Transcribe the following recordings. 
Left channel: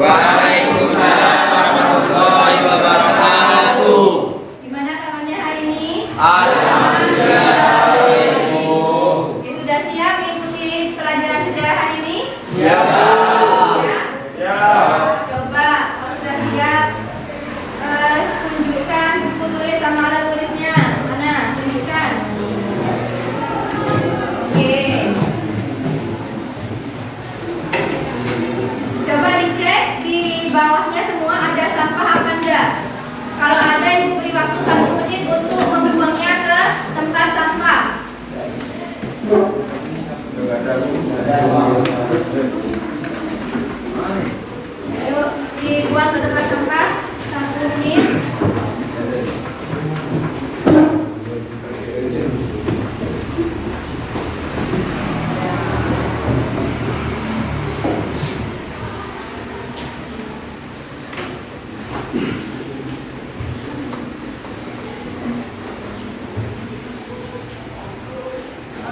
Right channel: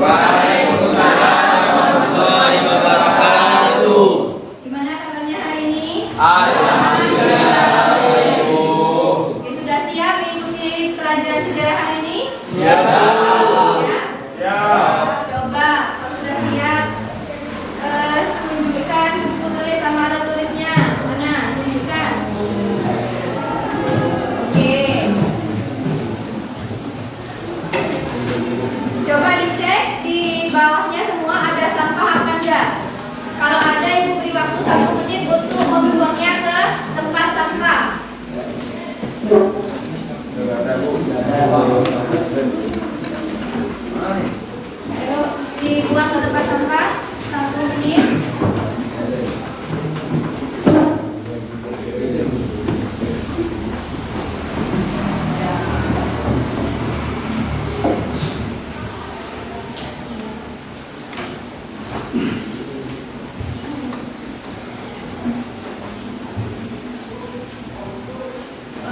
Waalaikumsalam warahmatullahi wabarakatuh. Gimana kabarnya hari ini? Alhamdulillah. Ya, sudah siap mengikuti pelajaran sejarah hari ini? Siap. Ya? Coba kalau sudah siap, tunjukkan buku tulis sama alat tulisnya. Mana? Tunjukkan. Oke. Coba dicek di bawahnya semua ada sampah apa enggak. Kalau ada, ibu beri waktu 1 menit untuk membuangnya ke tempat sampah. Ayo dibuang ke tempat sampah 1 menit.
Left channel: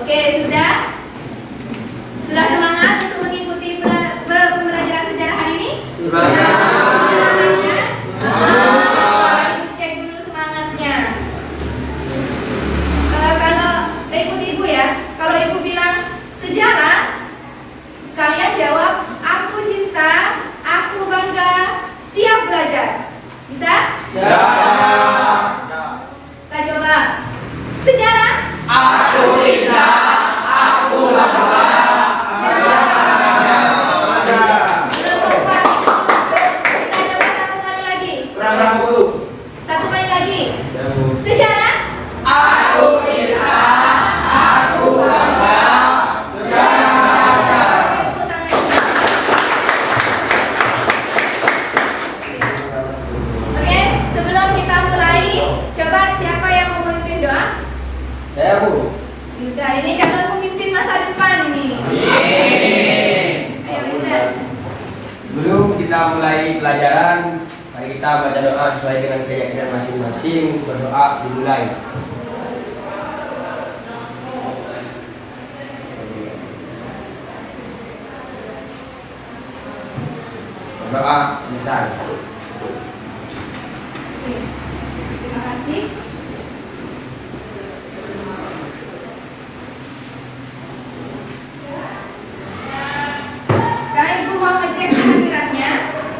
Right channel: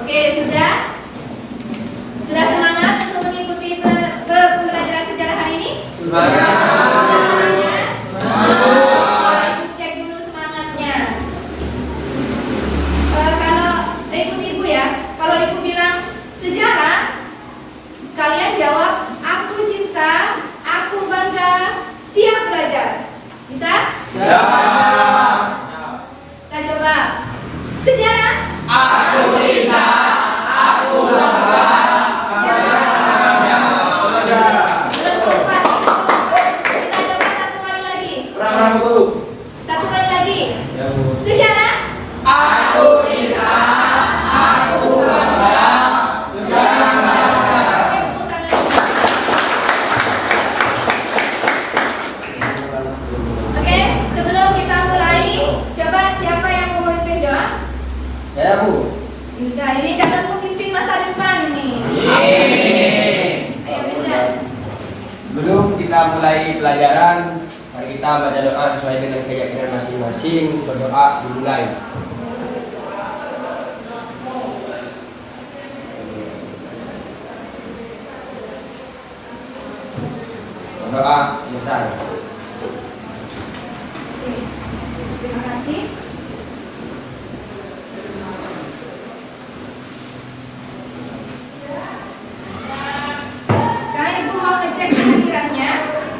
Oke, sudah? Sudah semangat untuk mengikuti pembelajaran sejarah hari ini? Semangat. Semangatnya? Ibu cek dulu semangatnya. Kalau ikut ibu ya, kalau ibu bilang sejarah, kalian jawab aku cinta, aku bangga, siap belajar. Bisa? Kita coba. Sejarah. Aku cinta, aku bangga. Belum tepat. Kita coba 1 kali lagi. 1 kali lagi. Sejarah. Aku cinta, aku bangga. Oke, tepuk tangan. Oke, sebelum kita mulai, coba siapa yang mau memimpin doa? Saya Bu. Binda, ini calon pemimpin masa depan ini. Ayo Binda. Sebelum kita mulai pelajaran, mari kita baca doa sesuai dengan keyakinan masing-masing. Berdoa dimulai. Berdoa selesai. Terima kasih. Sekarang ibu mau ngecek kehadirannya.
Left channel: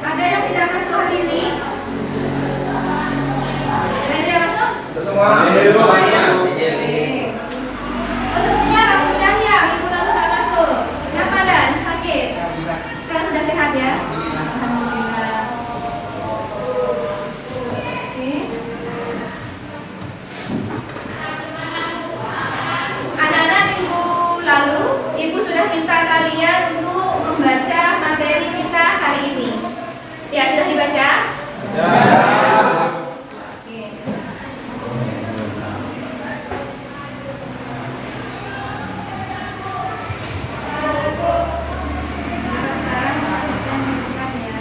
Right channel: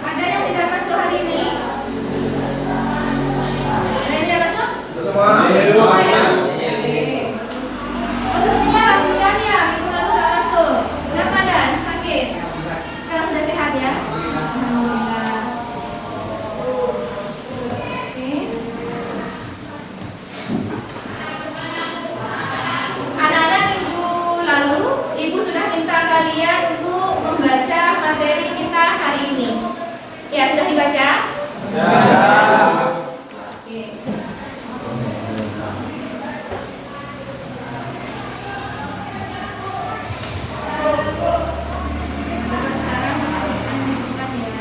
Ada yang tidak masuk hari ini? Ada yang tidak masuk? Semua. Semuanya? Oke. Oh, sebenarnya alhamdulillah ya, minggu lalu nggak masuk. Kenapa ada? Sakit? Sekarang sudah sehat ya? Alhamdulillah. Oke. Anak-anak, minggu lalu ibu sudah minta kalian untuk membaca materi kita hari ini. Ya, sudah dibaca? Oke. Nah, sekarang kita lanjutkan ya.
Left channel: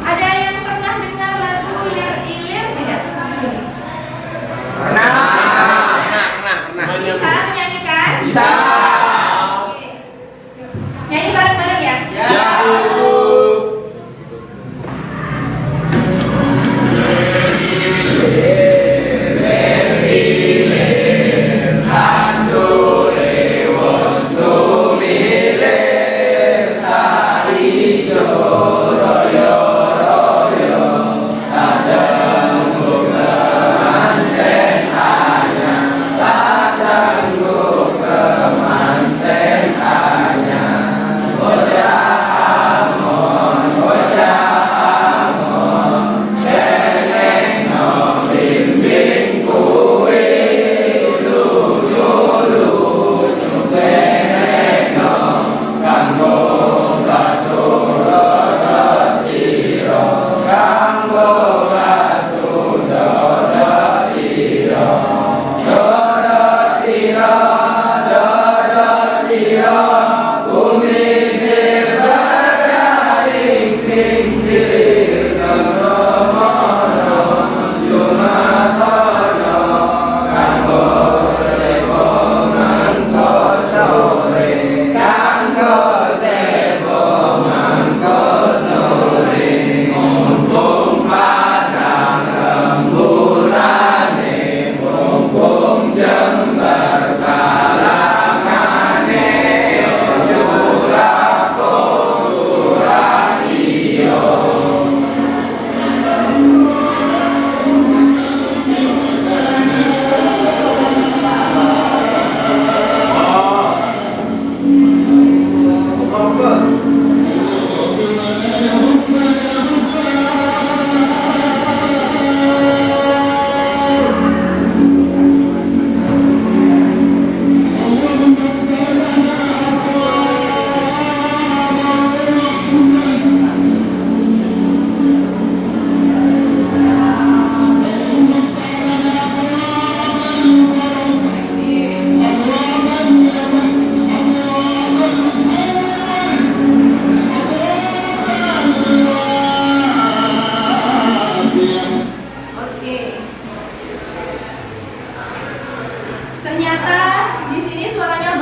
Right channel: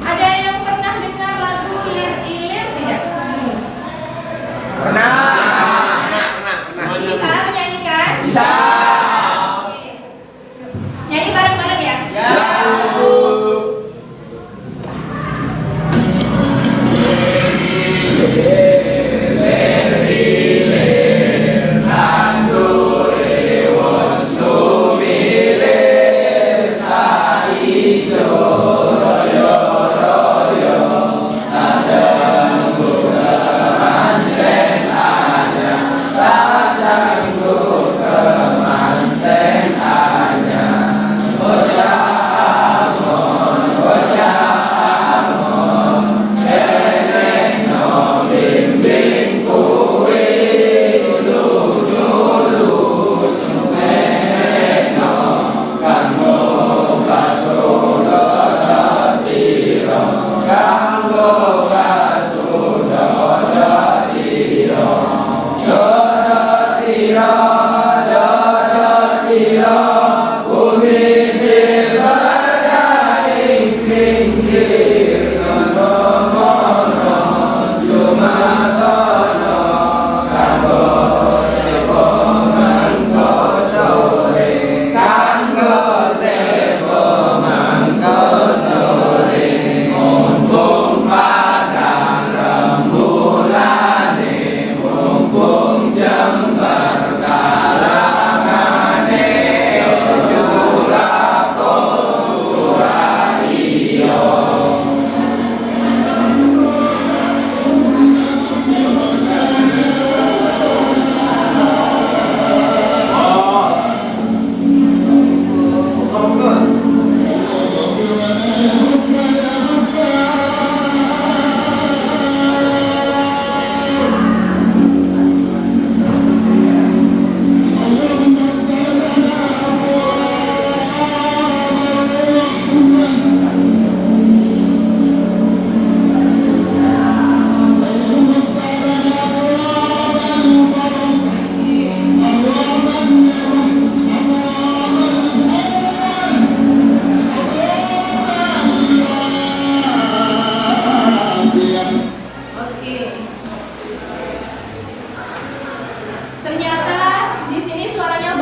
Ada yang pernah dengar lagu Lir Ilir tidak? Pernah. Bisa menyanyikan? Bisa. Oke.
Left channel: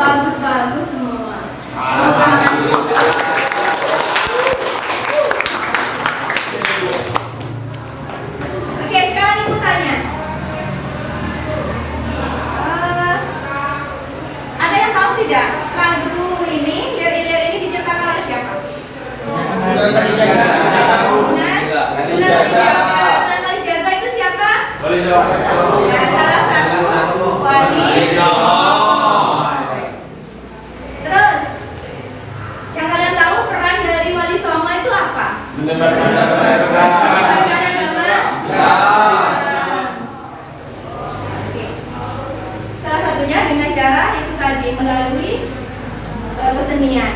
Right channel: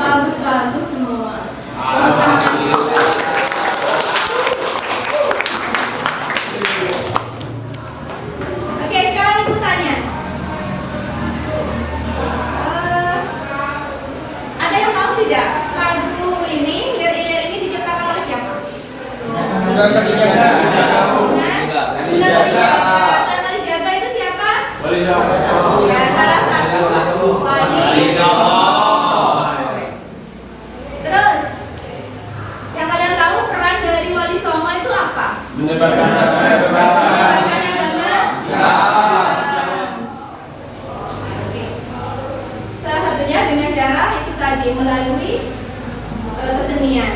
bagus-bagus semua. Oke, sekarang ibu tanya. Ada yang tahu tidak lagu ini, lirik-lirik ini diciptakan oleh siapa? Sunan Kalijaga. Sunan Kalijaga. Sunan Kalijaga itu siapa? Wali Songo. Ya, salah satu wali. Terus, yang kalian tahu peran dari Wali Songo itu apa? Menyebarkan agama. Menyebarkan agama. Oke. Salah satunya dengan cara itu tadi melalui kesenian.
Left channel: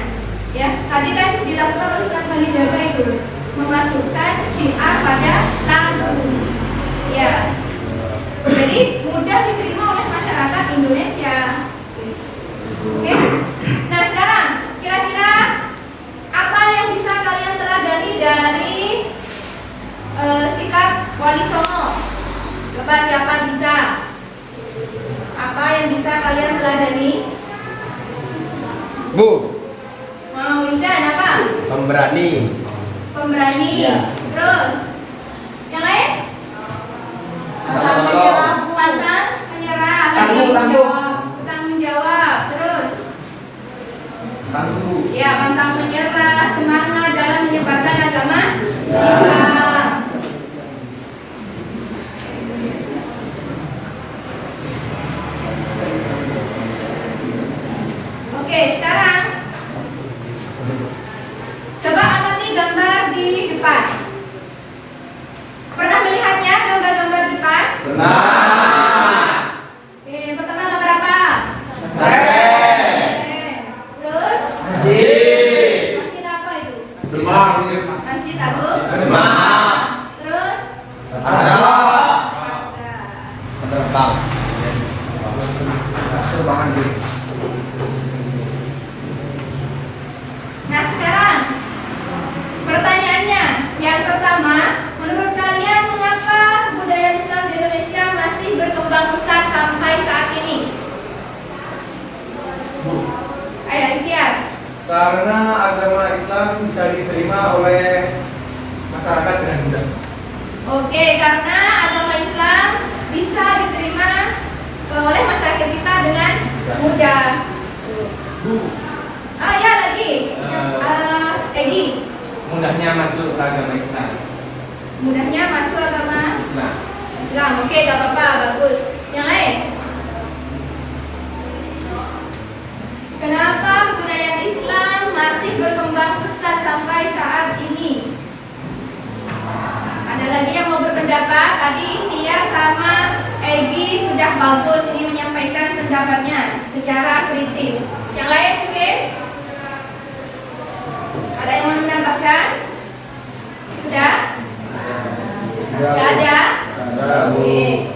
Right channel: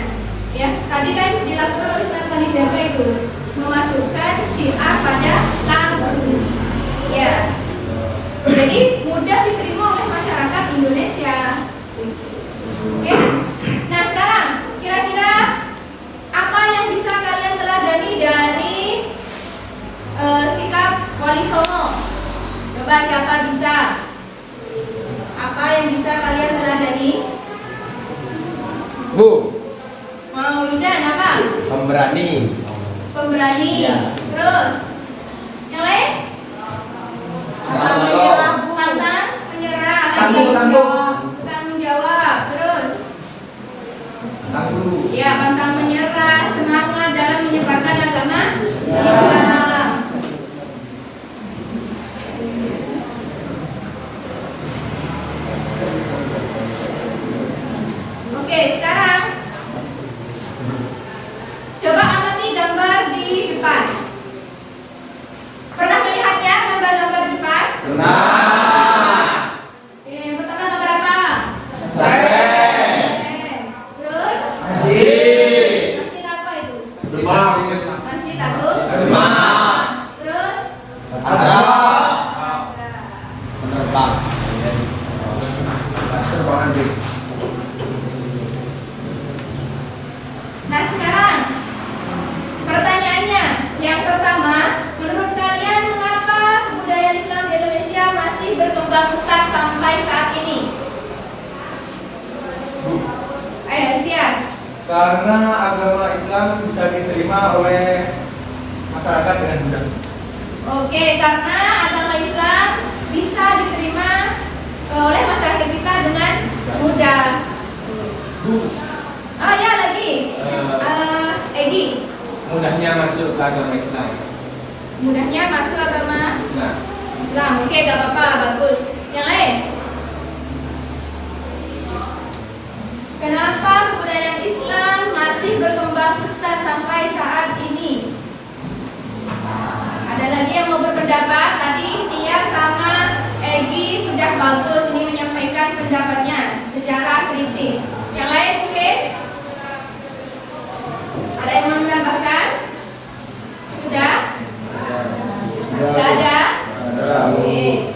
Ya, tadi kan dilakukan oleh Sunan Kalijaga itu memasukkan syiar pada lagu. Ya. Jadi mudah diterima oleh masyarakat Indonesia. Oke. Nah, sekarang kira-kira apa yang bisa kalian teladani dari sikap Wali Songo? Coba siapa bisa? Apa yang bisa kalian teladani? Bu, Mau Idan apa? pemberani. Pemberani. Ya. Terus yang lain? Pantang menyerah. Pantang menyerah. Tangguh. Tanggung jawab. Terus? Guru. Ya, pantang menyerah, semangat dalam menyebarkan agama Islam. Oke, sekarang coba amati gambar di depan. Pernah melihatnya gambar-gambar di depan? Pernah. Oke, yang pertama gambar apa? Seren. Terus? Masjid. Masjid apa itu? Demang. Masjid Agung. Demang. Terus? Ada. Penerbang. Terbangan sih. Nah, sekarang pertanyaannya, yang pertama, menurut kalian mengapa kebudayaan Islam di Indonesia masih berkembang pesat sampai saat ini? Ayo, Tiar. Karena agama Islam bisa diterima oleh masyarakat dengan mudah. Oke, karena agama Islam bisa diterima oleh masyarakat kita dengan mudah. Bu, Oh ya, lagi. Edi, Mudahnya masuk ke agama Islam. mudahnya masuk agama Islam. Islam. Oke, gak apa-apa, bagus. Yang lain? Kenapa kebudayaan Islam masih berkembang pesat sampai saat ini? Ada lagi yang mau berpendapat? Tadi Tia sama Egi sudah bagus ini menyampaikan pendapatnya secara kritis. Yang lain mungkin? Ada yang mau menambahkan? Sudah? Gak ada? Oke.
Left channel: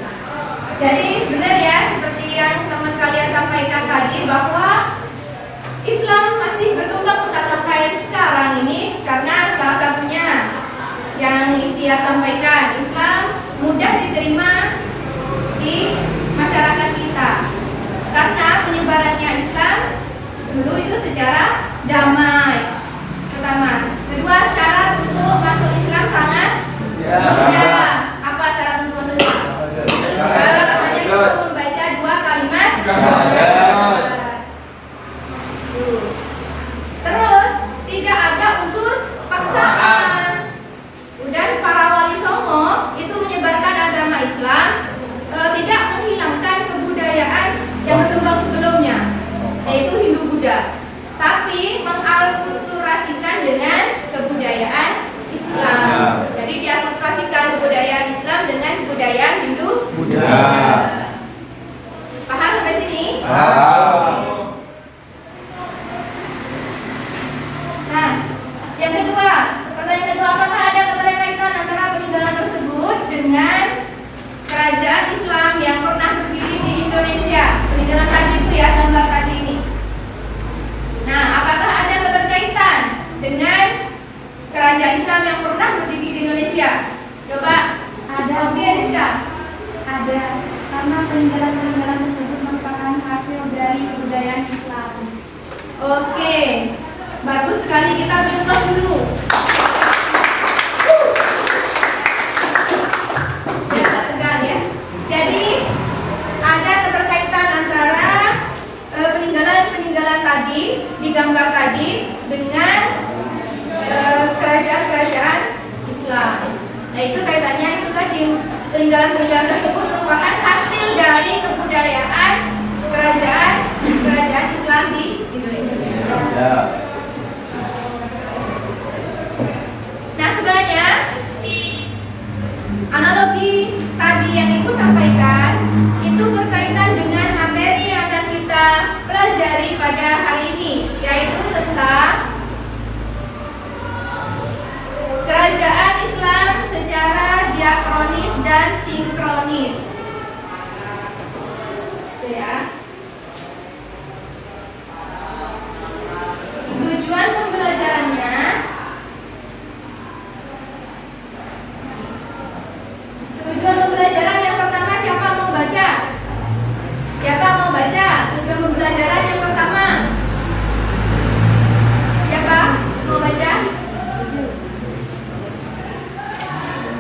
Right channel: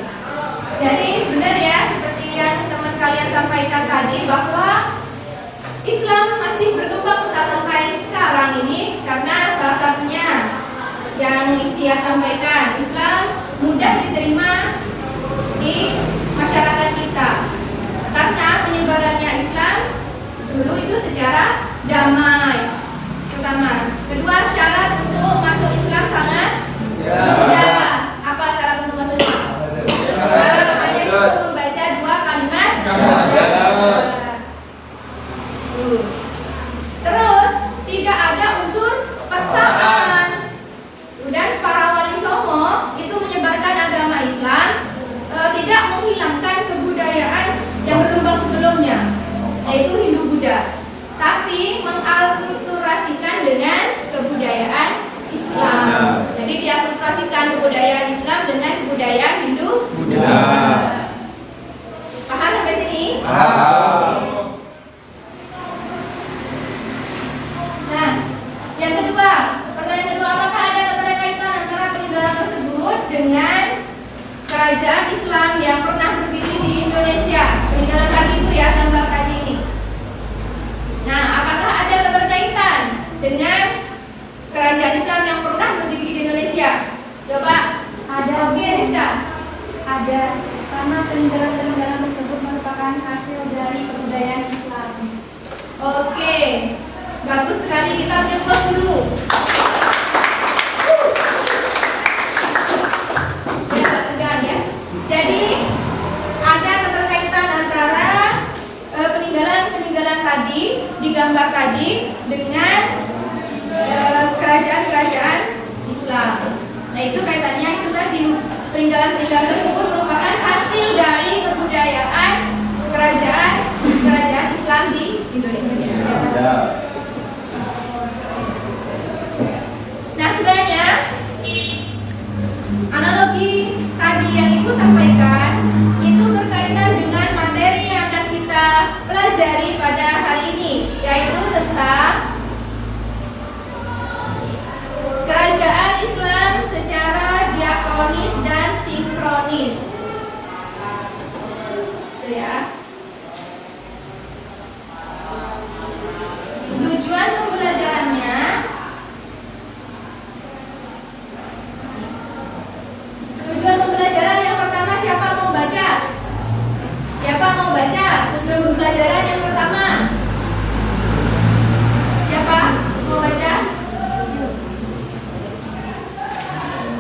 Jadi benar ya seperti yang teman kalian sampaikan tadi bahwa Islam masih berkembang pesat sampai sekarang ini karena salah satunya yang Ikhtiar sampaikan, Islam mudah diterima di masyarakat kita karena penyebarannya Islam dulu itu secara damai. Pertama, kedua syarat untuk masuk Islam sangat mudah. Apa syarat untuk masuk Islam? Hanya cukup membaca 2 kalimat. Terus tidak ada unsur paksaan. Dan para wali songo itu menyebarkan agama Islam, tidak menghilangkan kebudayaan yang berkembang sebelumnya, yaitu Hindu Buddha, tapi mengakulturasikan dengan kebudayaan Islam. Jadi diakulturasikan kebudayaan Islam dengan kebudayaan Hindu Buddha. Paham sampai sini? Nah, yang kedua, pertanyaan kedua, apakah ada keterkaitan antara peninggalan tersebut dengan kerajaan Islam yang pernah berdiri di Indonesia? Peninggalan tadi itu ya, gambar tadi ini. Nah, apakah ada keterkaitan dengan kerajaan Islam yang pernah berdiri di Indonesia? Coba. Ada. Oke, Rizka. Ada, karena peninggalan-peninggalan tersebut merupakan hasil dari Itu ya. Tujuan pembelajarannya yang pertama, siapa mau baca? Siapa mau baca? Tujuan pembelajaran yang pertama. Siapa mau baca?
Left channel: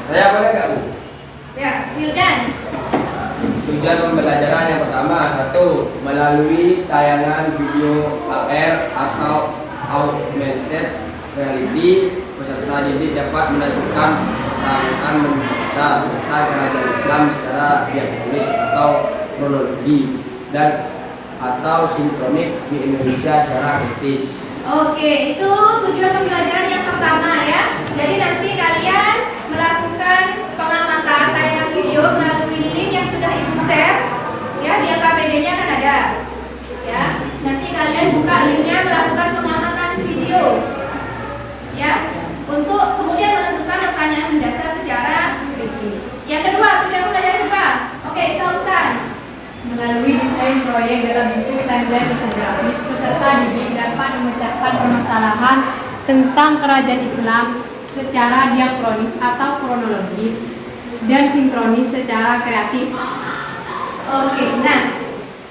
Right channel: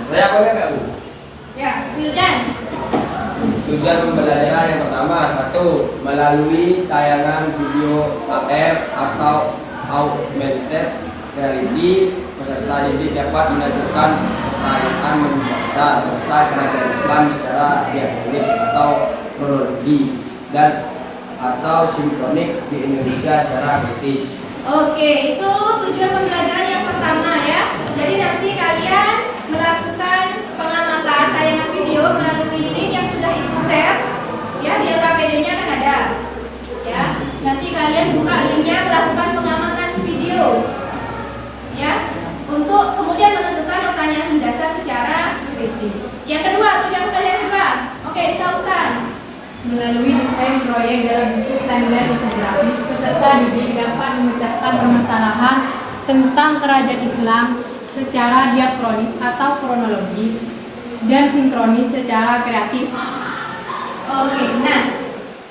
Saya boleh nggak, Bu? Ya, Wildan. Tujuan pembelajaran yang pertama, 1. Melalui tayangan video AR atau augmented reality, peserta didik dapat menentukan pertanyaan mendasar tentang kerajaan Islam secara diakronis atau kronologi dan atau sinkronik di Indonesia secara kritis. Oke, itu tujuan pembelajaran yang pertama ya. Jadi nanti kalian melakukan pengamatan tayangan video melalui link yang sudah ibu share ya, di LKPD-nya kan ada. Ya, nanti kalian buka linknya, melakukan pengamatan video ya, untuk kemudian menentukan pertanyaan mendasar secara kritis. Yang kedua, tujuan pembelajaran kedua. Oke, Sausan. Melalui desain proyek dalam bentuk timeline infografis, peserta didik dapat memecahkan permasalahan tentang kerajaan Islam secara diakronis atau kronologis dan sinkronis secara kreatif. Oke, nah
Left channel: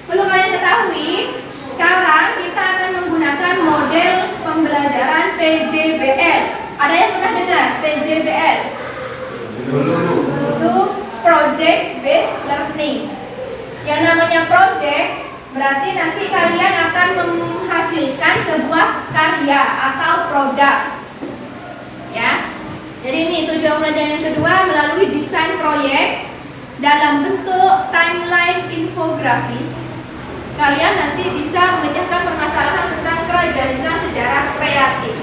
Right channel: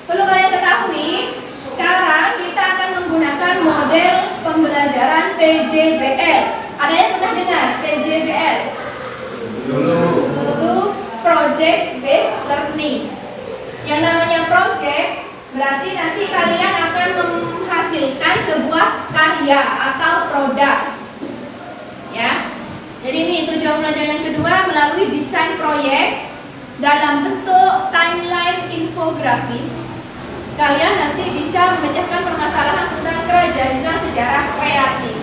perlu kalian ketahui, sekarang kita akan menggunakan model pembelajaran PJBL. Ada yang pernah dengar PJBL? Dulu. Itu Project Based Learning. Yang namanya project berarti nanti kalian akan menghasilkan sebuah karya atau produk. Ya. Jadi ini tujuan pembelajaran yang kedua, melalui desain proyek dalam bentuk timeline infografis. Kalian nanti bisa memecahkan permasalahan tentang kerajaan Islam secara kreatif.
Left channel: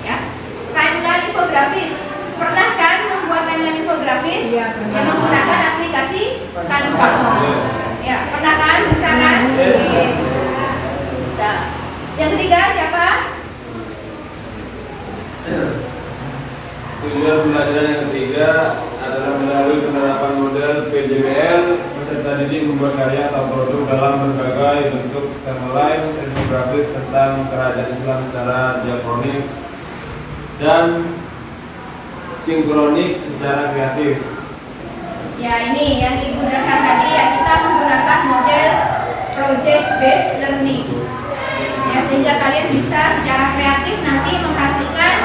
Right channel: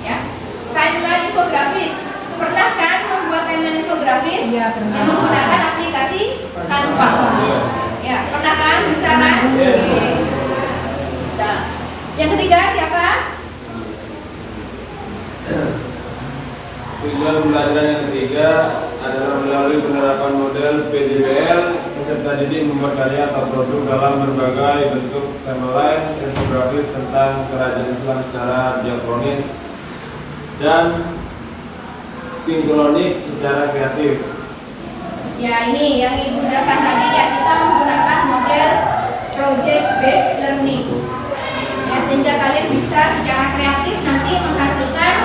Ya. Timeline infografis. Pernah kan membuat timeline infografis? Iya, pernah. Yang menggunakan aplikasi Canva. Ya, pernah kan? Bisa kan? Oke. Bisa. Yang ketiga siapa? Tujuan pembelajaran yang ketiga adalah melalui penerapan model PJBL, peserta didik membuat karya atau produk dalam berbagai bentuk timeline infografis tentang kerajaan Islam secara diakronis dan sinkronik secara kreatif. Ya, ini yang Ibu jelaskan tadi ya, kita menggunakan model project based learning. Ya, sehingga kalian bisa secara kreatif nanti menghasilkan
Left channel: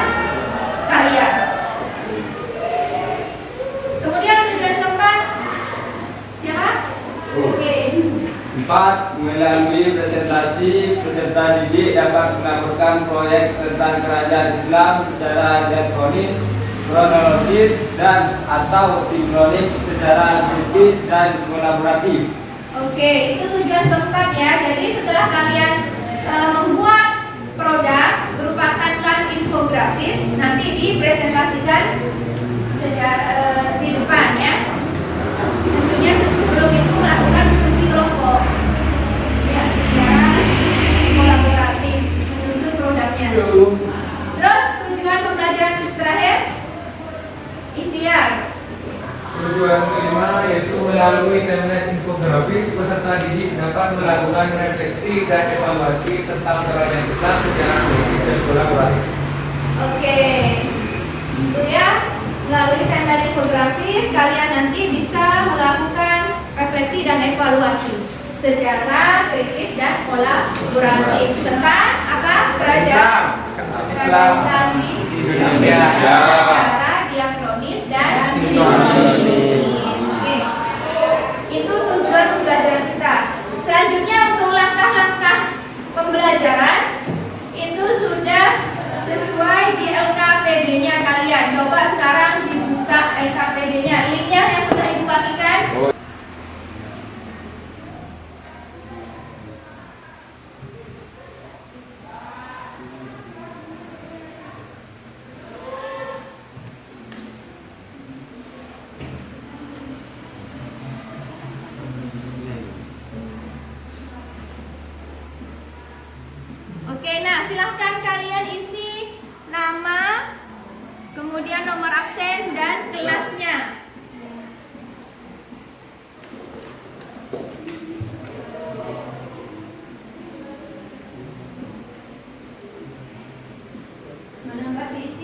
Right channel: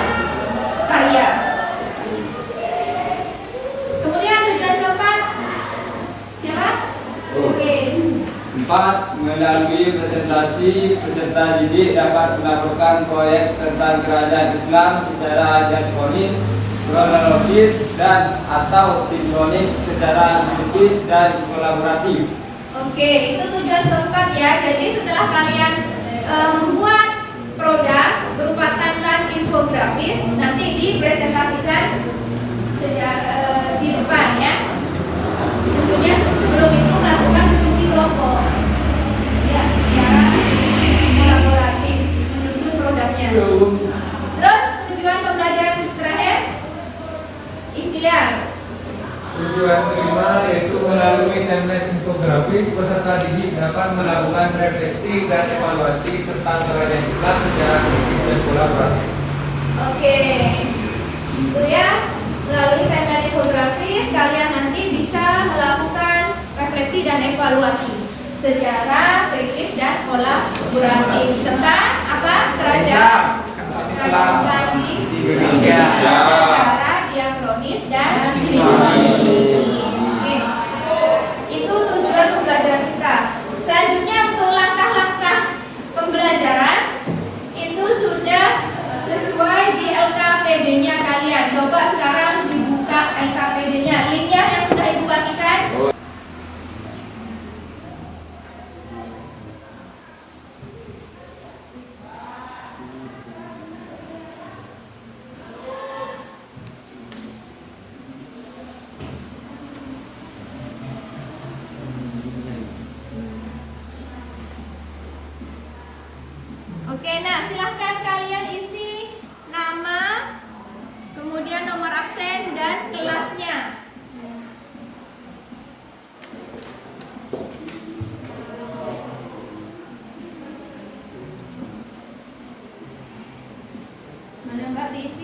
karya. Kemudian tujuan keempat siapa? Oke. 4. Melalui presentasi, peserta didik dapat melakukan proyek tentang kerajaan Islam secara diakronis, kronologis dan atau sinkronis secara kritis dan kolaboratif. Oke, itu tujuan keempat ya. Jadi setelah kalian membuat produk berupa timeline infografis, nanti dipresentasikan secara di depan ya. Tentunya sebelum itu melakukan diskusi kelompok ya, secara kolaboratif menyusun produknya. Terus tujuan pembelajaran terakhir, ikhtiar. Tujuan kelima yaitu melalui timeline infografis, peserta didik dapat melakukan refleksi dan evaluasi tentang kerajaan Islam secara kritis dan kolaboratif. Oke, itu ya. Melalui timeline infografis, kalian nanti bisa melakukan refleksi dan evaluasi secara kritis dan kolaboratif tentang apa? Kerajaan Islam di Indonesia secara diakronis dan sinkronis. Oke. Itu tujuan pembelajaran kita. Selanjutnya untuk langkah-langkah pembelajaran itu sudah sesuai di LKPD-nya kalian. Coba sekarang dibuka LKPD-nya. Linknya yang sudah Ibu bagikan. Oke, nah silahkan kalian isi nama, kemudian nomor absen dan kelasnya.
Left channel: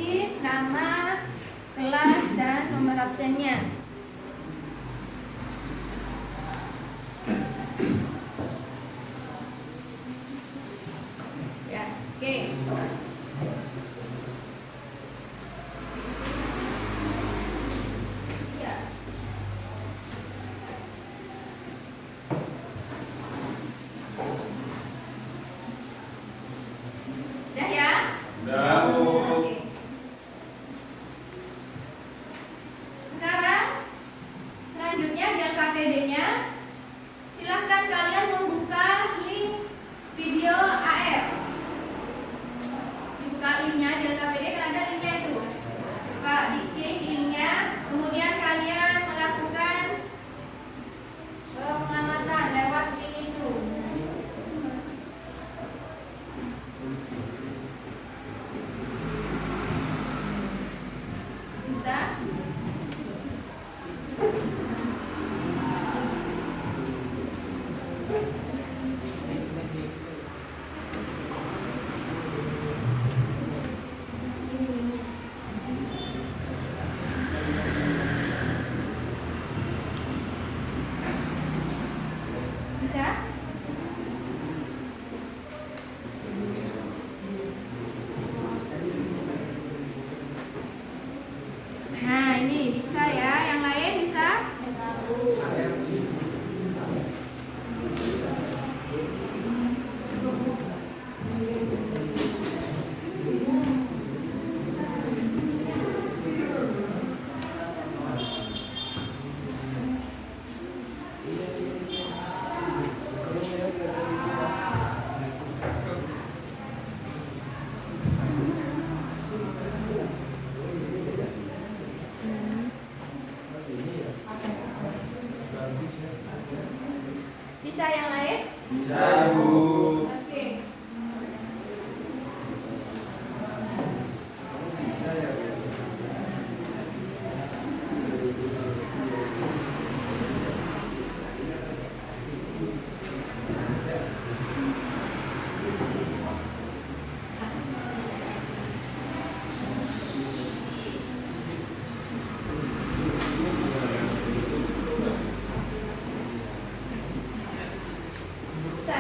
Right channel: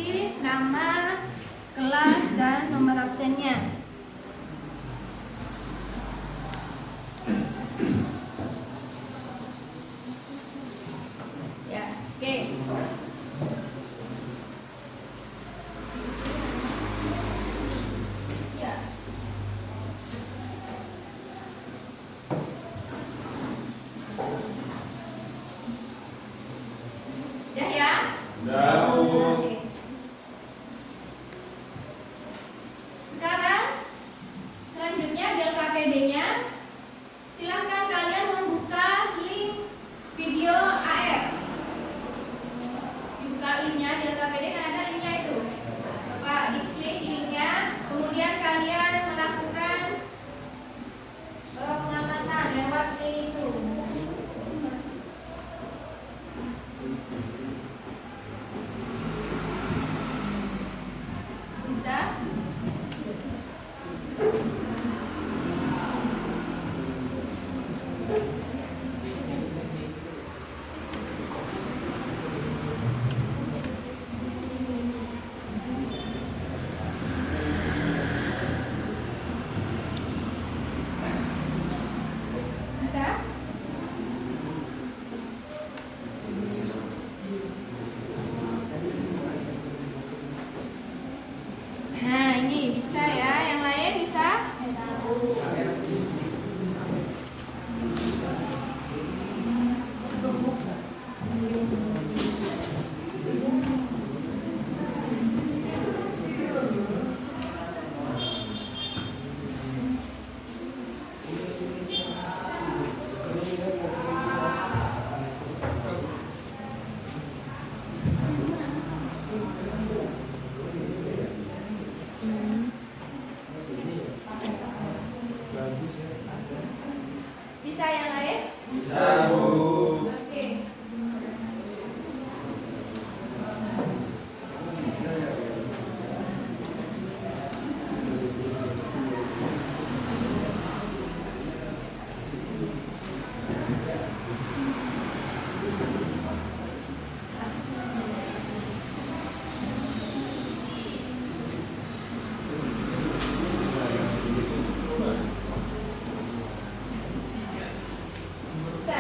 isi nama, kelas, dan nomor absennya. Ya, oke. Ya. Udah ya? Udah, Bu. Oke. Sekarang selanjutnya di LKPD-nya silahkan kalian membuka link video AF. Dibuka linknya di LKPD kan ada linknya itu. Coba diklik linknya, kemudian kalian melakukan pengamatan lewat link itu. Bisa? Bisa? Nah, ini bisa ya. Yang lain bisa? Bisa yang lain? Bisa, Bu. Oke. Bisa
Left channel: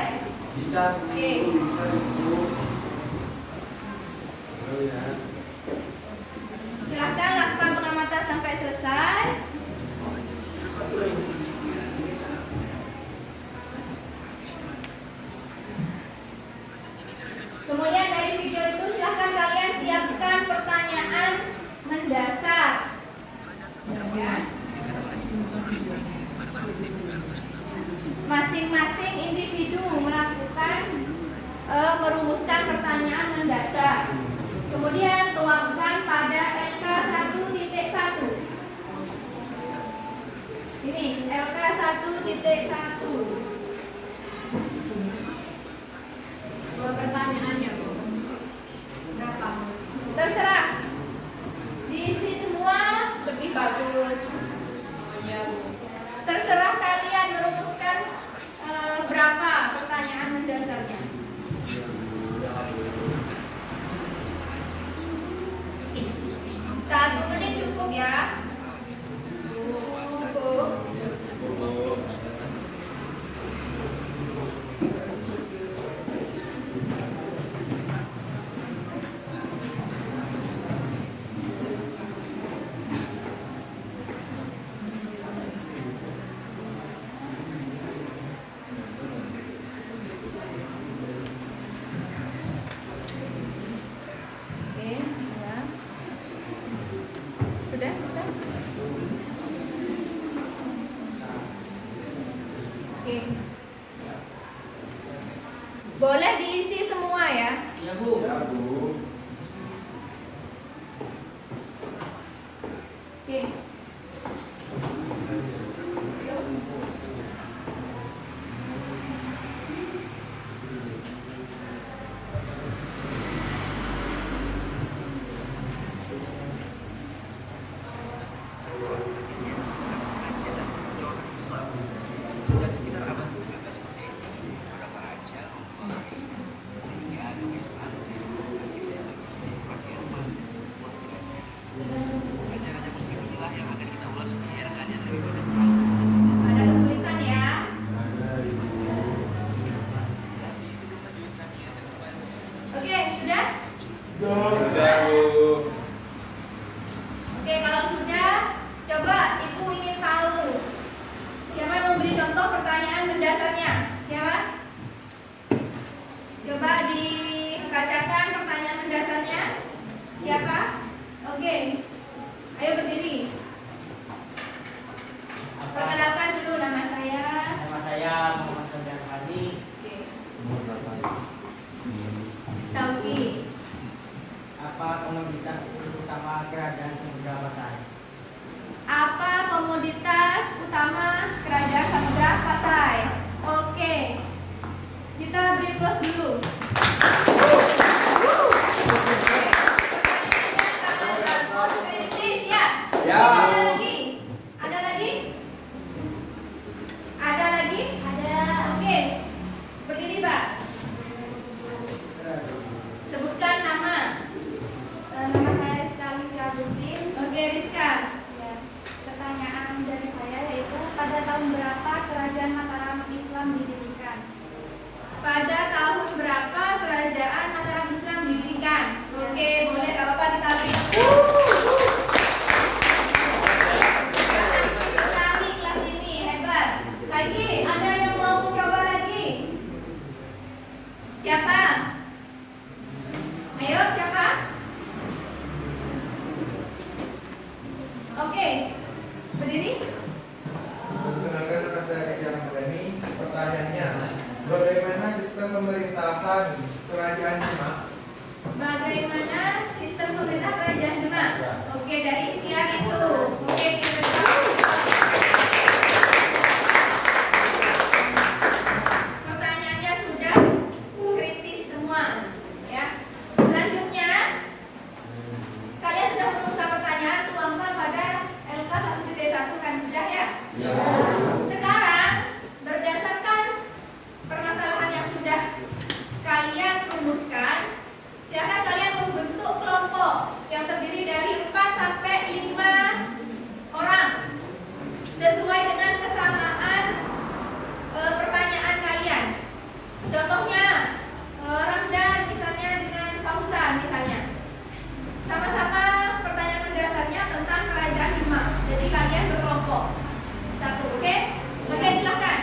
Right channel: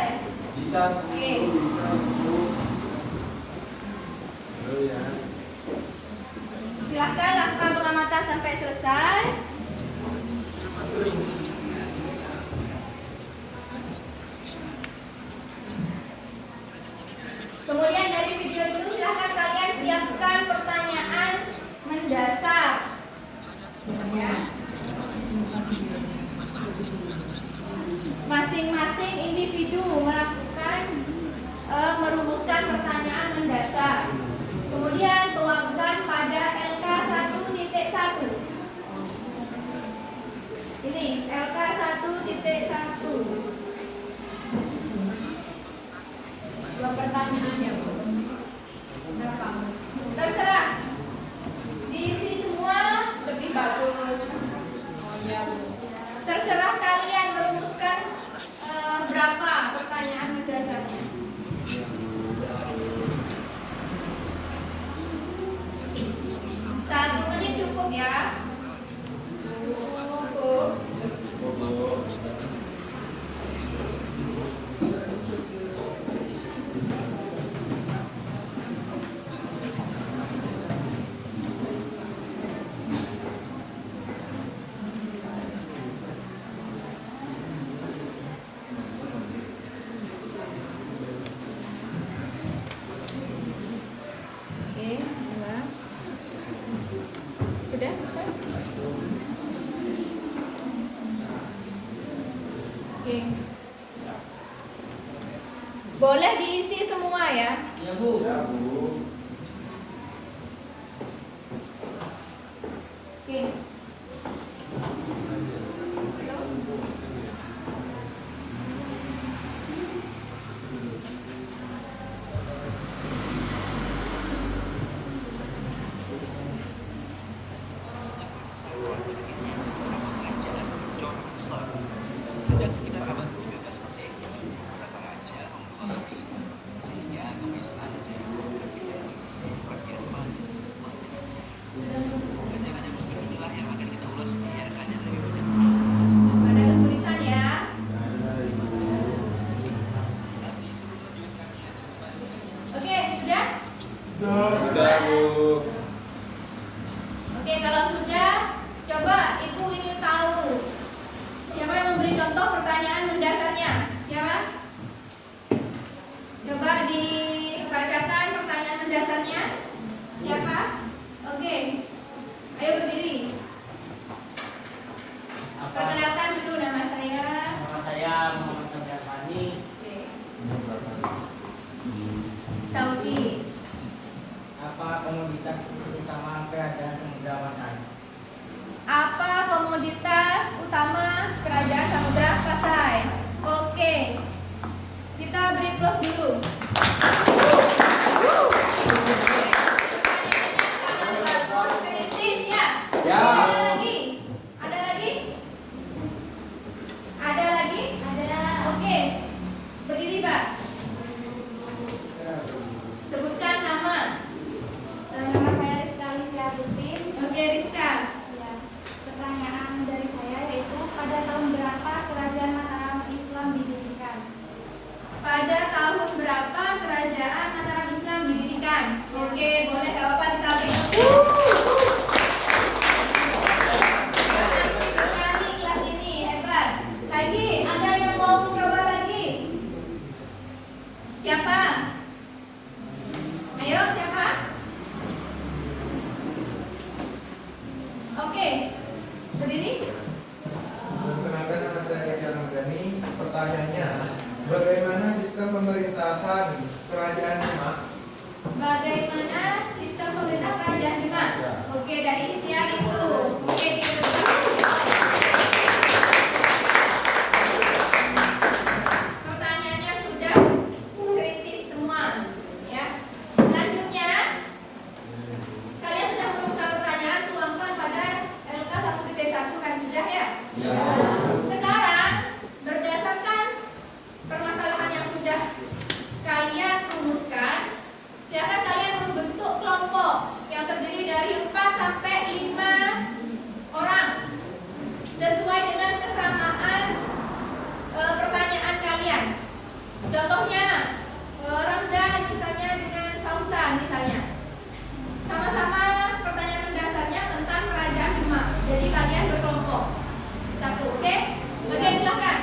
ya? Bisa, Bu. Oke. Bisa, Bu. Oh ya. Silahkan lakukan pengamatan sampai selesai. Kemudian dari video itu silahkan kalian siapkan pertanyaan mendasar. Ya. Masing-masing individu melakukan merumuskan pertanyaan mendasar. Kemudian tuangkan pada LK 1.1. Ini LK 1.1. Buat pertanyaannya, Bu. Berapa? Terserah. Diisi semua lebih bagus. Ya, Bu. Terserah kalian merumuskan berapa pertanyaan mendasarnya. Satu menit cukup ya. Cukup. Oke, dua. Sudah bisa? Oke. Boleh diisi semua ya. Iya, Bu. Ya, Bu. Oke. Sejak sekitar abad 13 Masehi, beberapa raja membawa Islam sehingga agama Islam menjadi Sudah, Bu. Oke, kalau sudah, coba Ibu ingin tahu siapa yang memberi contoh pertanyaan mendasarnya? Siapa? Coba dibacakan pertanyaan mendasarnya. Siapa? Oke, ayo berdiri. Perkenalkan dulu nama saya. Nama saya Muhammad Sofian Fani. Oke. Sauki. Apa komoditas utama kerajaan Samudra Pasai? Apa komoditas utama kerajaan Samudra Pasai? Oke. Kita beri plus dulu. Pertanyaannya bagus, kritis ya. Ya. Ada lagi? Ada lagi? Ada lagi? Ada. Oke. Berdiri, Pak. Sebutkan nama. Nama saya Rizka Livia Agustin. Oke, Rizka. Ya, pertanyaan dari saya yaitu pada tahun berapa kerajaan Mataram Islam didirikan? Pada tahun berapa kerajaan Mataram Islam didirikan? Oke, boleh kalau apa kita beri. Kami kelas ini hebat. Lagi, ada yang mau mencoba lagi? Siapa? Ayo, siapa? Oke, berdiri. Perkenalkan nama saya Ejan Hamdani. Pertanyaannya, bagaimana sistem pemerintahan kerajaan Demak? Bagaimana sistem pemerintah kerajaan Demak? Oke, dari ikhtiar itu. Oke, diteruskan. Pertanyaannya sudah kritis semua, ya. Selanjutnya, kalian sudah menemukan pertanyaan tuangkan pada LK 1.1 kan sudah ya? Sekarang berdasarkan permasalahan yang sudah kalian rumuskan, silakan kalian membentuk kelompok yang terdiri dari 4 sampai 5 orang sesuai dengan kesamaan pertanyaan kalian. Contohnya Ramdan misalnya dengan Sausan misalnya. Sama-sama pertanyaan mendasarnya tentang kerajaan Demak. Jadi kalian berkelompok. Satu, oke? Oke, silakan.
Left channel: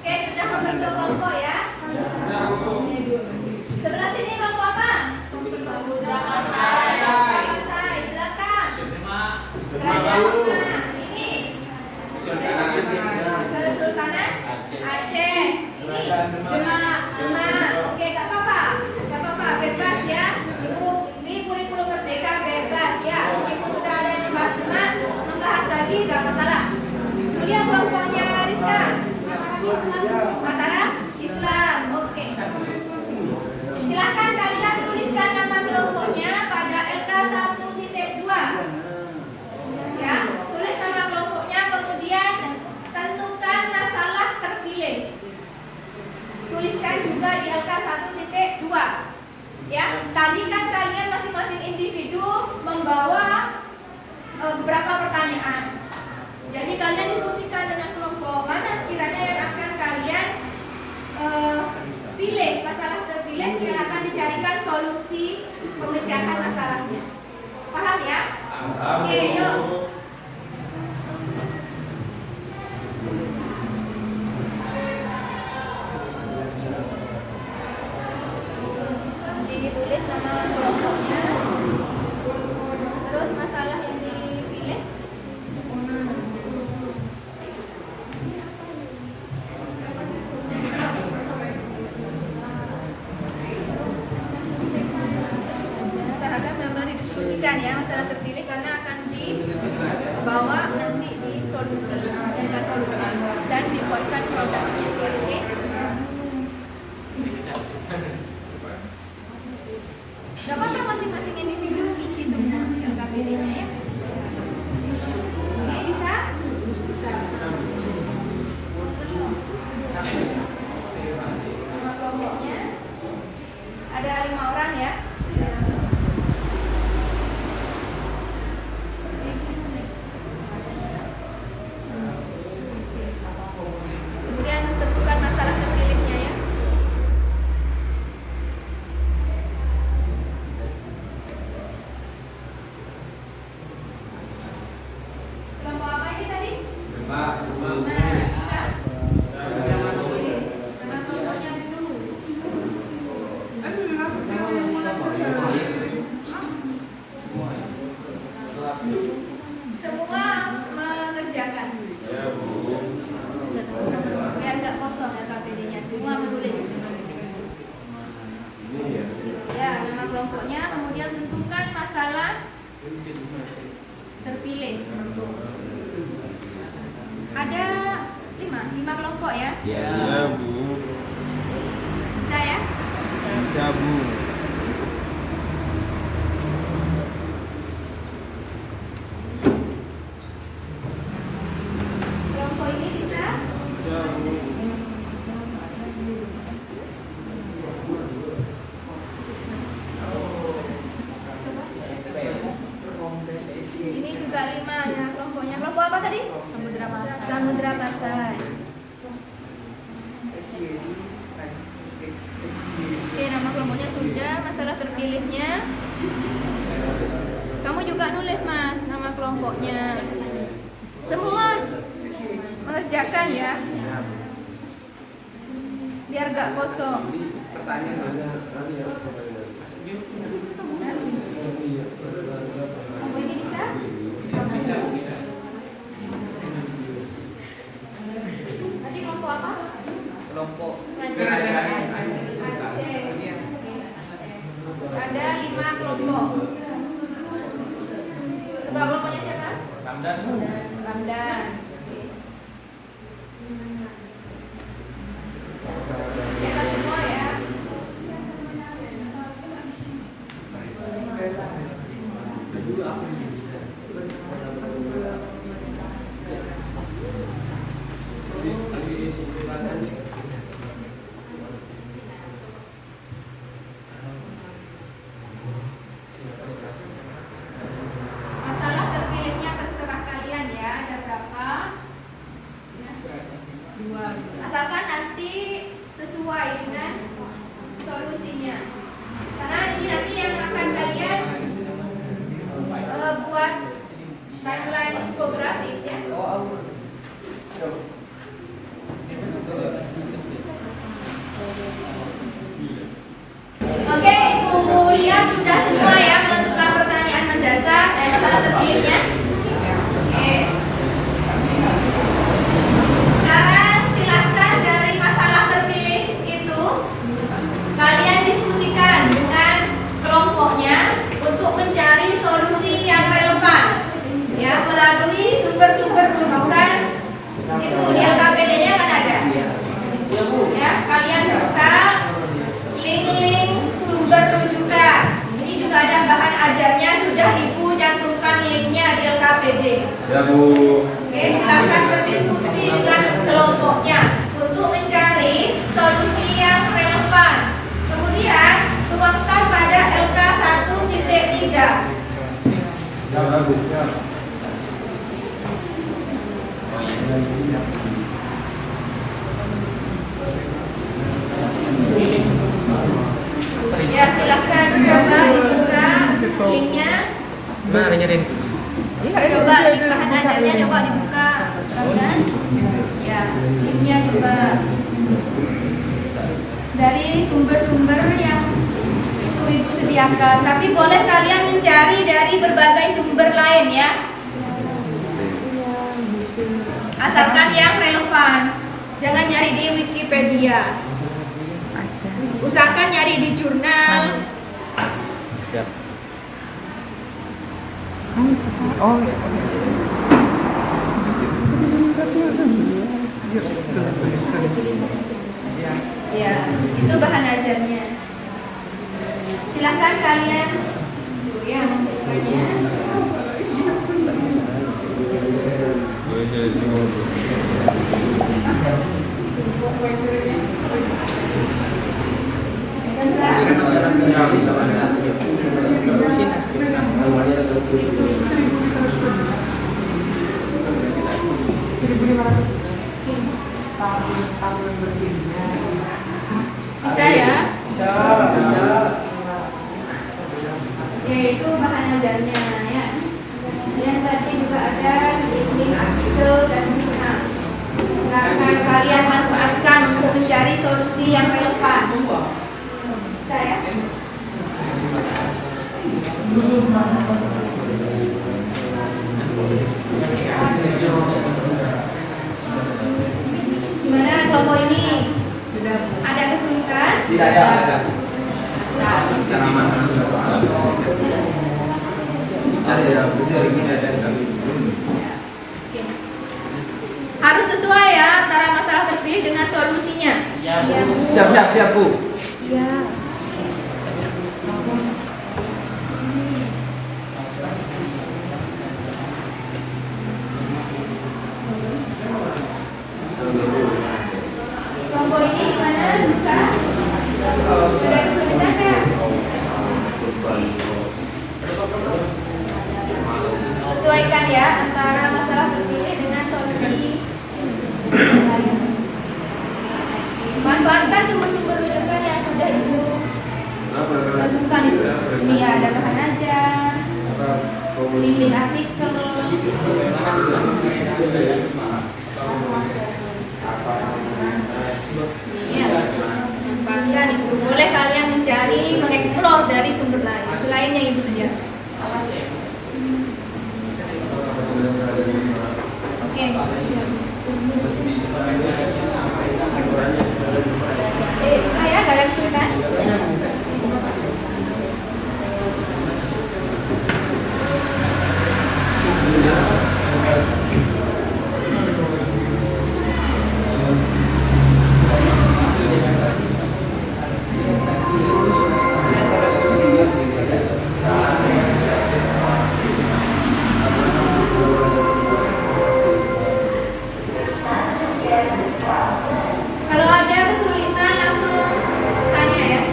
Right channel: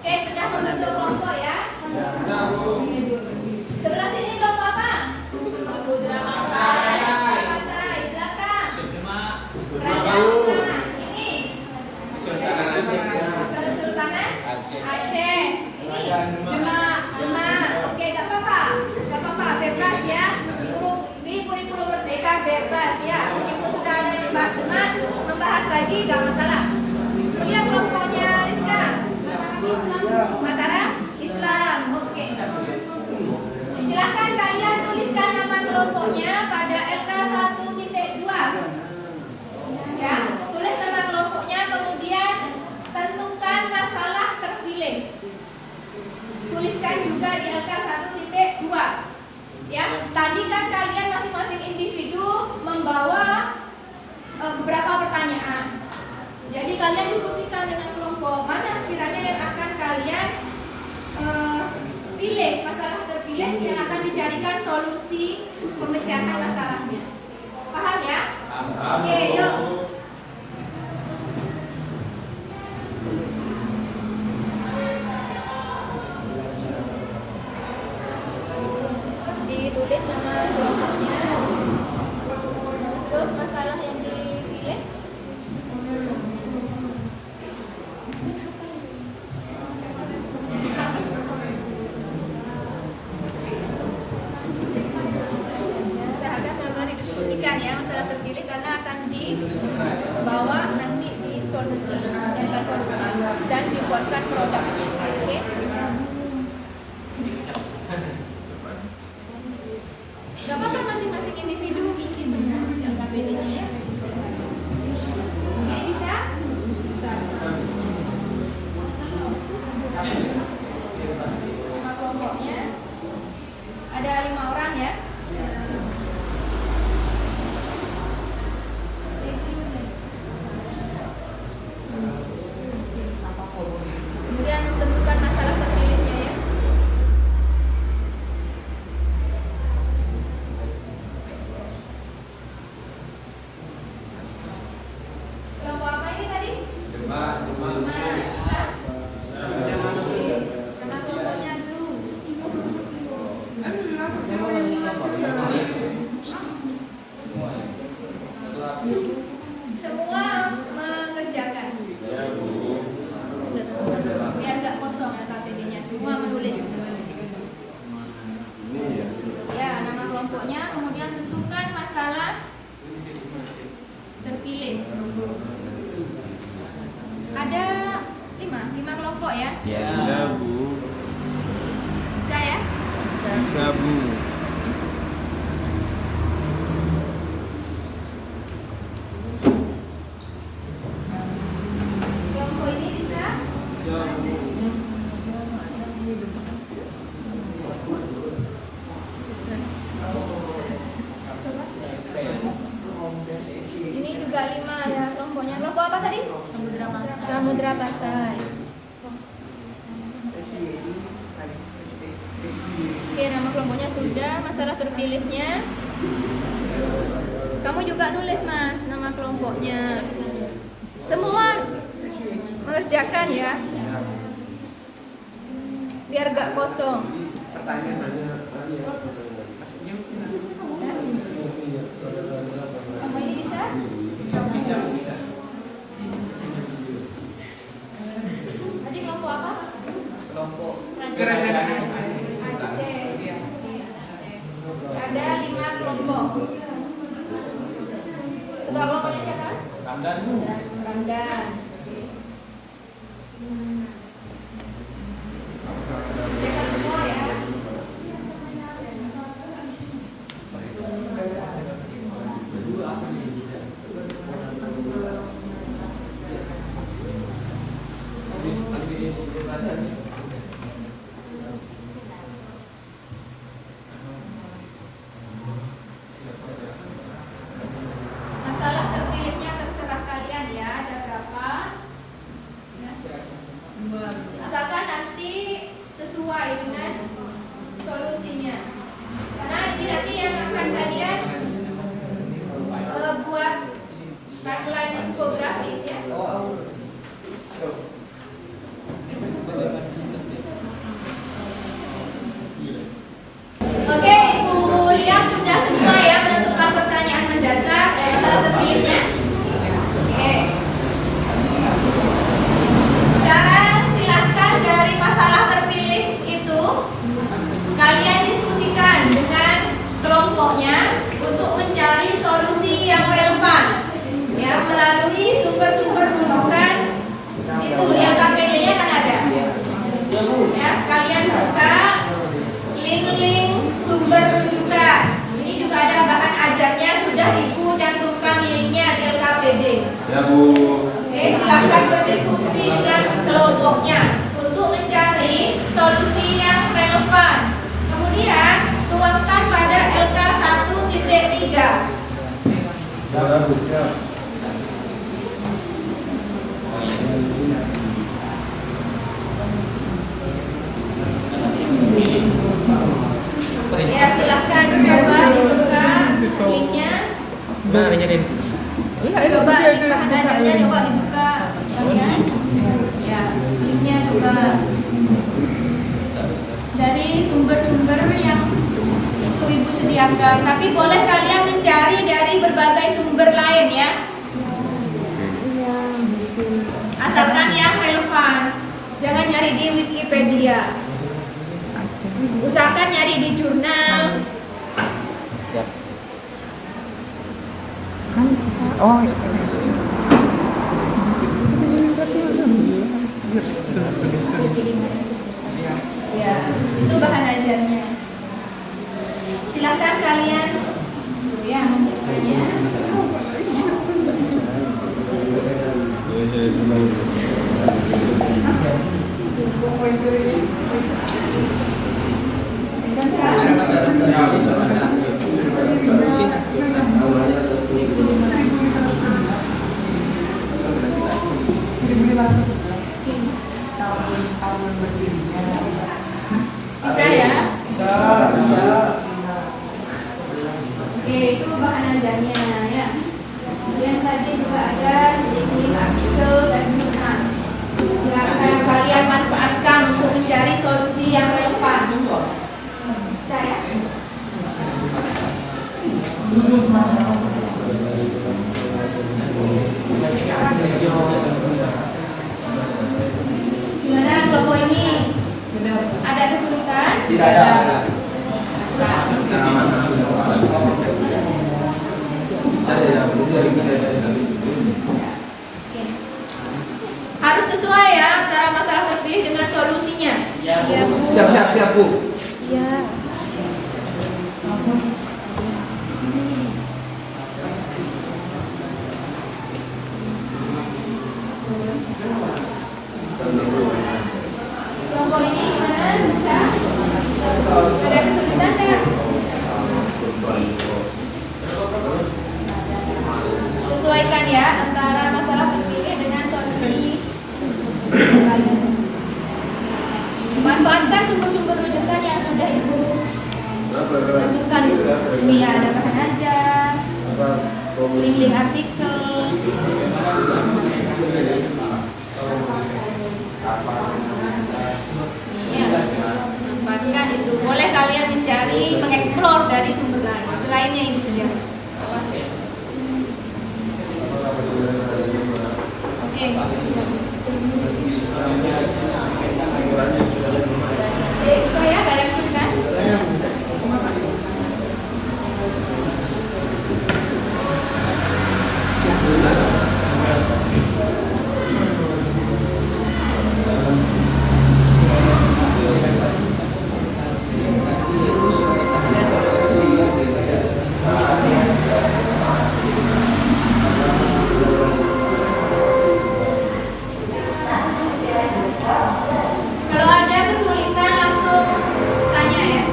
Oke, sudah membentuk kelompok ya. Sebelah sini kelompok apa? Samudra Pasai. Pasai, belakang. Kerajaan mana? Ini. Kesultanan Aceh. Ini Demak. Oke, gak apa-apa. Gak apa-apa, bebas ya. Di kurikulum merdeka bebas ya. Meskipun sudah ada yang membahas Demak, membahas lagi gak masalah. Kemudian kelompoknya Rizka. Mataram Islam. Oke. Silakan kalian tuliskan nama kelompoknya pada LK 1.2. Ya, tulis nama kelompoknya kemudian tentukan masalah terpilih. Tuliskan juga di LK 1.2. Ya, tadi kan kalian masing-masing individu membawa beberapa pertanyaan. Jadi kalian diskusikan dengan kelompok mana sekiranya yang akan kalian pilih, masalah terpilih yang akan dicarikan solusi pemecahan masalahnya. Paham ya? Oke, yuk. Ditulis nama kelompoknya, terus masalah yang dipilih. diskusikan ya masalah terpilih karena akan dibawa nanti di solusi dan dibuatkan produk. Oke. Gak apa-apa, masing-masing individu isi semua LKPD-nya ya. Ini bisa? Nama kelompoknya ada 5 orang ya. Kemudian tentukan masalah terpilihnya ya. Kelompok apa ini tadi? Lima, bisa? Oke, nama kelompoknya dulu. Semua mengerjakan. Ya Bu. Biar nggak kosong ya KPD-nya, semua menulis. Ya, nama kelompoknya, kemudian tentukan masalah terpilih. Ada 5 kelompok ya. Ya Bu. Bisa ya? Bisa Bu. Kelompok ini bisa? Coba. Ini juga 5 ya kelompoknya. Kelompok apa tadi? Samudra Pasai. Oke, nama kelompoknya sudah. Masalah terpilihnya kamu juga nulis Mas nama kelompoknya. Semua mengerjakan ya. Biar gak kosong. Apa ini bisa? Tadi kelompok apa? Kelompok Aceh. Ada 5 kelompok. Ketua kelompoknya siapa? Kamdan. Ramdan. Siapkan semua ya. Masalah terpilihnya terserah kalian ya. Ada berapa? Ya. Asalkan nanti sesuai dengan solusinya. Karena ini nanti yang akan kalian buat timeline infografis ya. Oke, Ibu lihat sudah semua ya menentukan pertanyaan mendasar masalah terpilihnya. Oke. Sekarang silahkan dari masalah terpilih itu kalian diskusikan dengan kelompoknya untuk mencari solusi yang relevan ya melalui sumber-sumber rujukan itu di LKPD-nya kan ada ya, kalian buka link-link sumber rujukan. Ini juga ada bahan ajarnya, sudah Ibu cantumkan linknya di LKPD. Ya Bu. Oke, silakan berdiskusi dengan kelompoknya untuk mencari solusi yang relevan. Kemudian tuangkan pada LK 1.3. Ya Bu. Ya, silakan coba dibuka linknya. Mana nyerin? Coba link bahan ajarnya coba dibuka. Ya, linknya coba dari sumber-sumber yang itu Ibu sediakan. Tapi boleh kalian mencari dari berbagai sumber lain ya. Asalkan yang relevan. Jangan nyari di Wikipedia. Usahakan nyari di jurnal. Siap. Ya, itu bahan ajarnya. Silakan kalian ya membukanya. Bisa ya? Oke, itu bahan ajarnya ya. Yang tadi juga ada link artikel dan bukan. Silakan kalian manfaatkan untuk mencari solusi yang relevan. Bisa ya? Gimana kelompok ini? Sudah ada kesulitan? Tidak ada. Cara mana? Oke. Harus sesuai ya antara masalah terpilih dengan solusinya. Iya, Bu. Siap, Bu. Iya. Kelompok ini gimana? Bisa? Ada kesulitan ya? Sesuaikan ya antara masalah terpilih dengan solusi kalian. Manfaatkan sumber-sumber rujukan yang sudah Ibu tentukan itu. Ini ya, ada bahan ajar, link-link artikel. Ya, manfaatkan itu. Boleh kalian mencari, mengeksplor dari sumber lain selainnya Ibu saja. Oke. Saya gak ada kesulitan. Kalau ada kesulitan langsung tanya ya.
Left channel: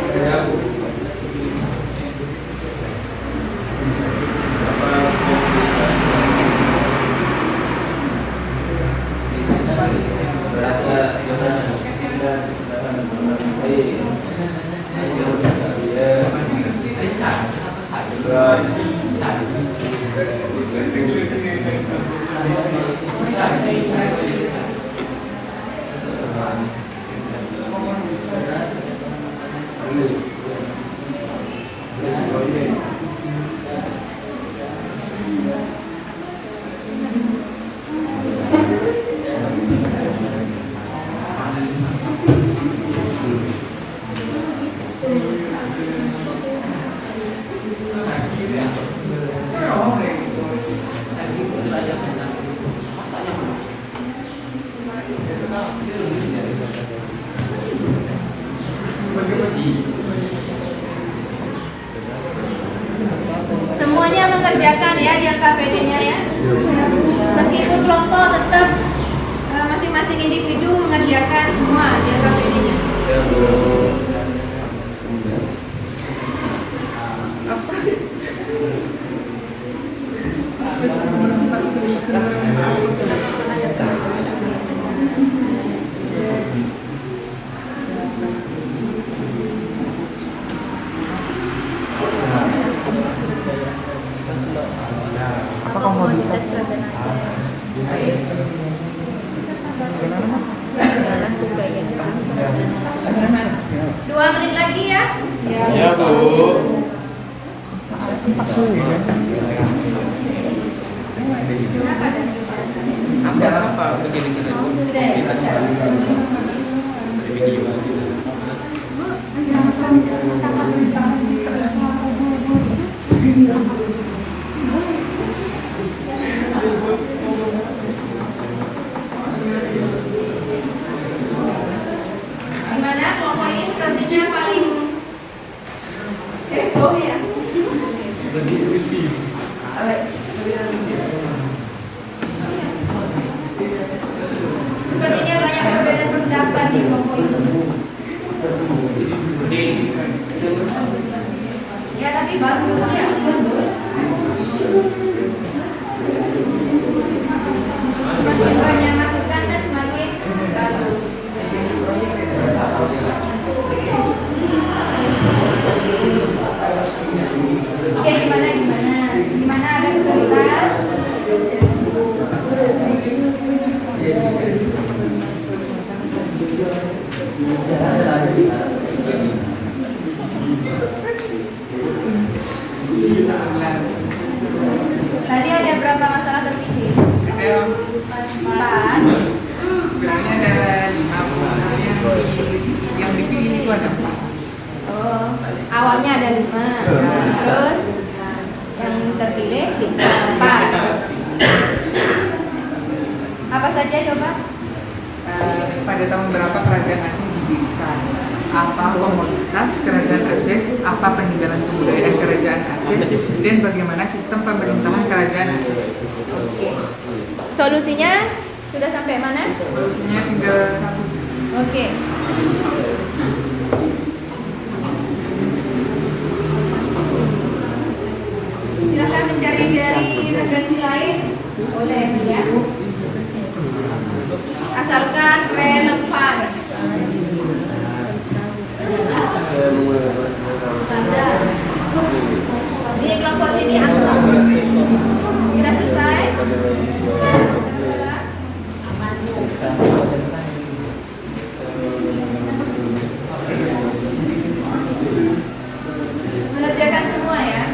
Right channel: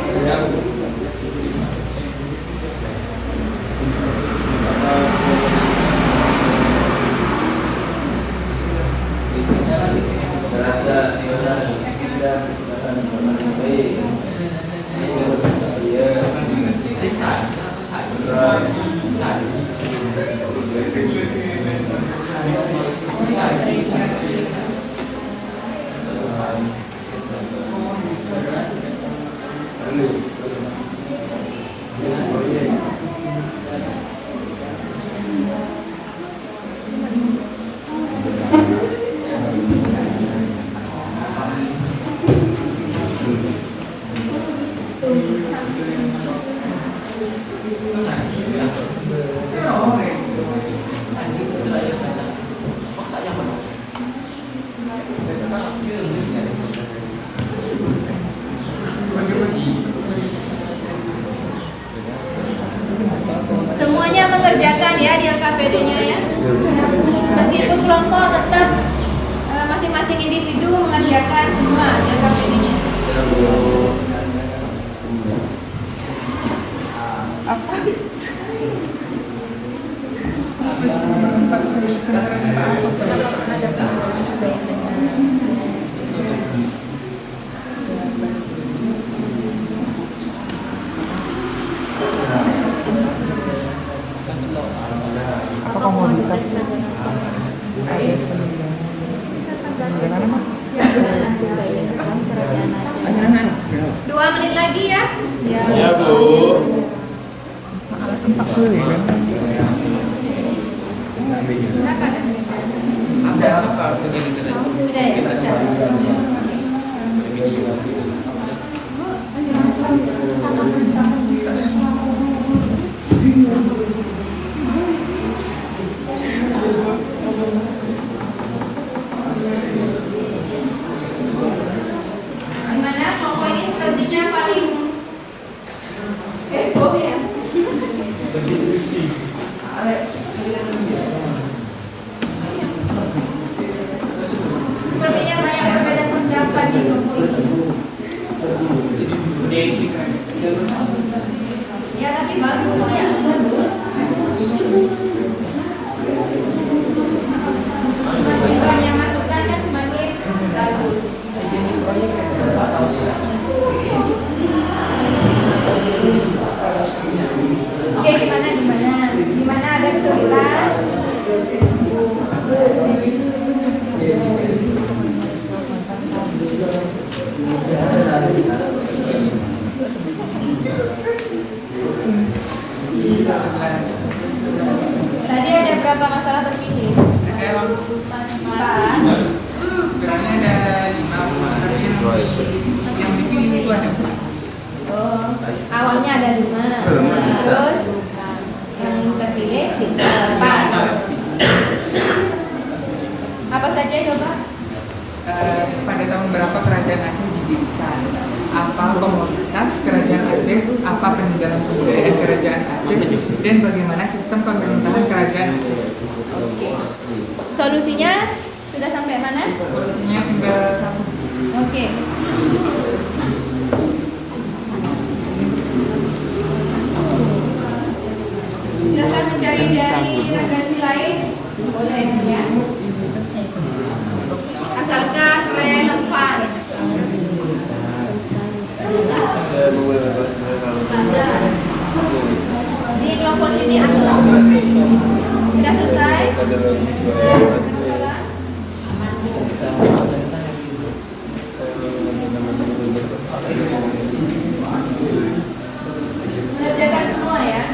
Semuanya mengerjakan ya di LKPD-nya ya. Meskipun kelompok tetap masing-masing individu mengerjakan semua di LKPD-nya. Apa komoditas? 2 menit lagi ya. Ya, Bu. 40 ya. Udah ya. Sepertinya banyak perbedaan pendapat di kelompok ini. Ya tapi bagus ya. Semakin banyak masukan kan semakin bagus. Oke, gimana ada kesulitan? Tadi ada berapa masalah terpilih? Empat. Sebenarnya ada 5, yang dipilih itu ada 4. Oh, awalnya ada 5. Terus yang terpilih 4. Apa saja coba? Pada tahun berapa kerajaan Aceh didirikan? Apa komoditas kerajaan Aceh? Apa peninggalan kebudayaan kerajaan Aceh? Dan bagaimana sistem pemerintahan kerajaan Aceh? Solusinya sudah sampai mana? Solusinya tinggal 1. Oke. Silakan mencari dari referensi lain, boleh ya. Asalkan relevan. Di kelompok sini asal. Sudah selesai? Mengerjakan semua ya.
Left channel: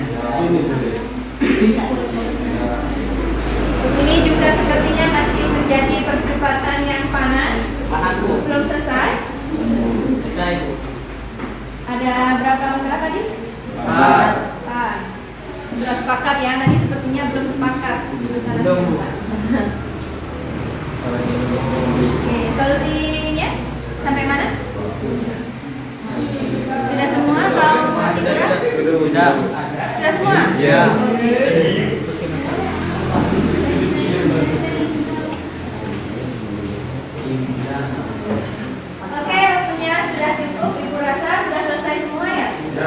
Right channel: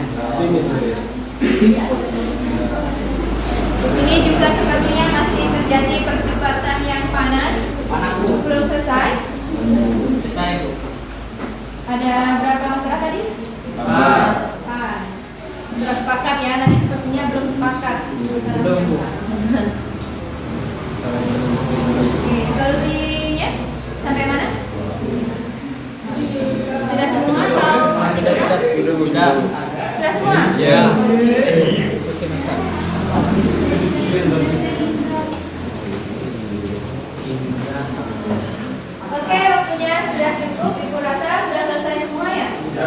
Ini juga sepertinya masih terjadi perdebatan yang panas. Belum selesai. Ada berapa masalah tadi? 4. Sudah sepakat ya, tadi sepertinya belum sepakat. Oke, solusinya sampai mana? Sudah semua atau masih kurang? Sudah semua? Ya. Oke, waktunya sudah cukup. Ibu rasa sudah selesai semua ya? Sudah.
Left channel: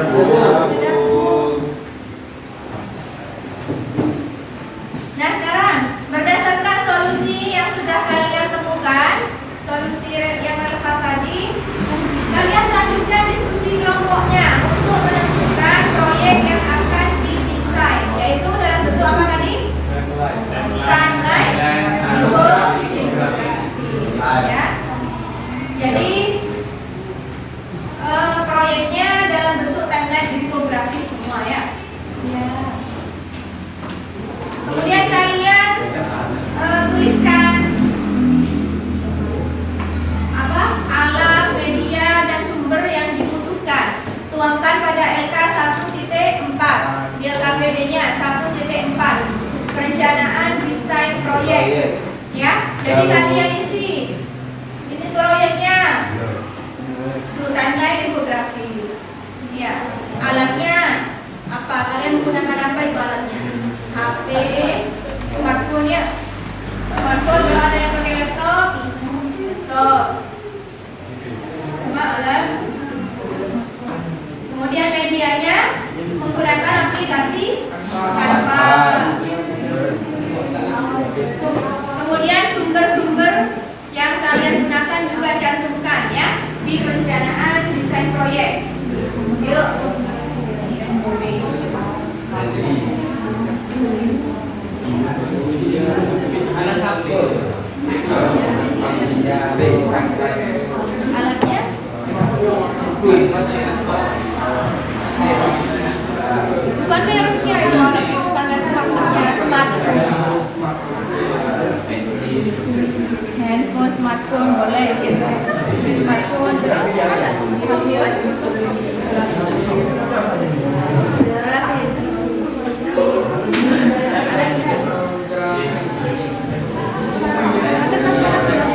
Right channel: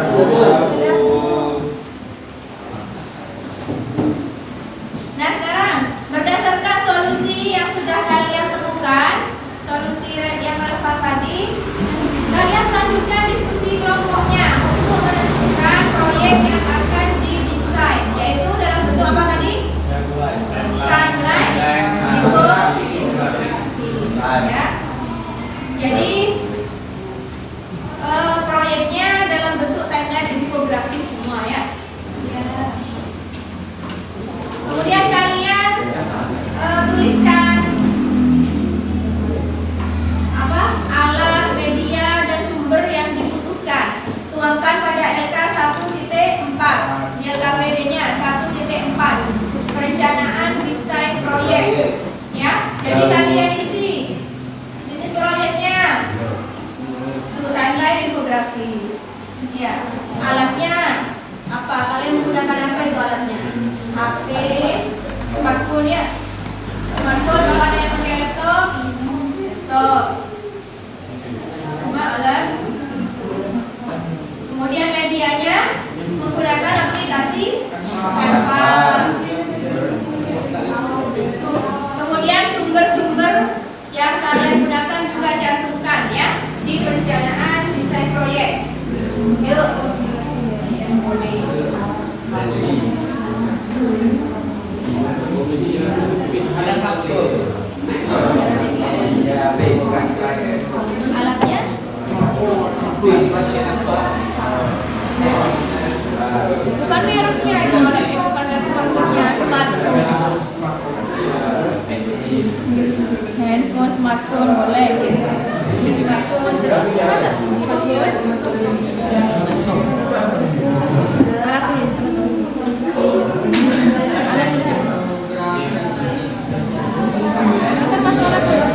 Nah sekarang berdasarkan solusi yang sudah kalian temukan, solusi yang relevan tadi, kalian lanjutkan diskusi kelompoknya untuk menentukan proyek yang akan didesain, yaitu dalam bentuk apa tadi? Timeline, ya. Jadi proyeknya dalam bentuk timeline infografis semua ya. Kemudian kalian tuliskan apa alat, media, dan sumber yang dibutuhkan. Tuangkan pada LK 1.4 di LKPD-nya 1.4 perencanaan desain proyek ya. Jadi kalian isi ini proyeknya tuh timeline infografis ya. Alatnya apa, kalian menggunakan apa itu alatnya? HP, smartphone ya. Smartphone kalau ada yang pakai laptop, sama alat. Kemudian medianya menggunakan aplikasi Canva. Kemudian sumber-sumber yang kalian gunakan juga cantumkan ya di perencanaan desain proyek. Yuk. Alatnya? Bukan mereknya itu, alatnya bukan yang smartphone-nya, smartphone. Handphone, smartphone boleh gitu. Smartphone terus masa smartphone? Alat tulis. Alat tulis. Akan masuk alat tulis.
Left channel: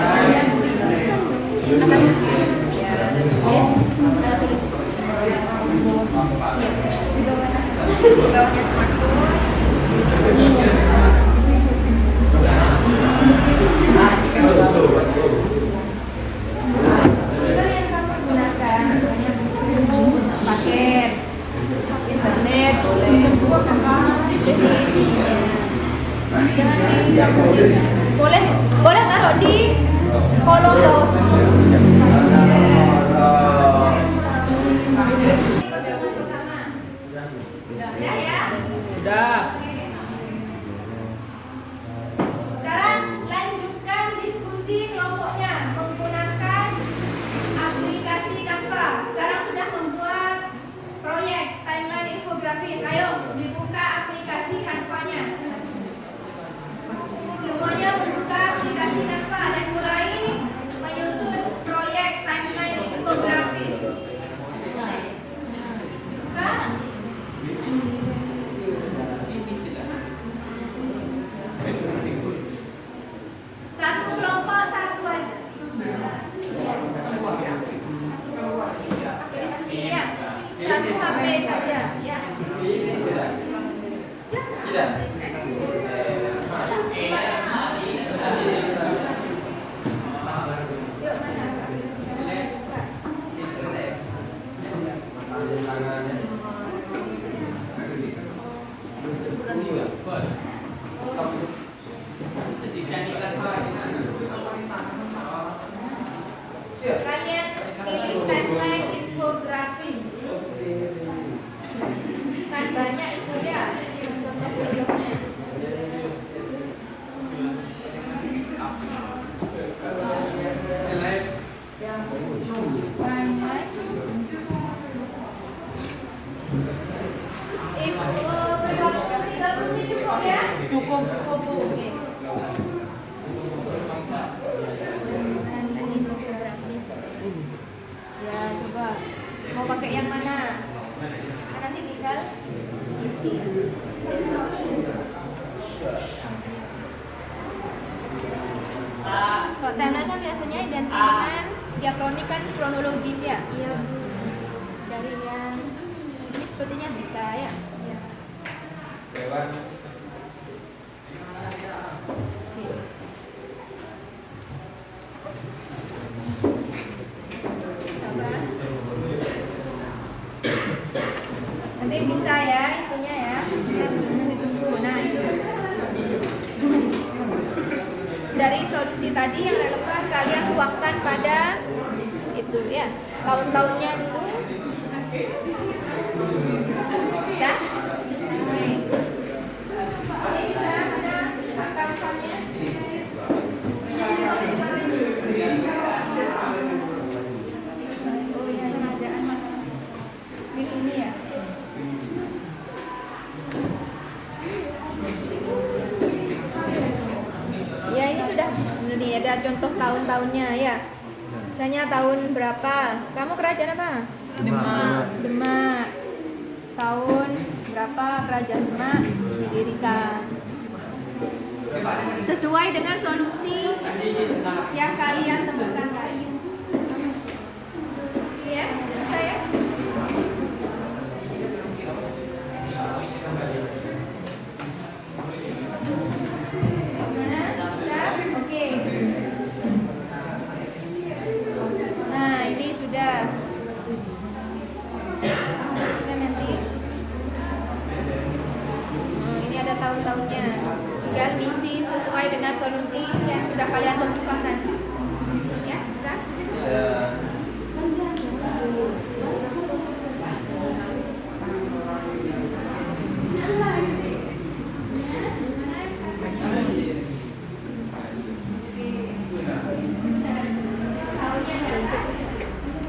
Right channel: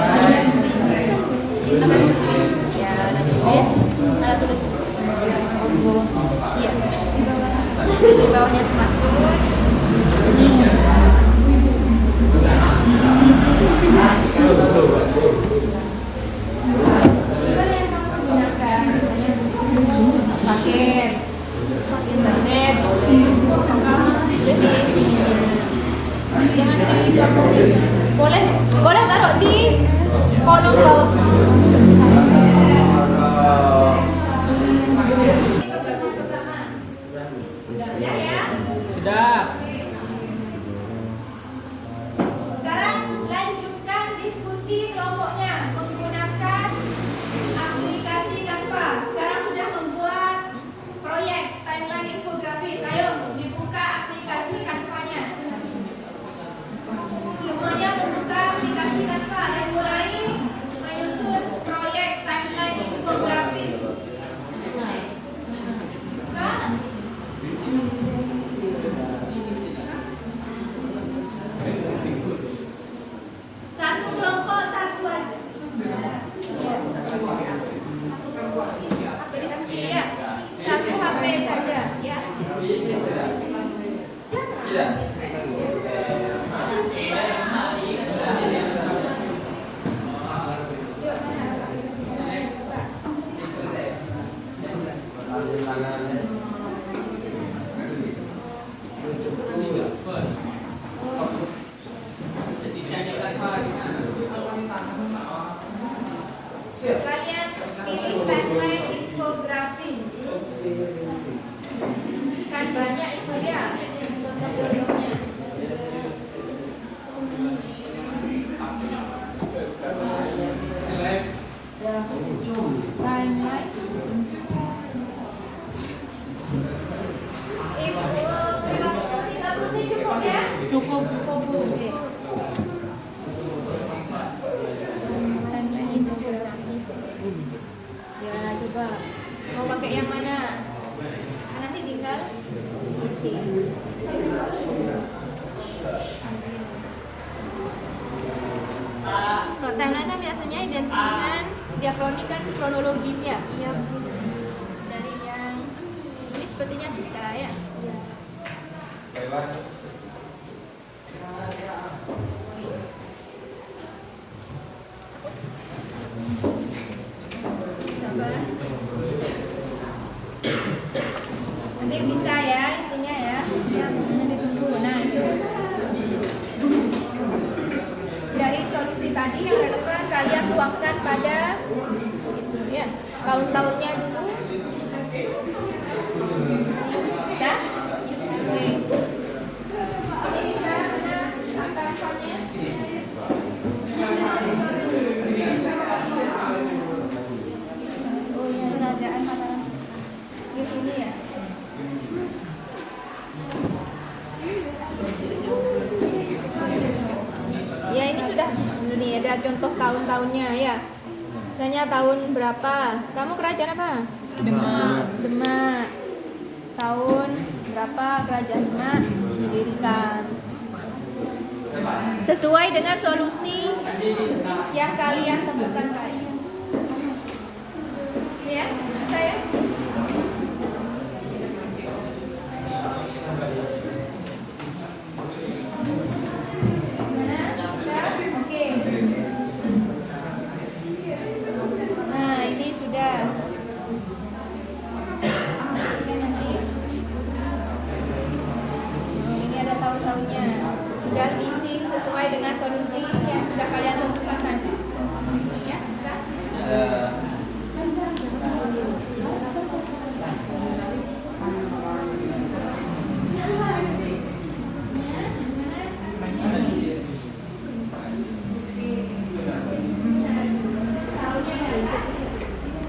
Akan ya tulis. Alat tulis. Iya. Di bawahnya smartphone. Boleh boleh taruh di kolom bawah. Sudah ya? Sudah. Sekarang lanjutkan diskusi kelompoknya menggunakan aplikasi Canva. Sekarang sudah membuat proyek timeline infografis. Ayo dibuka aplikasi Canva-nya. Semuanya membuka aplikasi Canva dan mulai menyusun proyek timeline infografis. Buka. Satu kelompok satu aja. Apa diskusi ya? Satu HP saja ya. Yuk mana? Kalian pilih timeline infografis. Kan banyak itu ya contoh-contohnya. Timeline. Beri waktu 30 menit cukup ya? Cukup. Oke. Timeline infografis. Ya coba mau pakai yang mana? Nanti tinggal isi. Kalau timeline kan biasanya identik dengan diakronik kan kronologis ya. Iya. Dari yang ini sepertinya bisa ya. Sabar. Nanti bisa ya itunya ya. Nanti tunggu. Nah itu dari solusi tadi yang relevan kalian tuangkan pada itu ya tahun-tahunnya dulu. Bisa? Oke. Ini bisa mana angka-angkanya? Oh ya ini ada di sini ya. Ya ini sudah ini ada contoh tahun-tahunnya ya. Misalnya tahun berapa? Kamu kerajaan apa? Demak. Demak. Tahun berapa kerajaan Demak didirikan? Sesuai dengan solusi yang kalian temukan tadi. Ya, bisa ya? Oke. Nah, ini sudah. Kita nanti. Oh, ini ada tahun-tahunnya. Tinggal isi sesuai dengan solusi yang sudah kalian tentukan tadi. Ya, bisa?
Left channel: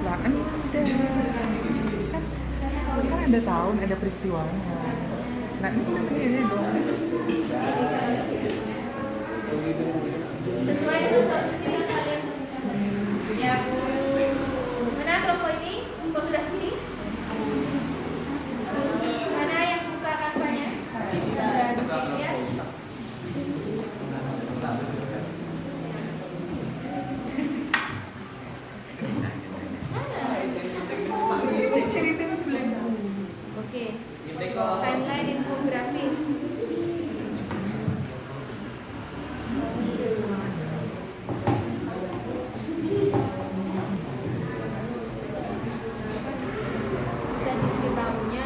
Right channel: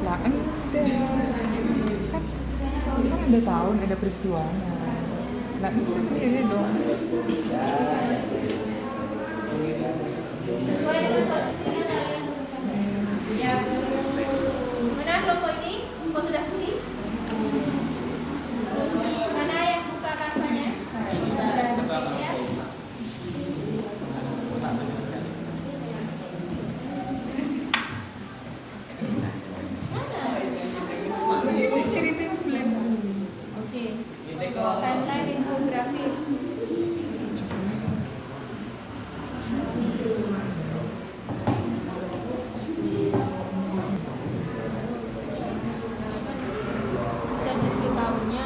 Lah kan ada tahun, ada peristiwanya. Nah ini dong. Sesuai dengan solusi yang kalian. Ya. Mana kelompok ini? Kok sudah sepi? Mana yang buka kanvanya? Ya. Oke. Timeline infografis. Bisa diisi tahunnya.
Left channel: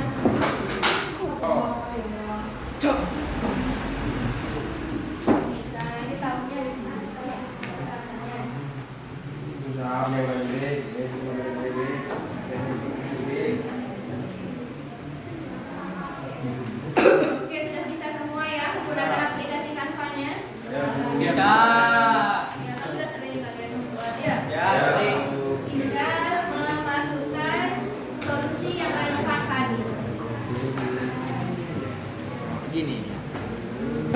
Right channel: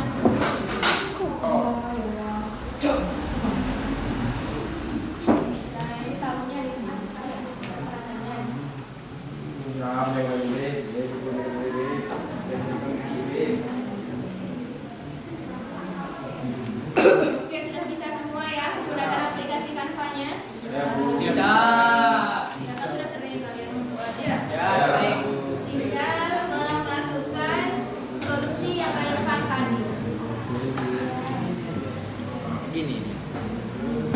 Ini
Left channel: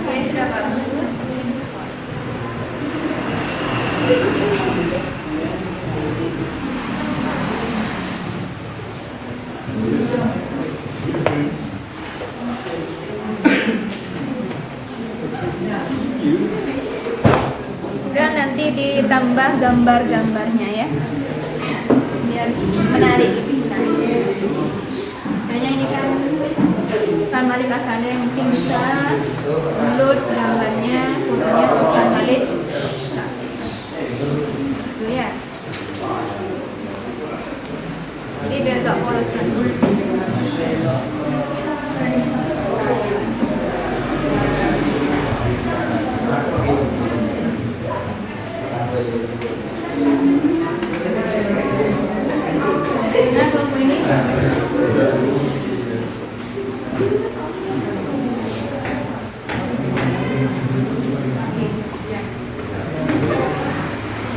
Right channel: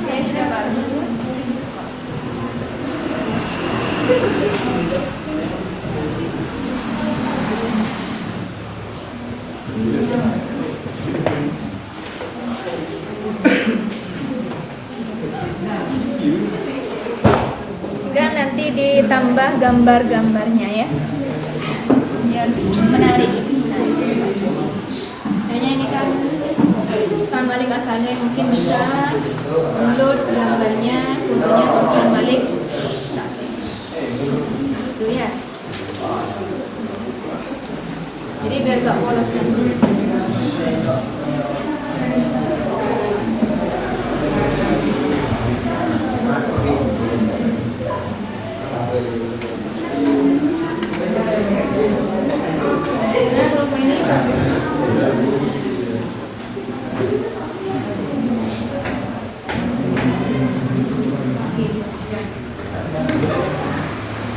saya sudah bagus. Dan nanti ditambah gambar-gambarnya ya, biar menarik, lebih menarik. Kayaknya ini kan Malik asalnya mungkin bisa load gambarnya, fotonya Sultan Malik itu ya. Jadi biar gak polos nanti. Nah, logo ini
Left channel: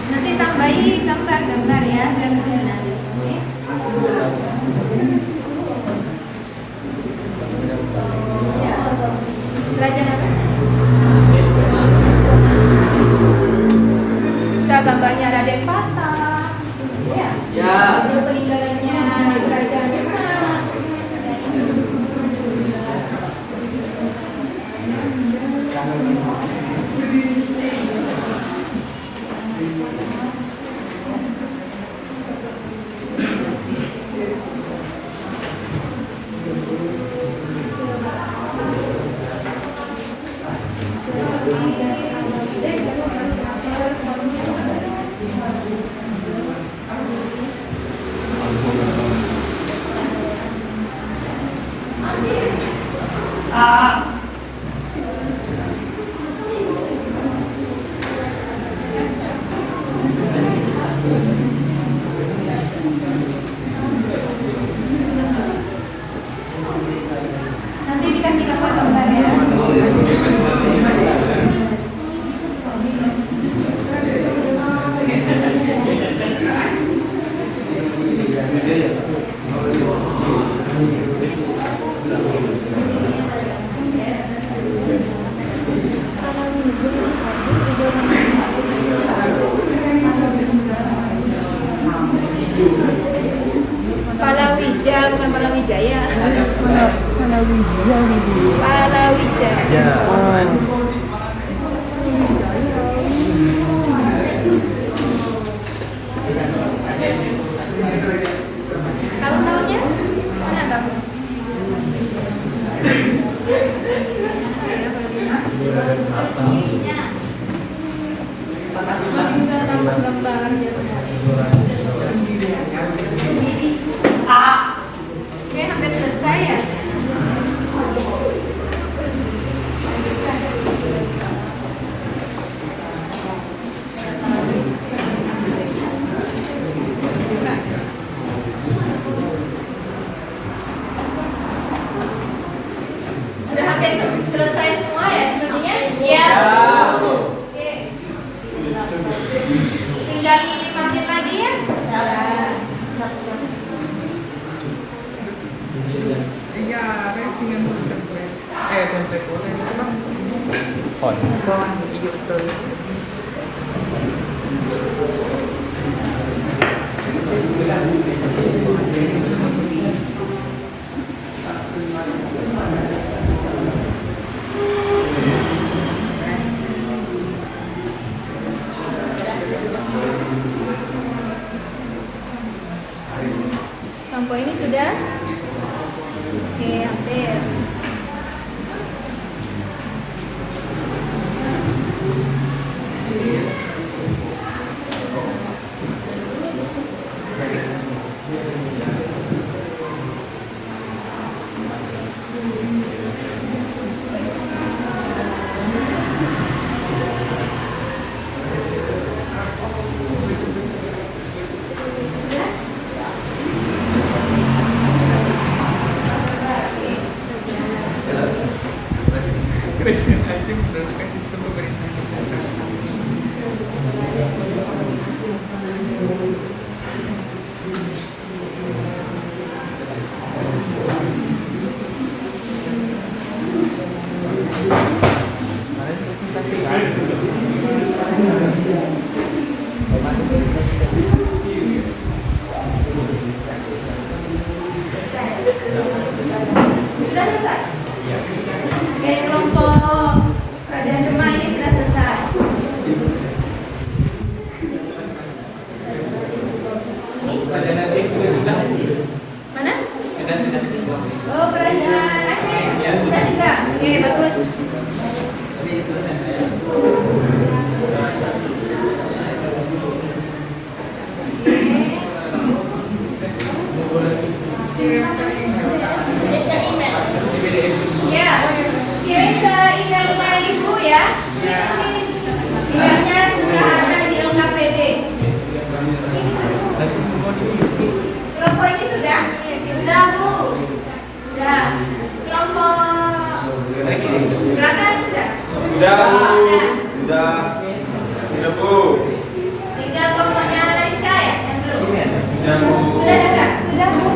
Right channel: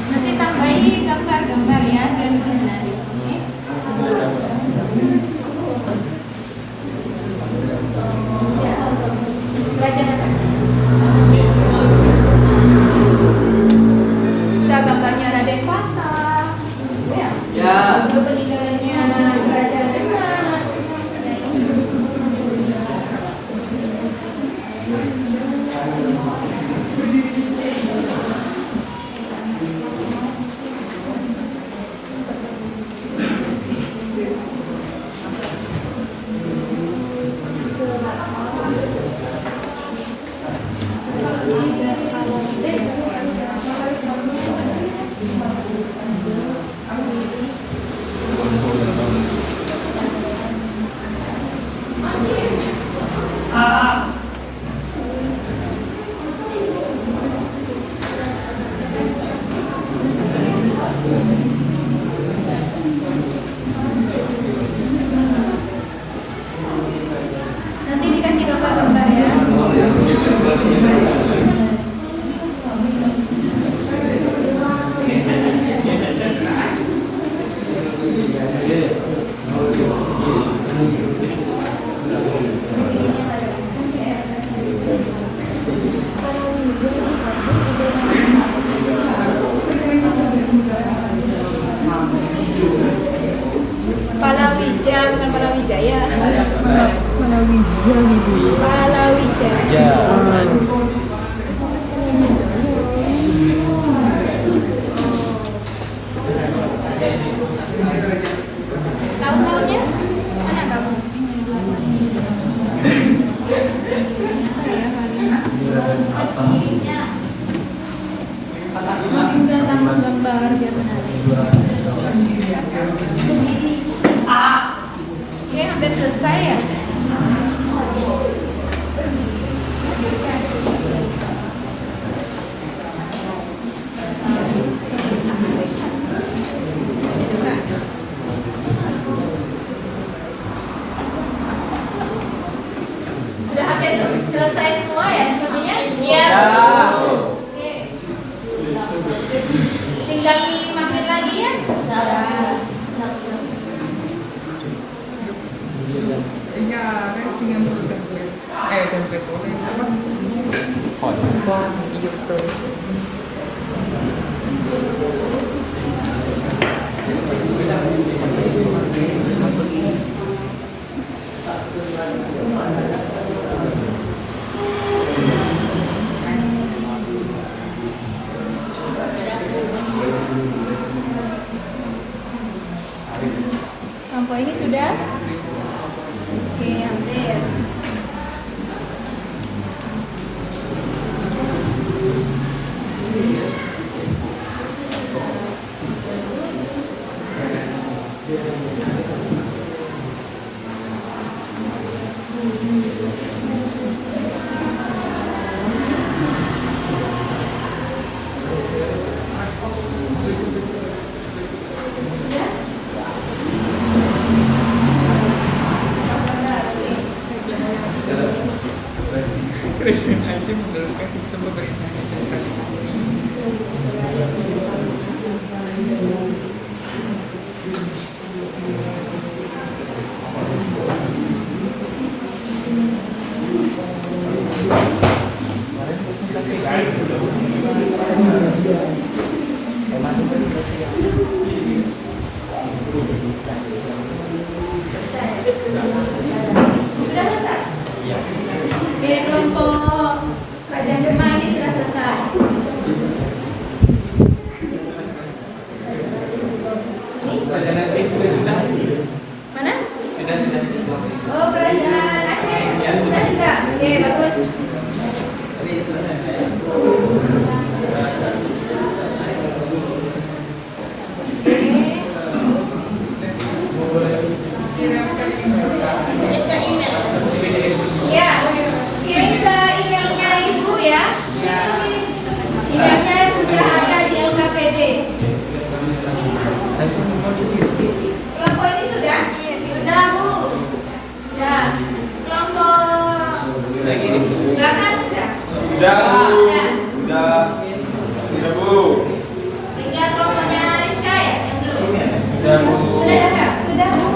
nanti tambahin gambar-gambar ya biar lebih menarik. Oke? Ya. Kerajaan apa? Bisa gambarnya Raden Patah. Ya. Ya. Itu peninggalannya Kerajaan Demak. Nah, ini. Nanti dikasih gambar-gambar ya. Palawija bukan Palawijaya. Palawija. Tahun-tahunnya mana bagus? Makin udah tambah gambar biar menarik. Oke, hampir selesai ya. Sudah hampir selesai semua ya semuanya? Iya. Oke. Tinggal 5 menit lagi ya. Template boleh apa? Font. Iya betul. Lampu ini sudah? Oke, hampir. kerajaan Aceh menerapkan sistem pemerintahan desentralisasi. Sudah selesai? Oke, kelompok kerajaan Demak ini sudah selesai. Ini? Mana? Oh, kerajaan Aceh. Sudah juga. Oke, bagus. Ya, kirim ke emailnya Ibu ya. Emailnya sudah ada di LKPD. Kelompok ini sudah? Sudah, Bu. Sudah. Kelompok belakang sudah? Sudah, Bu. Sudah. Sudah, Bu. Tinggal kelompoknya Rizka ya? Yang belum? Sudah, Bu. Sudah juga? Sudah, Bu.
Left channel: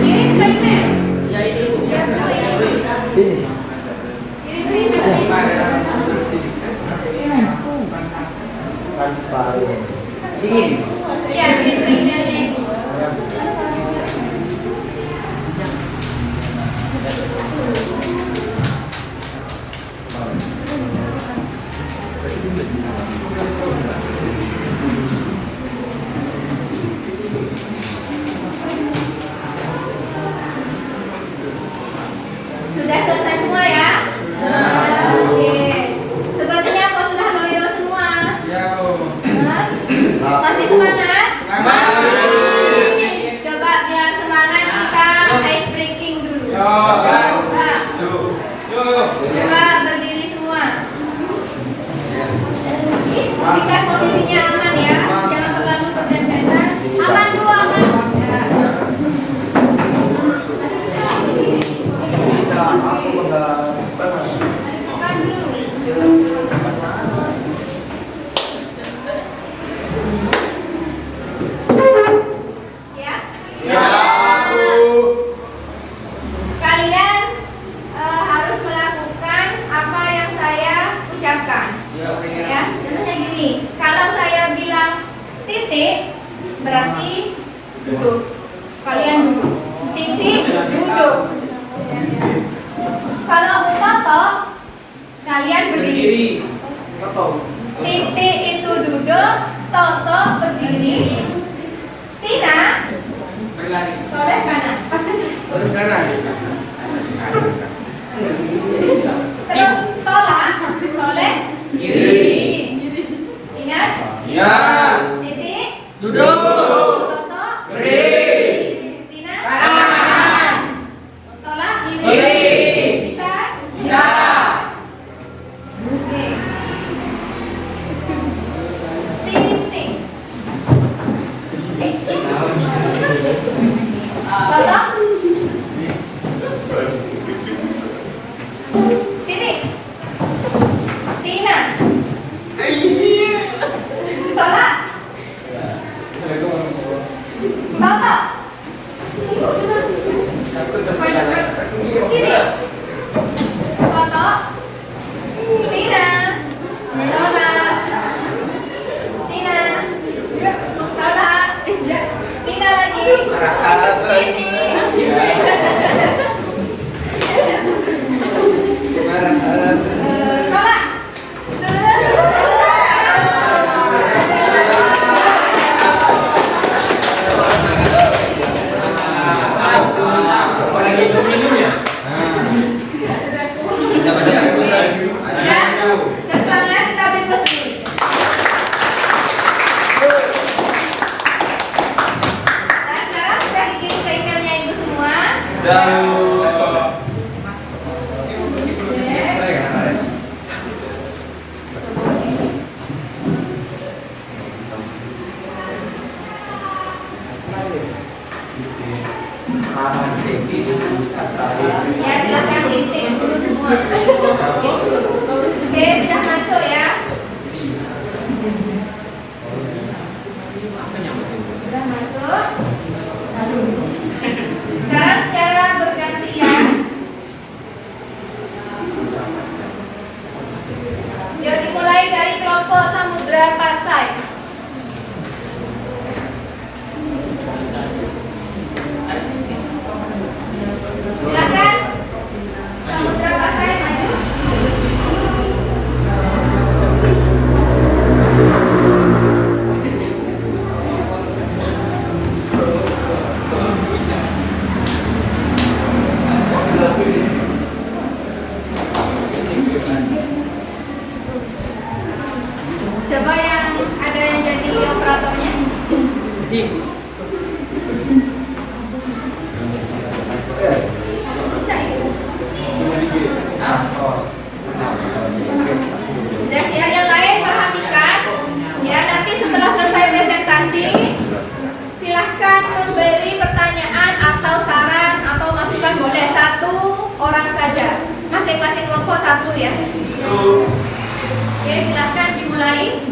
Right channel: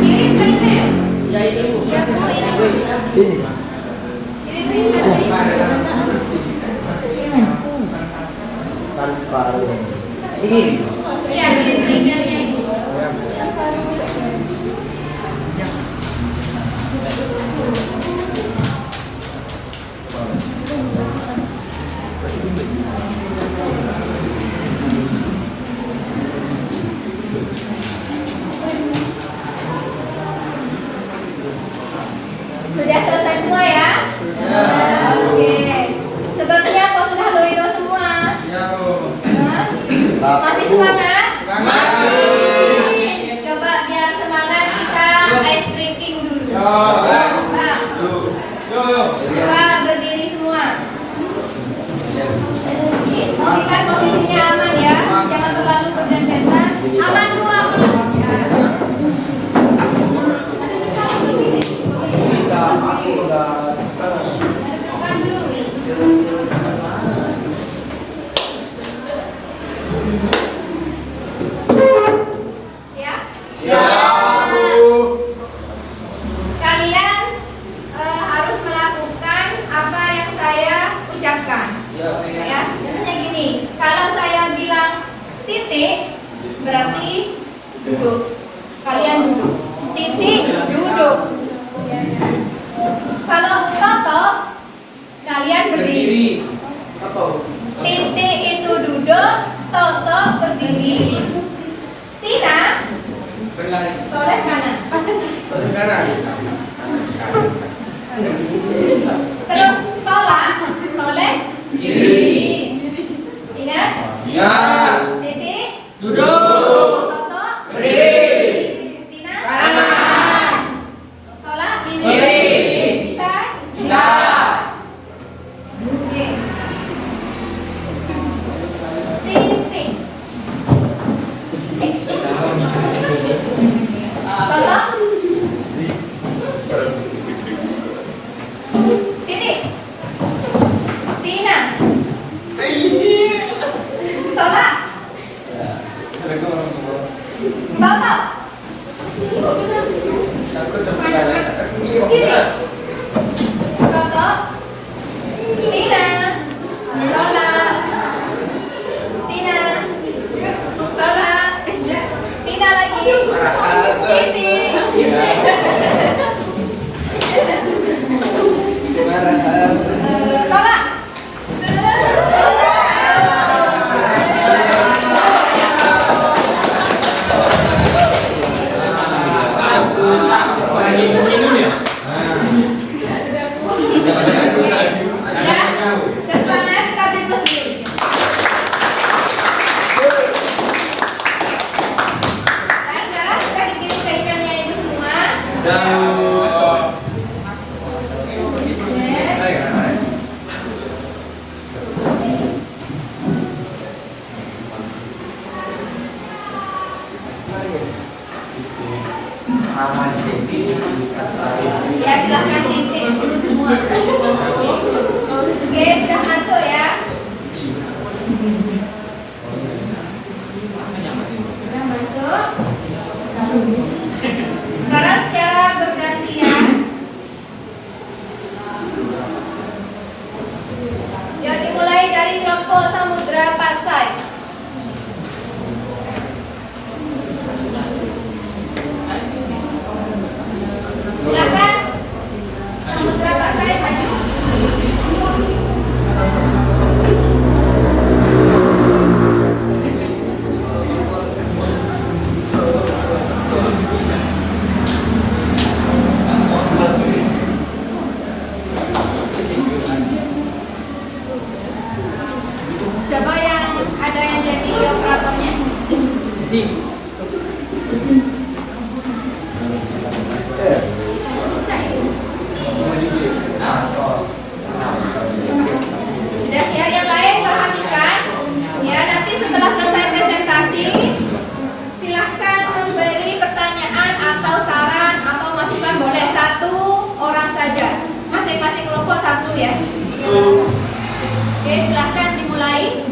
Kirim ke email. Ya ini Bu. Ya, kirim. Ini. Kirim ke email. Ini. Iya, kirim ke emailnya Ibu. Sudah selesai semua ya? Oke. Sepertinya kok sudah loyo semua. Hah? Masih semangat? Coba biar semangat kita ice breaking dulu. Coba. Coba berdiri semua. Pastikan posisinya aman ya. Jangan terlalu berdempetan. Aman dulu, aman. Ya. Siap? Kalian harus melakukan apa yang saya ucapkan. Ya, contohnya gini. Kalau saya bilang titik, berarti duduk. Kalian duduk. Titik, duduk. Kalau toto, kalian berdiri. Titik itu duduk, toto berdiri. Tina, toleh kanan. Terus tolak, toleh kiri. Ingat? Titik, duduk. Toto, berdiri. Tina, kanan. Tolak, kiri. Bisa? Bisa. Oke. Titik. Toto. Pasai. Silakan Samudra Pasai maju. Coba yang ada yang jadi operatornya. Sudah siap yang lain perhatikan. Ya, nanti setelah selesai presentasi silahkan memberi pertanyaan atau saran atau masukan, boleh satu orang saja. Masing-masing kelompok satu ya. Oke, silahkan dimulai.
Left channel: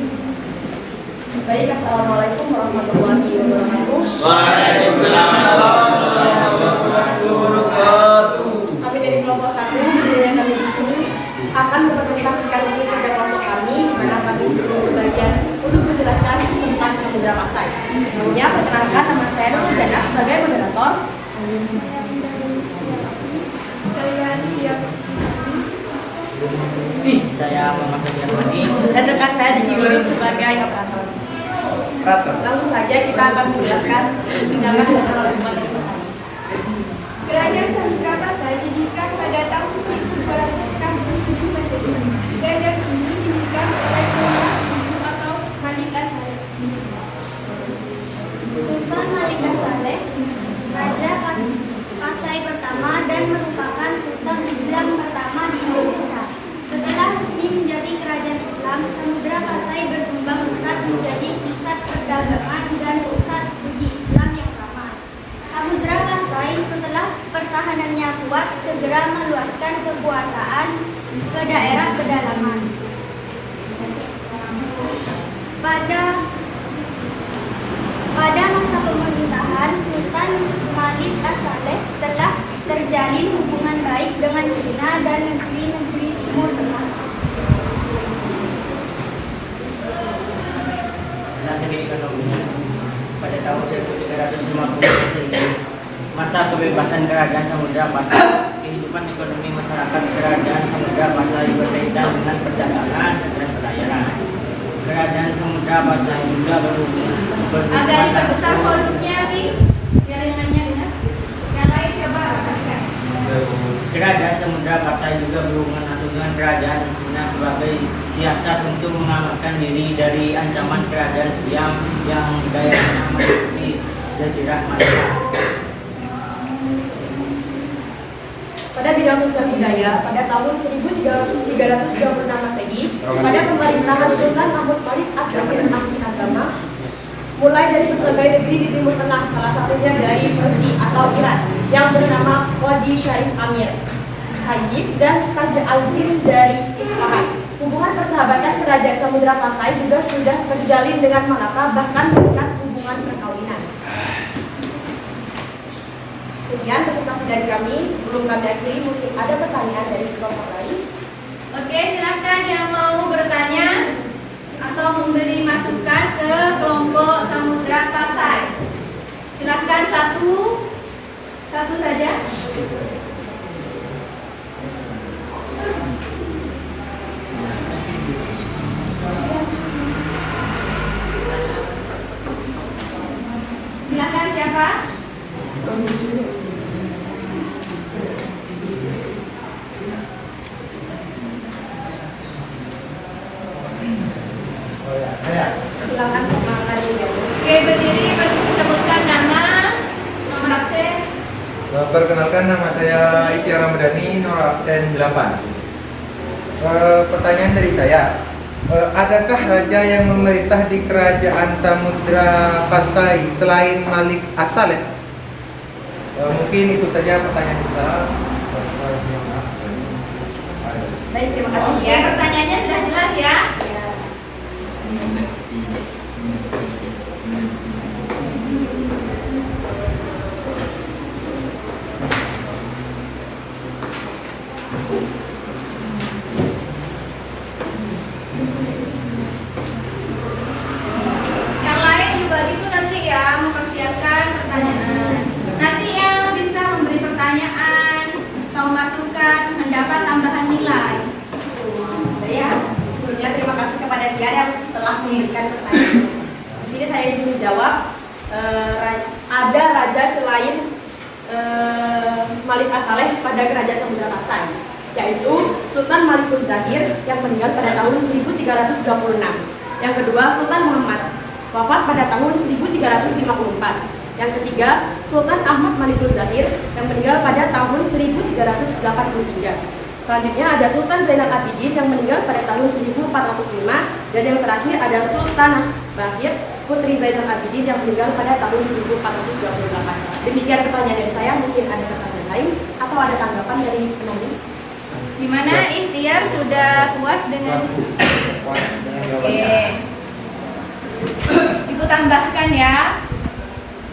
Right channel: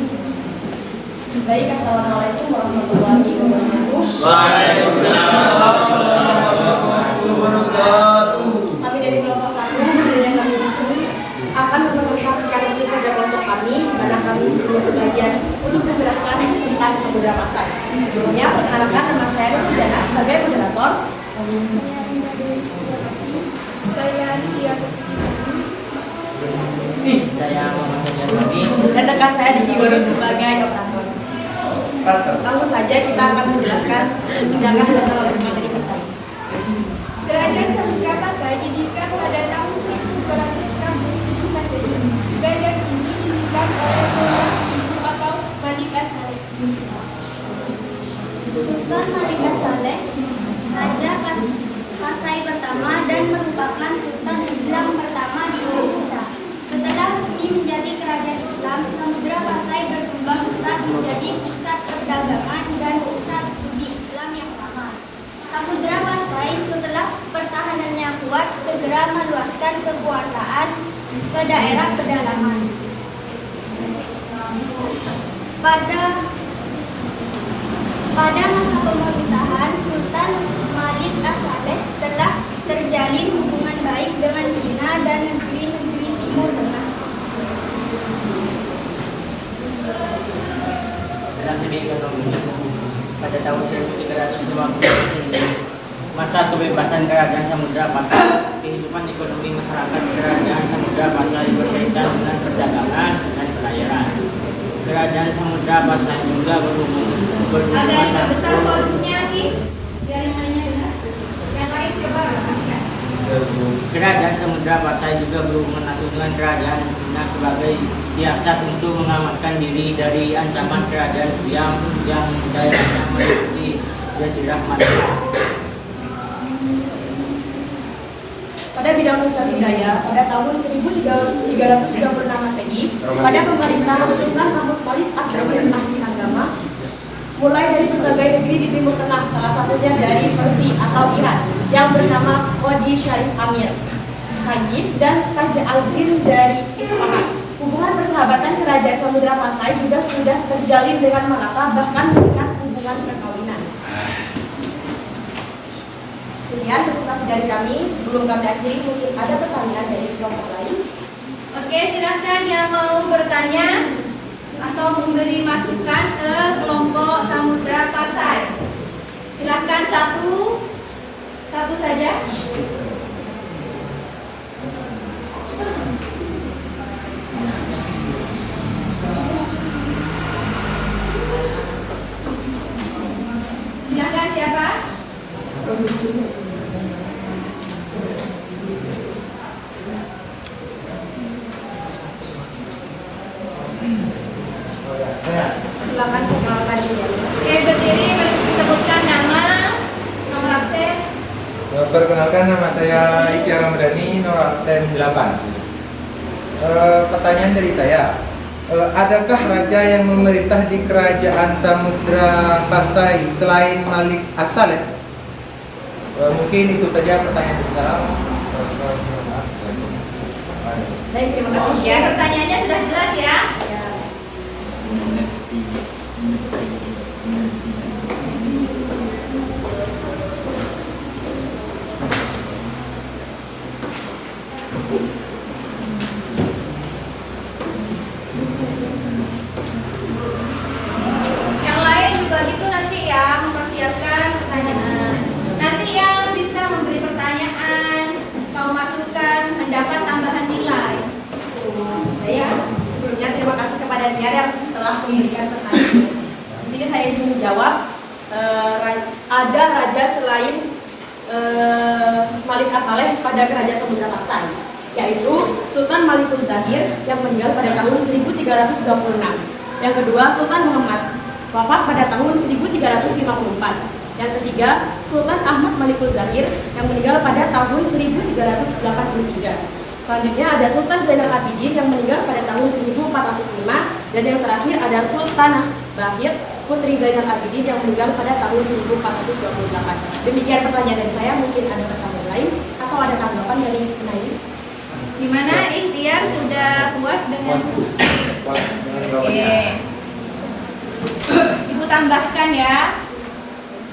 Baik, assalamualaikum warahmatullahi wabarakatuh. Waalaikumsalam warahmatullahi wabarakatuh. Kami dari kelompok 1, budaya kami di sini akan mempresentasikan hasil kerja kelompok kami, di mana kami di sini berbagian untuk menjelaskan tentang Samudra Pasai. Sebelumnya, perkenalkan nama saya Nurul Jana sebagai moderator. Saya Alicia. Saya Muhammad Sofian. Dan rekan saya di Yusuf sebagai operator. Langsung saja kita akan menjelaskan tindakan dasar oleh materi pertama. Kerajaan Samudra Pasai didirikan pada tahun 1267 Masehi. Kerajaan ini didirikan oleh Sultan atau Malik As-Saleh. Sultan Malik As-Saleh Raja Pasai pertama dan merupakan Sultan Islam pertama di Indonesia. Setelah resmi menjadi kerajaan Islam, Samudra Pasai berkembang pesat menjadi pusat perdagangan dan pusat studi Islam yang ramai. Samudra Pasai setelah pertahanannya kuat segera meluaskan kekuasaan ke daerah pedalaman. Pada masa pemerintahan Sultan Malik As-Saleh telah terjalin hubungan baik dengan Cina dan negeri-negeri Timur Tengah. Dalam segi ekonomi, pada tahun 1350 masa kebebasan Kerajaan Samudra Pasai, kehidupan ekonomi masyarakat Kerajaan Samudra Pasai berkaitan dengan perdagangan dan pelayaran. Kerajaan Samudra Pasai juga Agak diperbesar volumenya Ki, biar yang lainnya dengar. Yang lain coba perhatikan. Kerajaan Samudra Pasai juga berhubungan langsung dengan Kerajaan Cina sebagai siasat untuk mengamankan diri dari ancaman kerajaan Siam yang daerahnya meliputi Jazirah Malaka. Pada bidang sosial budaya, pada tahun 1326 Masehi, pada pemerintahan Sultan Mahmud Malik As-Saleh Ahli Agama, mulai dari berbagai negeri di Timur Tengah, salah satunya dari Persia atau Iran, yang bernama Qadi Syarif Amir, Sayyid, dan Taja al-Din dari Isfahan. Hubungan persahabatan Kerajaan Samudra Pasai juga sudah terjalin dengan Malaka, bahkan mengikat hubungan perkawinan. Sekian presentasi dari kami. Sebelum kami akhiri, mungkin ada pertanyaan dari kelompok lain. Oke, silakan yang mau bertanya atau memberi masukan ke kelompok Samudra Pasai. Silakan satu saja. Silakan siapa? Silakan perkenalkan diri. Oke, berdiri sebutkan nama, nomor absen. Perkenalkan, nama saya Ikhtiar Ramadhani, nomor absen 8. Pertanyaan dari saya, adakah raja yang memerintah di Kerajaan Samudra Pasai selain Malik As-Saleh? Mungkin itu saja pertanyaan saya. Baik, terima kasih. Oke, pertanyaannya sudah jelas ya. saleh pada kerajaan Samudra Pasai, yaitu Sultan Malikul Zahir yang meninggal pada tahun 1326. Yang kedua, Sultan Muhammad, wafat pada tahun 1354. Yang ketiga, Sultan Ahmad Malikul Zahir yang meninggal pada tahun 1383. Selanjutnya ada Sultan Zainal Abidin yang meninggal pada tahun 1405. Dan yang terakhir ada Sultanah Bahir Putri Zainal Abidin yang meninggal pada tahun 1428. Demikian pertanyaan dari saya, mungkin ada pertanyaan lain atau ada tanggapan dari penanya? Di mana Ikhtiar sudah puas dengan Oke. Ibu tambahkan ya.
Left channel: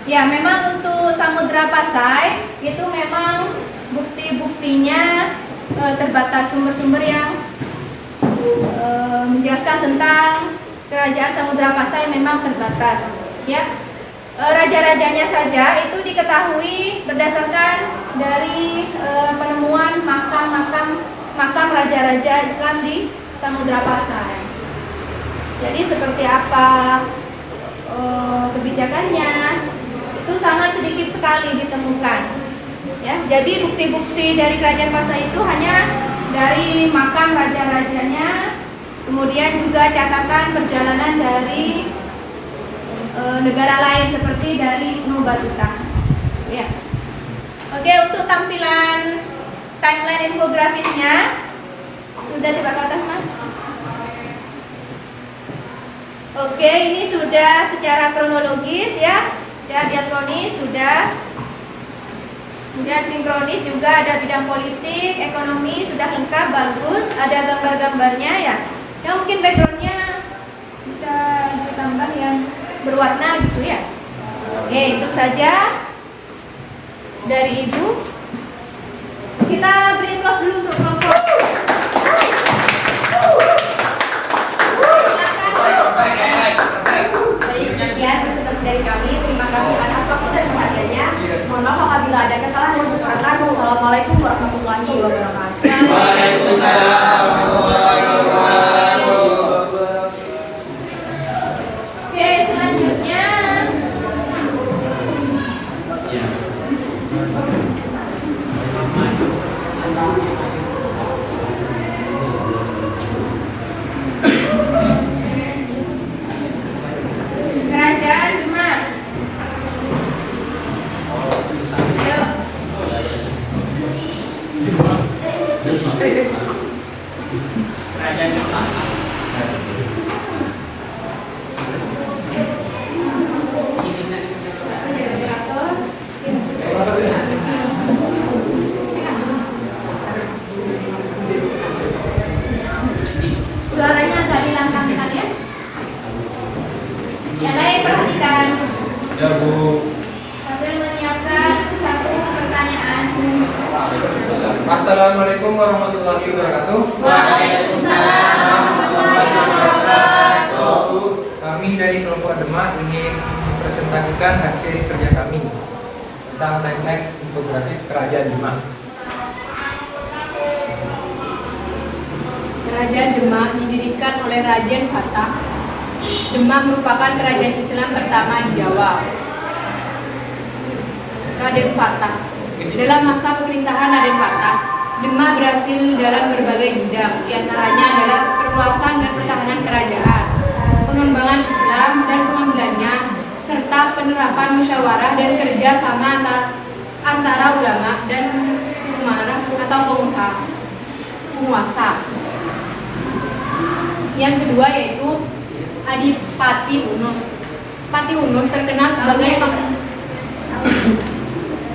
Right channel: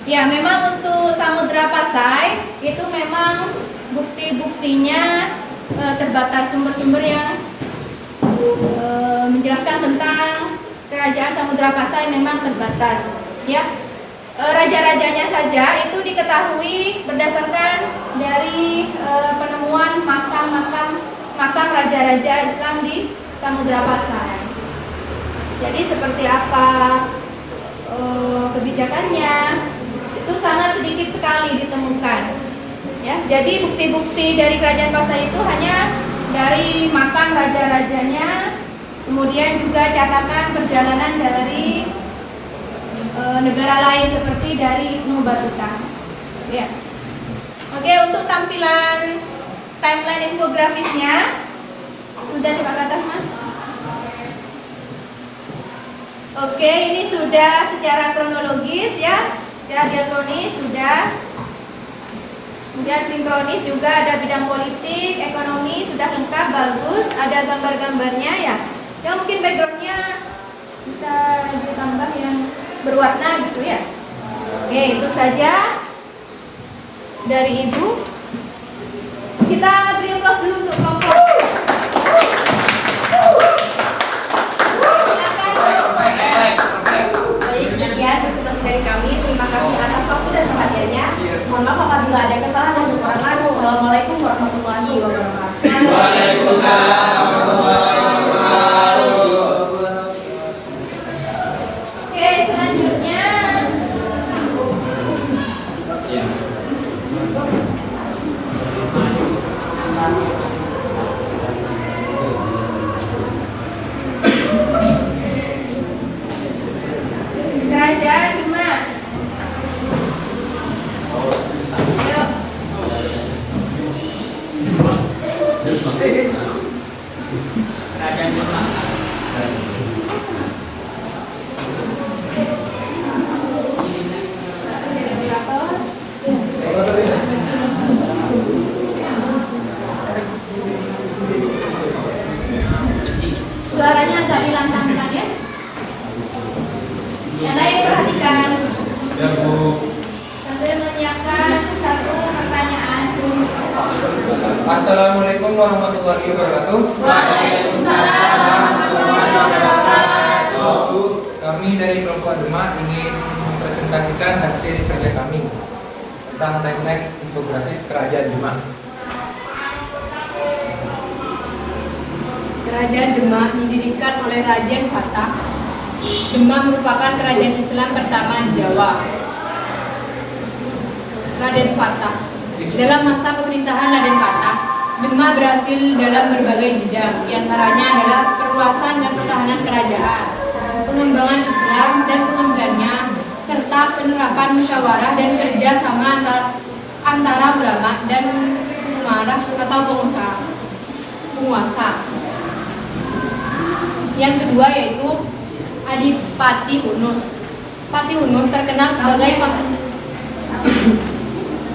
Ya, memang untuk Samudra Pasai itu memang bukti-buktinya terbatas, sumber-sumber yang menjelaskan tentang kerajaan Samudra Pasai memang terbatas. Ya, raja-rajanya saja itu diketahui berdasarkan dari penemuan makam raja-raja Islam di Samudra Pasai. Jadi seperti apa kebijakannya itu sangat sedikit sekali ditemukan. Ya, jadi bukti-bukti dari kerajaan Pasai itu hanya dari makam raja-rajanya, kemudian juga catatan perjalanan dari negara lain seperti dari Ibnu Battuta. Ya. Oke, untuk tampilan timeline infografisnya sudah coba ke atas, Mas. Oke, ini sudah secara kronologis ya, secara diakronis sudah. Kemudian sinkronis juga, ada bidang politik, ekonomi sudah lengkap, bagus, ada gambar-gambarnya ya. Ya mungkin backgroundnya bisa ditambah yang berwarna gitu ya. Oke, itu saja dari Ibu. Kita beri aplaus dulu untuk kelompok. Baik, sekian presentasi dari kami. Terima kasih atas waktu dan perhatiannya. Mohon maaf apabila ada kesalahan dan kekurangan. Wassalamualaikum warahmatullahi wabarakatuh. Waalaikumsalam warahmatullahi wabarakatuh. Oke, selanjutnya Kerajaan Demak. Kerajaan Demak. Suaranya agak dilantangkan ya. Yang lain perhatikan. Ya Bu. Sambil menyiapkan satu pertanyaan. Assalamualaikum warahmatullahi wabarakatuh. Waalaikumsalam warahmatullahi wabarakatuh. Kami dari kelompok Demak ingin mempresentasikan hasil kerja kami tentang timeline infografis Kerajaan Demak. Kerajaan Demak didirikan oleh Raden Fatah. Demak merupakan kerajaan Islam pertama di Jawa. Raden Fatah. Dalam masa pemerintahan Raden Fatah, Demak berhasil dalam berbagai bidang, diantaranya adalah perluasan dan pertahanan kerajaan, pengembangan Islam dan pengambilannya, serta penerapan musyawarah dan kerjasama antara ulama dan umarah atau penguasa. Yang kedua yaitu Adipati Unus. Pati Unus terkenal sebagai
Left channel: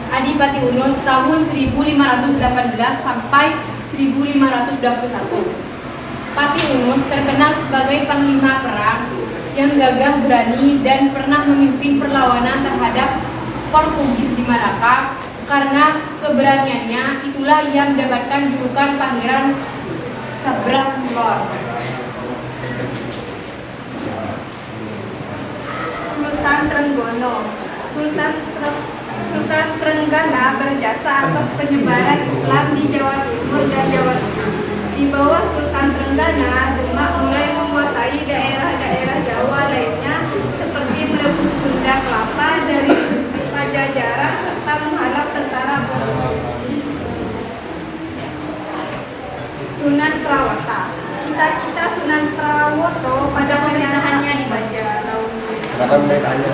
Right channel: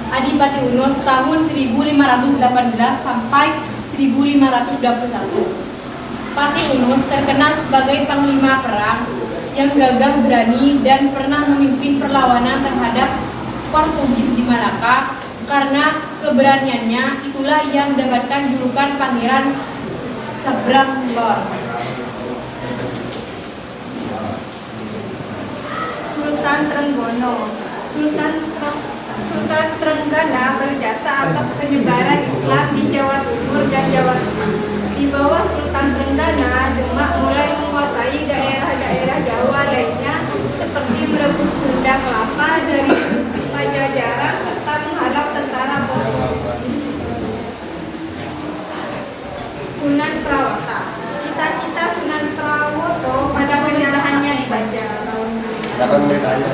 Adipati Unus tahun 1518 sampai 1521. Pati Unus terkenal sebagai panglima perang yang gagah berani dan pernah memimpin perlawanan terhadap Portugis di Malaka. Karena keberaniannya itulah ia mendapatkan julukan Pangeran Sabrang Lor. Sultan Trenggono. Sultan Trenggana berjasa atas penyebaran Islam di Jawa Timur dan Jawa Tengah. Di bawah Sultan Trenggana, Demak mulai menguasai daerah-daerah Jawa lainnya seperti merebut Sunda Kelapa dari Pajajaran serta menghalau tentara Portugis. Sunan Prawata. Cita-cita Sunan Prawoto pada Pemerintahannya dibaca. Kata pemerintahannya.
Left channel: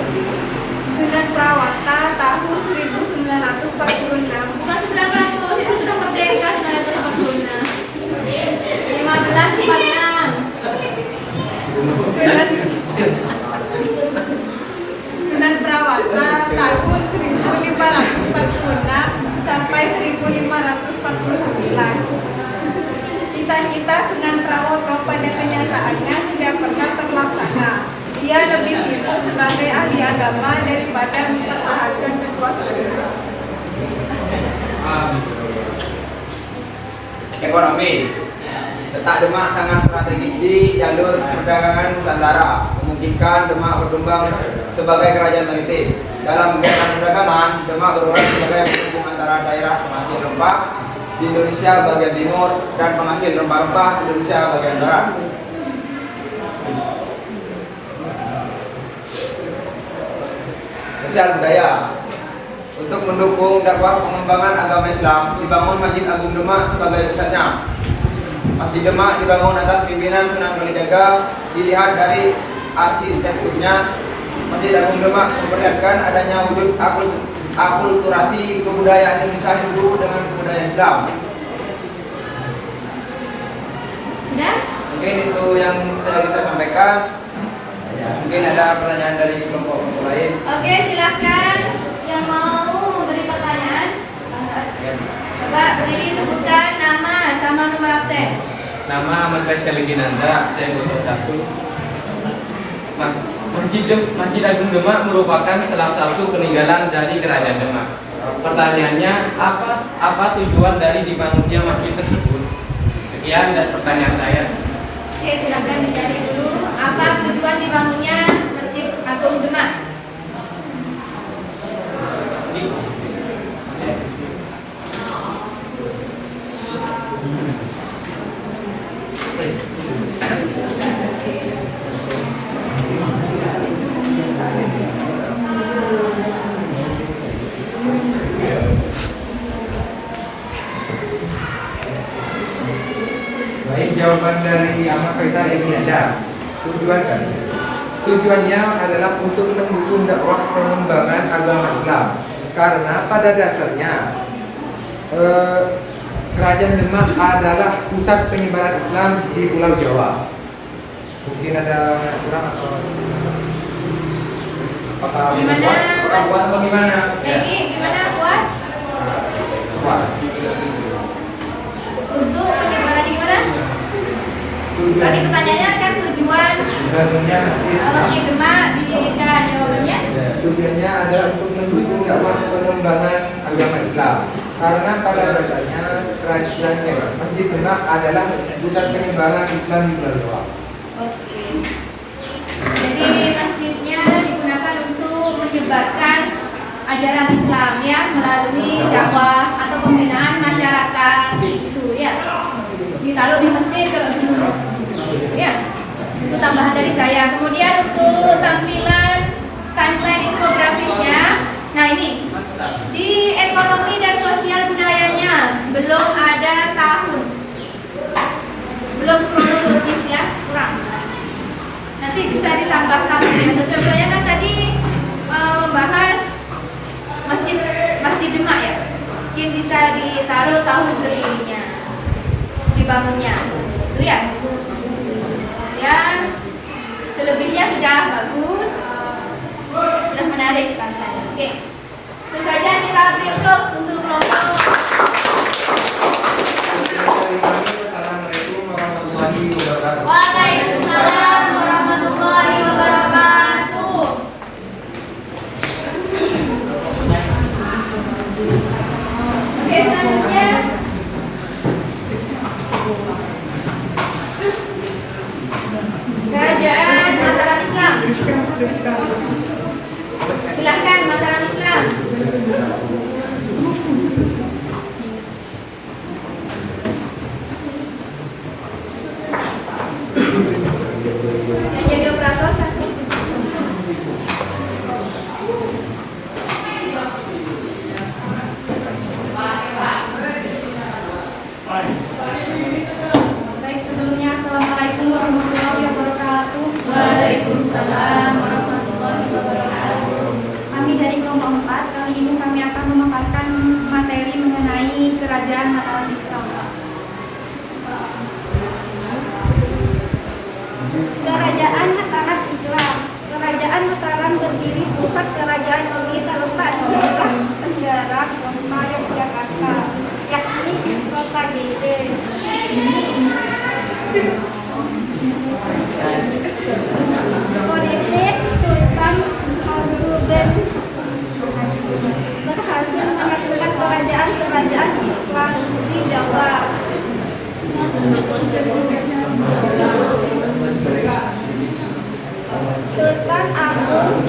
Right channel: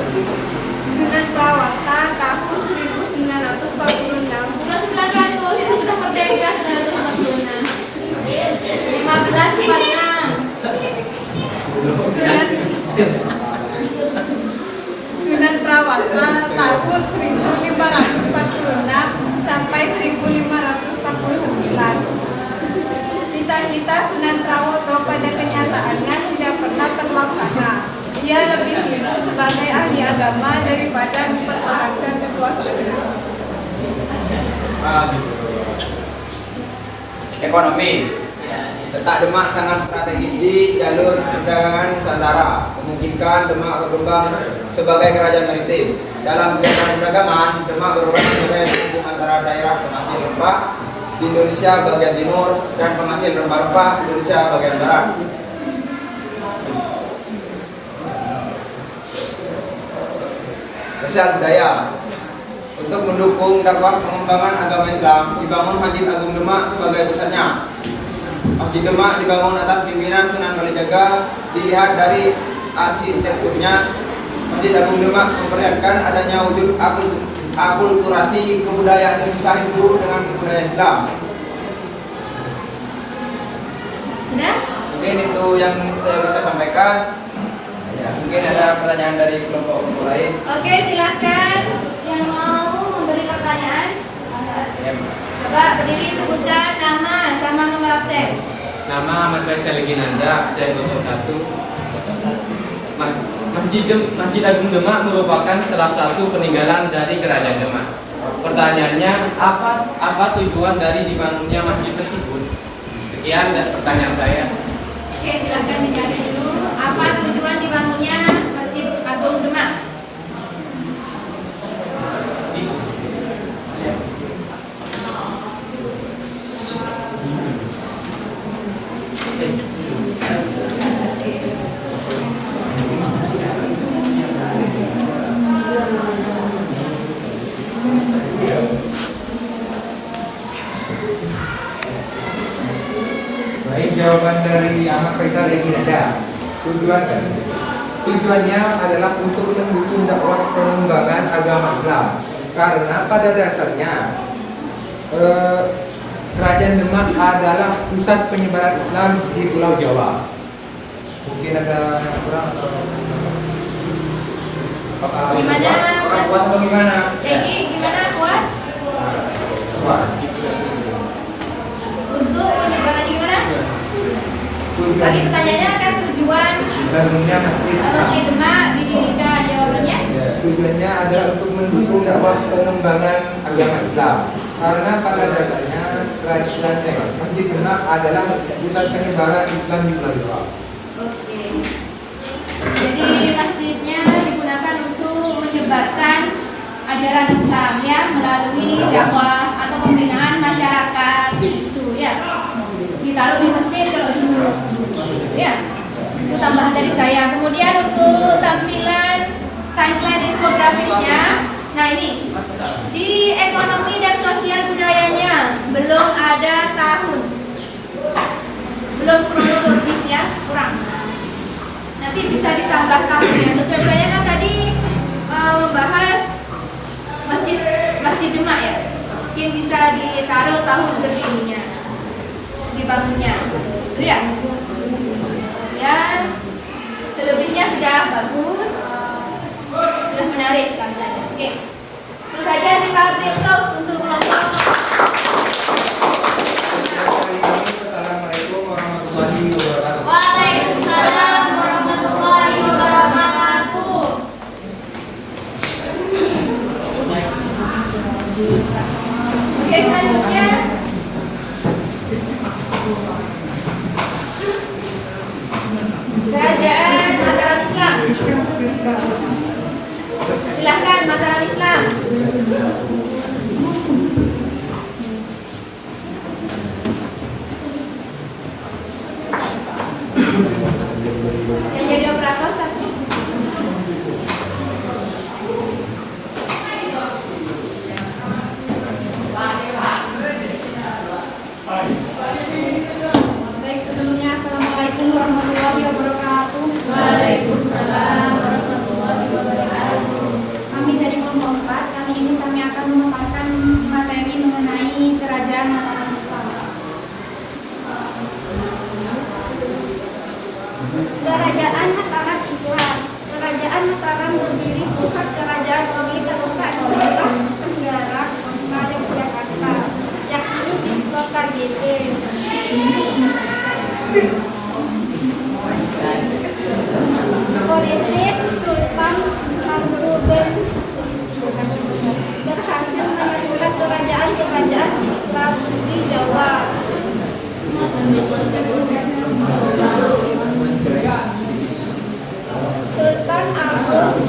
Sunan Prawata tahun 1946. Bukan 900, itu sudah merdeka 1946. 1546. Sunan Prawata tahun 1546 sampai 1549. Cita-cita Sunan Prawoto pada kenyataannya tidak pernah terlaksana. Dia lebih sibuk sebagai ahli agama daripada mempertahankan kekuasaannya. Ekonomi. Letak Demak sangat strategis di jalur perdagangan Nusantara, memungkinkan Demak berkembang sebagai kerajaan maritim. Dalam kegiatan perdagangan, Demak berperan sebagai penghubung antara daerah penghasil rempah di Indonesia bagian timur dan penghasil rempah-rempah Indonesia bagian barat. Sosial budaya. Untuk mendukung dakwah pengembangan agama Islam, dibangun Masjid Agung Demak sebagai pusatnya. Masjid Demak dibangun atas pimpinan Sunan Kalijaga. Dilihat dari arsitekturnya, Masjid Agung Demak memperlihatkan adanya wujud akulturasi kebudayaan Indonesia Hindu dengan kebudayaan Islam. Sudah? Mungkin itu yang saya bisa sampaikan. Ya, mungkin ada pertanyaan dari kelompok lain. Oke, silakan yang mau memberi pertanyaan. Coba berdiri, sebutkan nama sama nomor absen. Nama Ahmad Faisal Ginanda, absen 01. Masjid Agung Demak merupakan salah satu peninggalan dari Kerajaan Demak. Pertanyaannya, apa tujuan dari dibangunnya masjid tersebut? Sekian dan pertanyaan saya. Oke, silakan dicari dulu. Apa tujuan dibangunnya Masjid Agung Demak? Baik, jawaban dari Ahmad Faisal ini ada. Tujuannya adalah untuk mendukung dakwah pengembangan agama Islam. Karena pada dasarnya Kerajaan Demak adalah pusat penyebaran Islam di Pulau Jawa. Mungkin ada yang kurang atau apakah Gimana, Mas? puas atau gimana? Peggy, gimana, puas? Puas. Untuk penyebarannya gimana? Tadi pertanyaannya kan tujuan Bangunnya Masjid Demak didirikan, jawabannya? Tujuannya adalah untuk mendukung dakwah pengembangan agama Islam. Karena pada dasarnya Masjid Demak adalah pusat penyebaran Islam di Pulau Jawa. Oke. Jadi masjidnya digunakan untuk menyebarkan ajaran Islam ya melalui dakwah atau pembinaan masyarakat itu ya. Ditaruh di masjid kalau di dulu. Ya. Itu tambahan dari saya. Kemudian untuk tampilan timeline infografisnya. Nah ini di ekonomi dan sosial budayanya belum ada tahun, belum kronologis ya, kurang. Nanti bisa ditambah tahunnya. Sosial budaya kan tadi membahas Masjid Demak ya, mungkin bisa ditaruh tahun berdirinya, dibangunnya, itu ya. Ya, selebihnya sudah bagus, sudah menarik tampilannya. Oke. Itu saja kita beri applause untuk kelompok. Assalamualaikum warahmatullahi wabarakatuh. Waalaikumsalam warahmatullahi wabarakatuh. Oke, selanjutnya Kerajaan Mataram Islam. Silahkan Mataram Islam. Yang jadi operator satu. Kerajaan Mataram Islam. Kerajaan Mataram berdiri, pusat kerajaan ini terletak di sebelah tenggara kota Yogyakarta, yakni di kota Gede. Politik Sultan Hamengkubuwono berhasil menyatukan kerajaan-kerajaan Islam di Jawa. Sultan Agung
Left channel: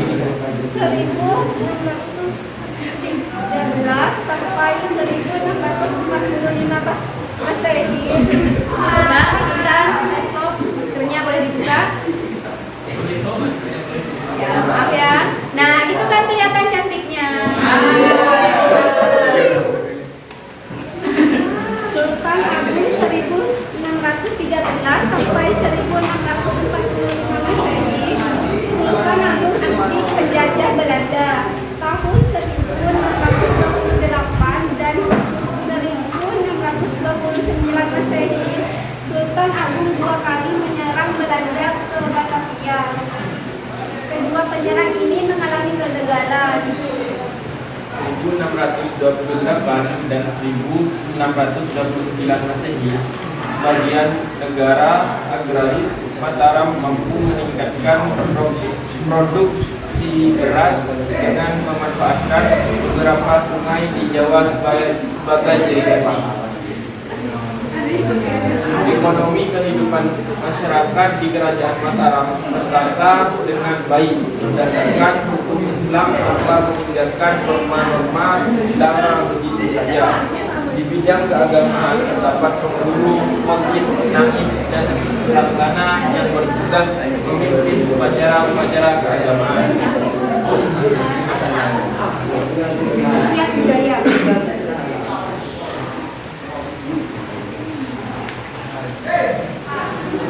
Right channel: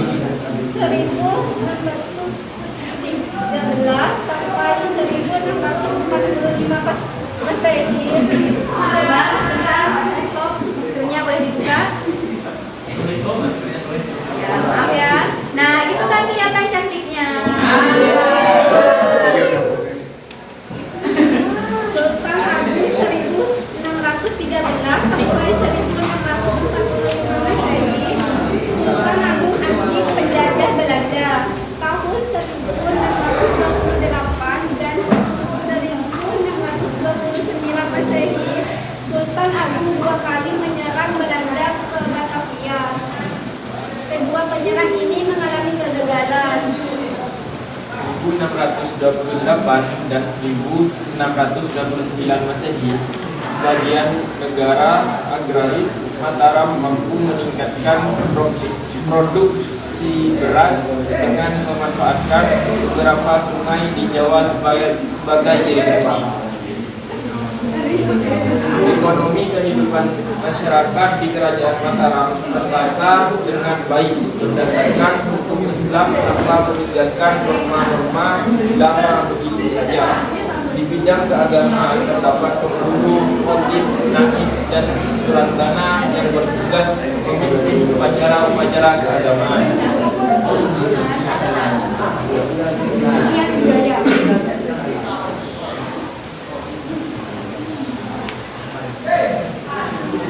1613 sampai 1645 Masehi. Sebentar, saya stop. Maskernya boleh dibuka. Ya, maaf ya. Nah, itu kan kelihatan cantiknya. Sultan Agung 1613 sampai 1645 Masehi. Sultan Agung anti penjajah Belanda tahun 1628 dan 1629 Masehi. Sultan Agung dua kali menyerang Belanda ke Batavia. Kedua penyerang ini mengalami kegagalan. 1628 dan 1629 Masehi, sebagian negara agraris Mataram mampu meningkatkan produksi beras dengan memanfaatkan beberapa sungai di Jawa sebagai irigasi. Ekonomi kehidupan masyarakat di Kerajaan Mataram tertata dengan baik berdasarkan hukum Islam tanpa meninggalkan norma-norma lama begitu saja. Di bidang keagamaan terdapat penghulu, khotib, naib, dan sultana yang bertugas memimpin upacara-upacara keagamaan. Siap budaya.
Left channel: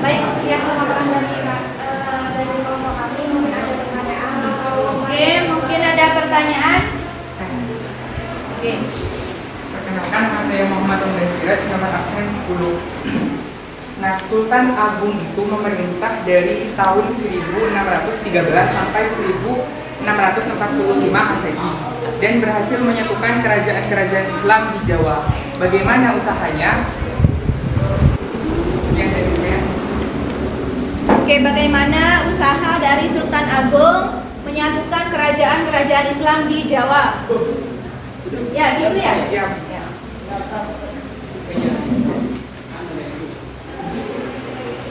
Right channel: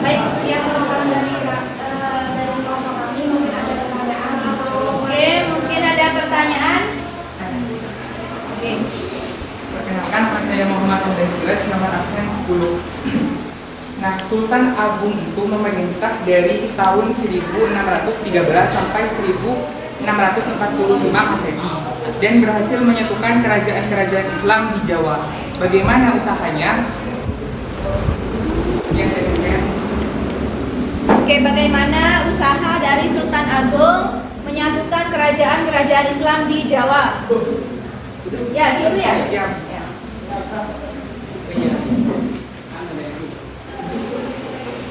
Baik, sekian pemaparan dari kelompok kami. Mungkin ada pertanyaan atau Oke, mungkin ada pertanyaan. Oke. Perkenalkan, nama saya Muhammad Hamdan Sirat, nomor absen 10. Nah, Sultan Agung itu memerintah dari tahun 1613 sampai 1645 Masehi dan berhasil menyatukan kerajaan-kerajaan Islam di Jawa. Bagaimana usahanya? Oke, bagaimana usaha dari Sultan Agung menyatukan kerajaan-kerajaan Islam di Jawa? Ya, gitu ya? Ya.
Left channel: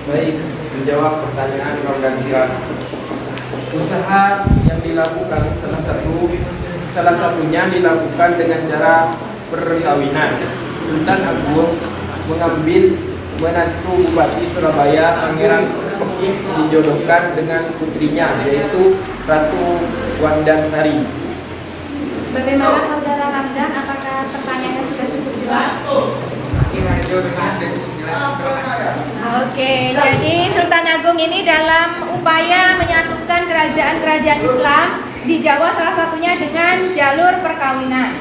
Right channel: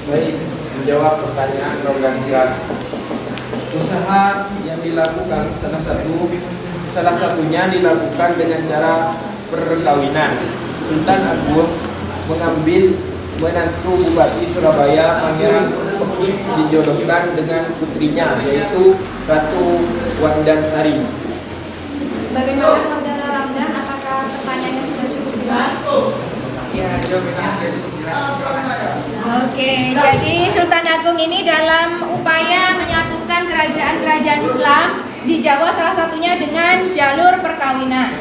Baik, menjawab pertanyaan Rogan Sirat. Usaha yang dilakukan salah satunya dilakukan dengan cara perkawinan. Sultan Agung mengambil menantu Bupati Surabaya Pangeran Pekik dijodohkan dengan putrinya, yaitu Ratu Wandansari. Bagaimana Saudara Ramdan? Apakah pertanyaannya sudah cukup jelas? Ya, jawabannya sudah cukup jelas. Oke, jadi Sultan Agung ini dalam upaya menyatukan kerajaan-kerajaan Islam di Jawa salah satunya dengan jalur perkawinan,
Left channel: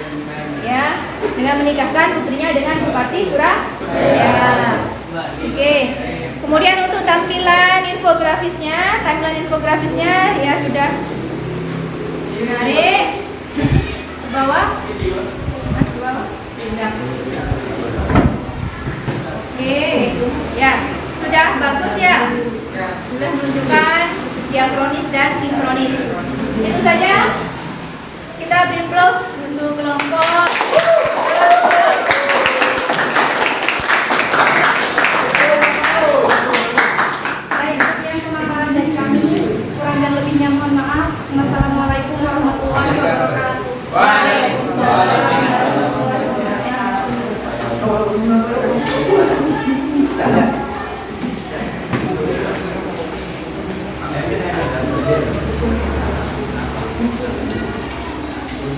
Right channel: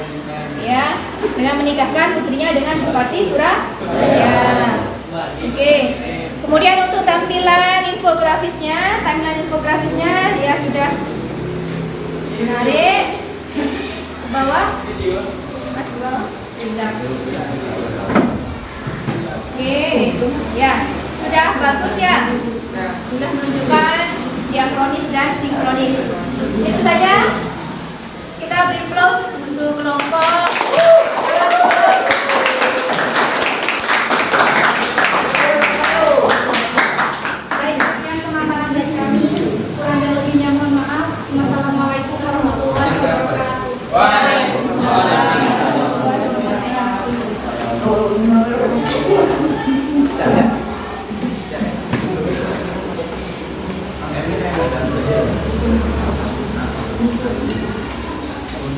ya, dengan menikahkan putrinya dengan Bupati Surabaya. Oke, kemudian untuk tampilan infografisnya, timeline infografisnya ya sudah menarik. Ke bawah, Mas, ke bawah. Sudah. Oke, ya sudah bagus ya. Sudah menunjukkan diakronis dan sinkronis. Itu saja. Kita beri applause untuk kelompok. Baik, sekian pemaparan dari kami. Kurang dan lebihnya mohon maaf. Wassalamualaikum warahmatullahi wabarakatuh. Waalaikumsalam.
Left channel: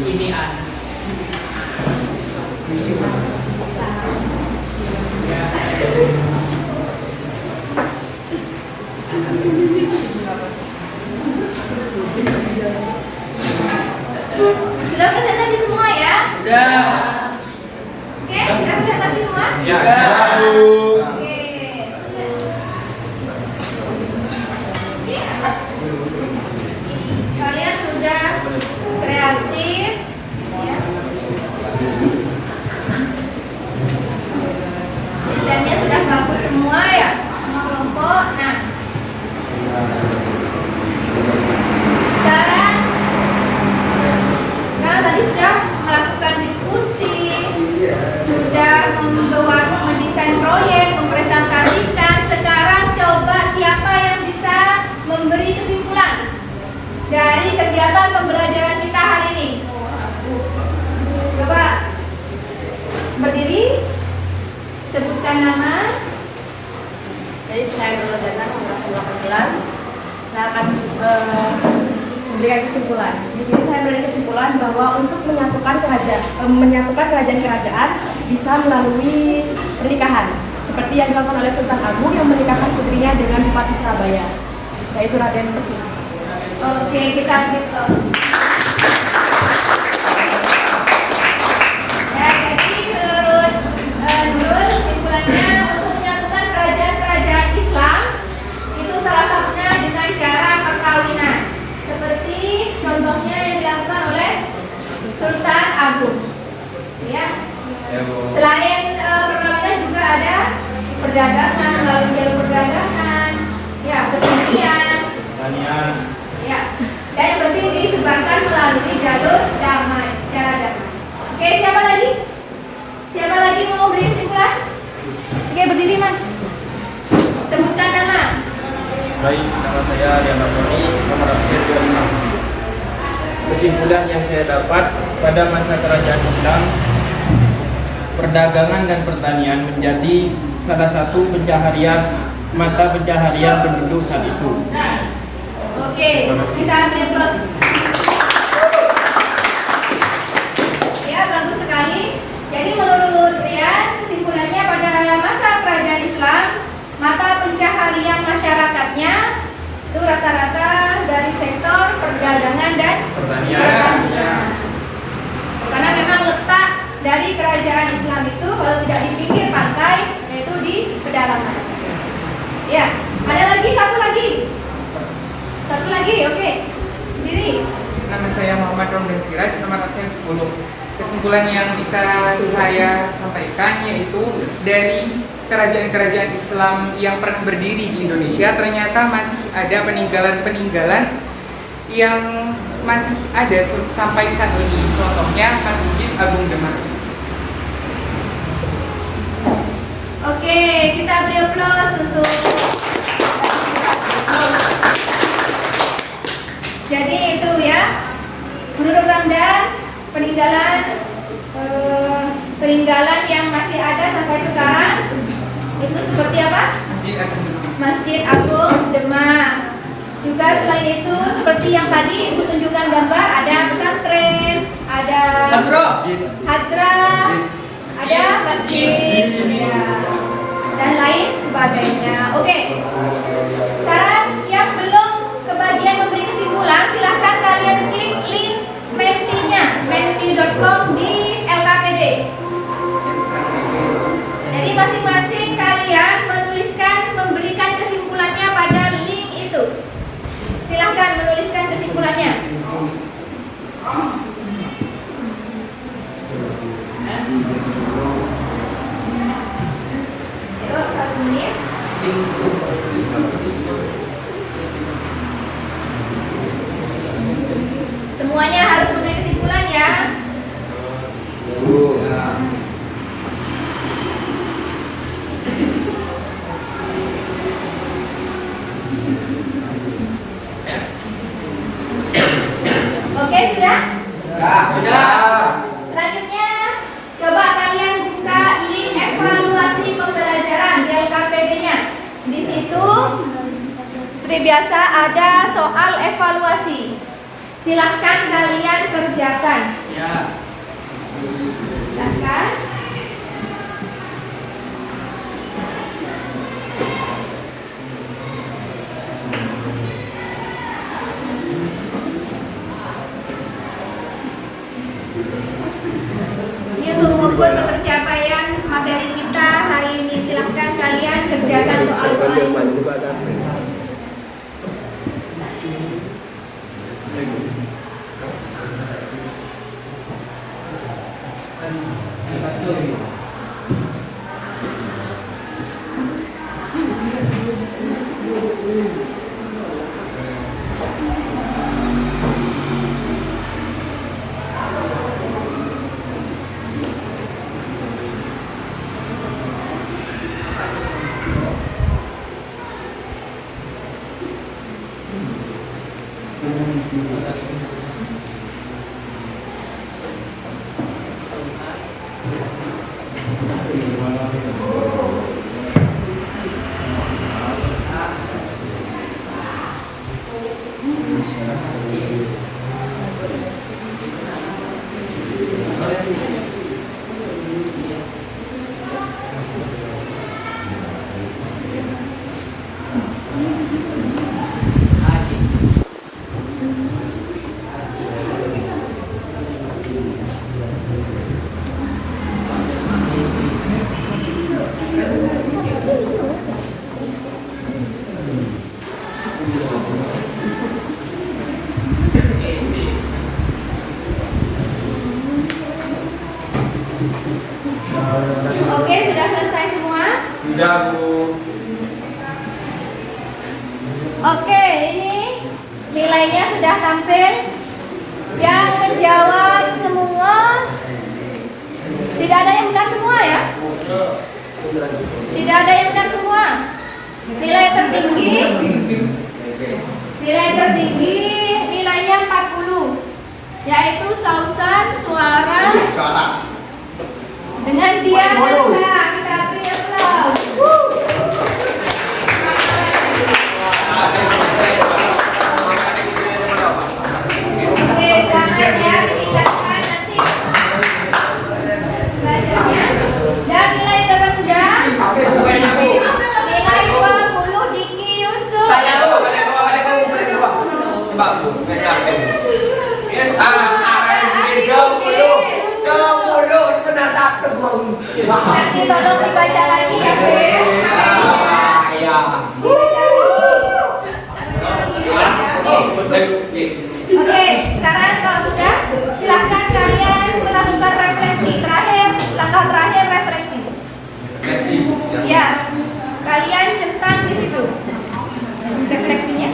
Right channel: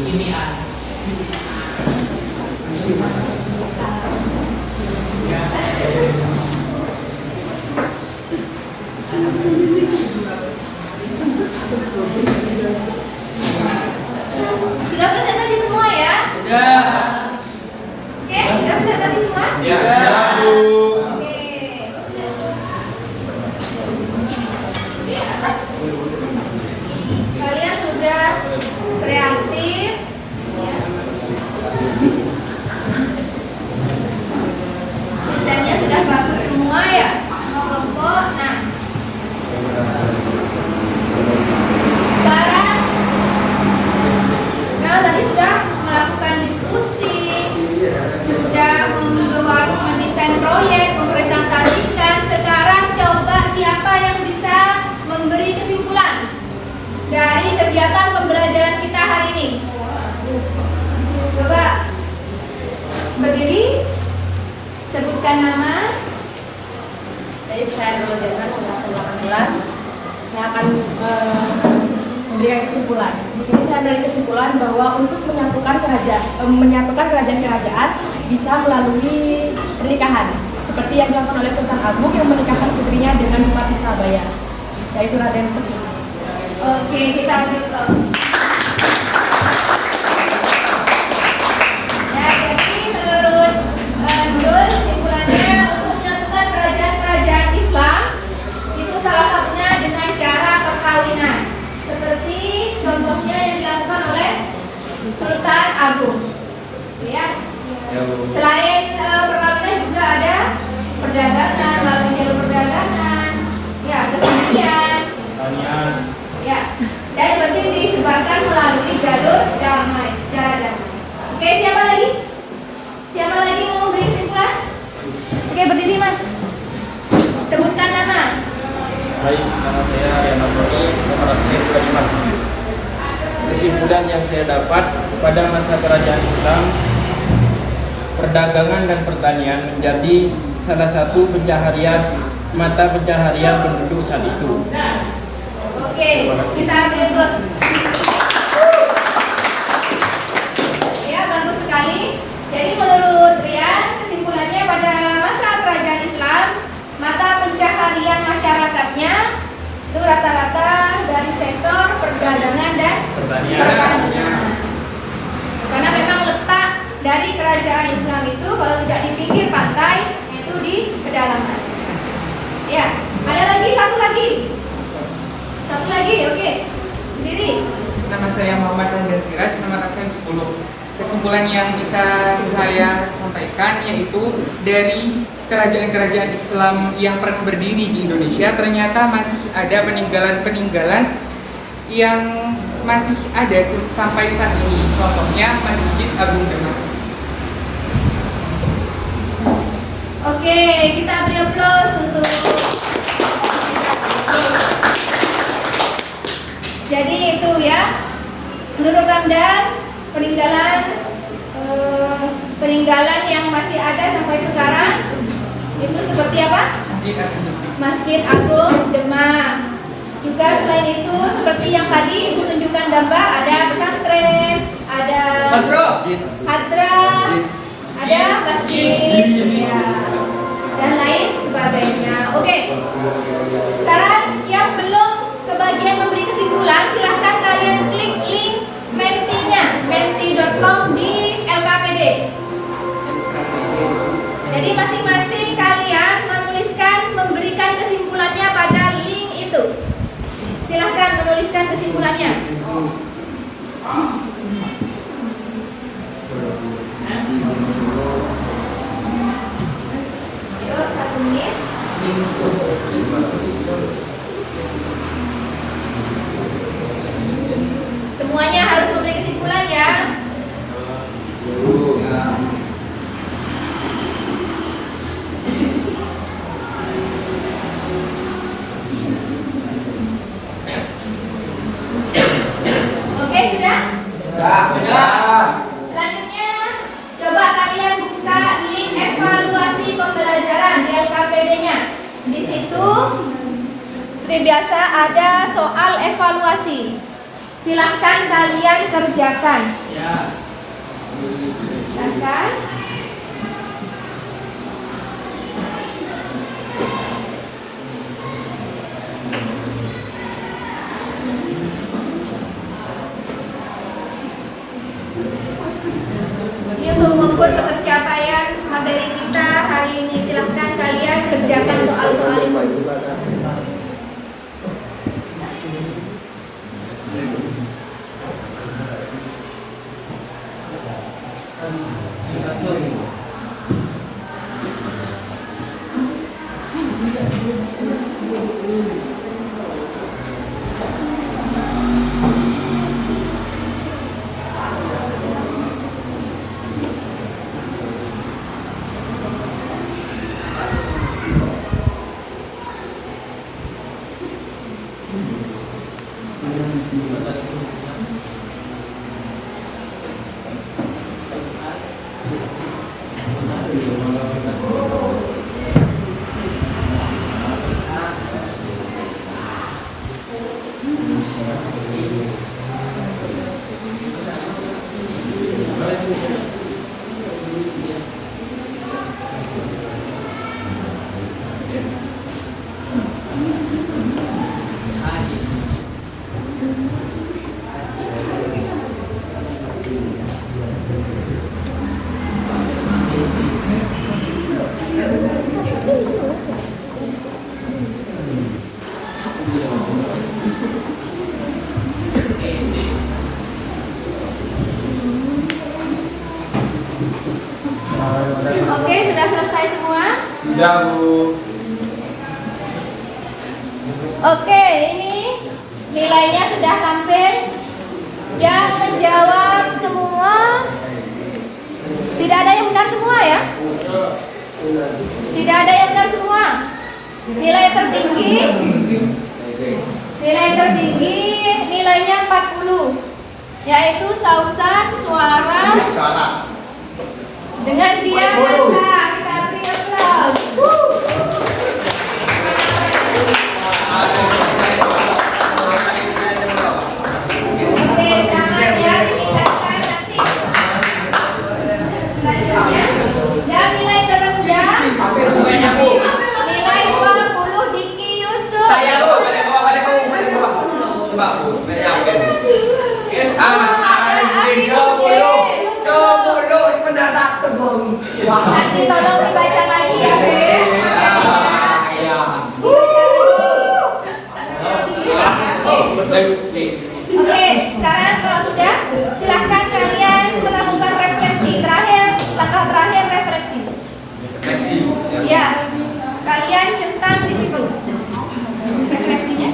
Ini Izin saya Nurul nomor 18. Saya akan memberikan kesimpulan. Di sini saya memberikan kesimpulan bahwa untuk menyatukan kerajaan-kerajaan bisa melalui pernikahan, seperti yang dilakukan oleh Sultan Agung yang menikahkan putrinya dengan Bupati Surabaya, yaitu Raden Petik. Oke, kita ambil terus. Ya, jadi menurut Nurul, kesimpulannya untuk menyatukan kerajaan-kerajaan Islam itu salah satunya dengan cara perkawinan, seperti contohnya yang dilakukan oleh Sultan Agung. Ya. Selain perkawinan juga ada perdagangan, melalui jalur perdagangan, ya, kesenian, ya, dan yang penting disebarkan melalui jalur damai, secara damai. Oke, siapa lagi? Siapa lagi mau beri kesimpulan? Oke, berdiri Mas. Sebutkan nama. Baik, nama saya Riana Prodi, nomor absen 25. Kesimpulan yang saya dapat, pada masa kerajaan Islam, perdagangan dan pertanian menjadi salah satu mata pencaharian penduduk saat itu. Oke, kita beri plus. Ya, bagus sekali. Jadi menurut Rian, kesimpulannya pada masa kerajaan Islam, mata pencaharian masyarakatnya itu rata-rata dari sektor perdagangan dan pertanian. Karena memang letak dari kerajaan Islam itu kalau tidak di pinggir pantai, yaitu di pedalaman. Ya, ada lagi satu lagi, oke. Jadi Nama saya Muhammad Romdan Siraj, nomor absen 10. Kesimpulan yang bisa saya sampaikan yaitu dari kerajaan-kerajaan Islam yang pernah berdiri di Indonesia ternyata masih ada peninggalan-peninggalan yang masih ada sampai saat ini. Contohnya Masjid Agung Demak. oke, kita beri aplaus untuk. Jadi itu ya, menurut Ramdan peninggalan yang masih ada sampai sekarang itu seperti apa? Masjid Agung Demak. Juga selain itu seperti yang tadi Ibu tunjukkan gambar, ada pesantren, ada hadrah, ada masjid, ya, dan lain sebagainya. Oke. Sekarang yang belum kebagian memberi kesimpulan, silahkan kalian klik link menti-nya, menti.com di LKPD. Jadi masing-masing kalian memberikan kesimpulannya pada link itu. Silahkan menuliskan kesimpulannya. So, 1 menit. Semuanya harus memberi kesimpulan ya. Oke, sudah? Sudah. Selanjutnya, coba kalian buka link evaluasi pembelajaran di LKPD-nya. Di situ, seperti biasa ada soal evaluasi. Silahkan kalian kerjakan. Ya. Silahkan. Ini untuk mengukur ketercapaian materi kita hari ini. Silahkan kalian kerjakan soal-soal itu. Sudah, Bu. Oke, ini nilainya sudah tampil. Yang menjawab semua, tidak ada yang benar semua ya? Tidak ada yang benar semua. Nilai tertinggi nilainya 40, yaitu Sausan Suara dengan dia kita beri aplaus. Oke, selanjutnya ditingkatkan nanti belajarnya. Dan nilai terendah nilai 20 Diki Yusuf. Coba Bu, nggak yakin. Yes, benar satu belum. Nanti tolong dibaca lagi ya, Bes. Oke, sekarang kalau sudah, silahkan kalian melakukan refleksi terakhir, langkah terakhir refleksi. Ya, kalian centang di situ refleksinya.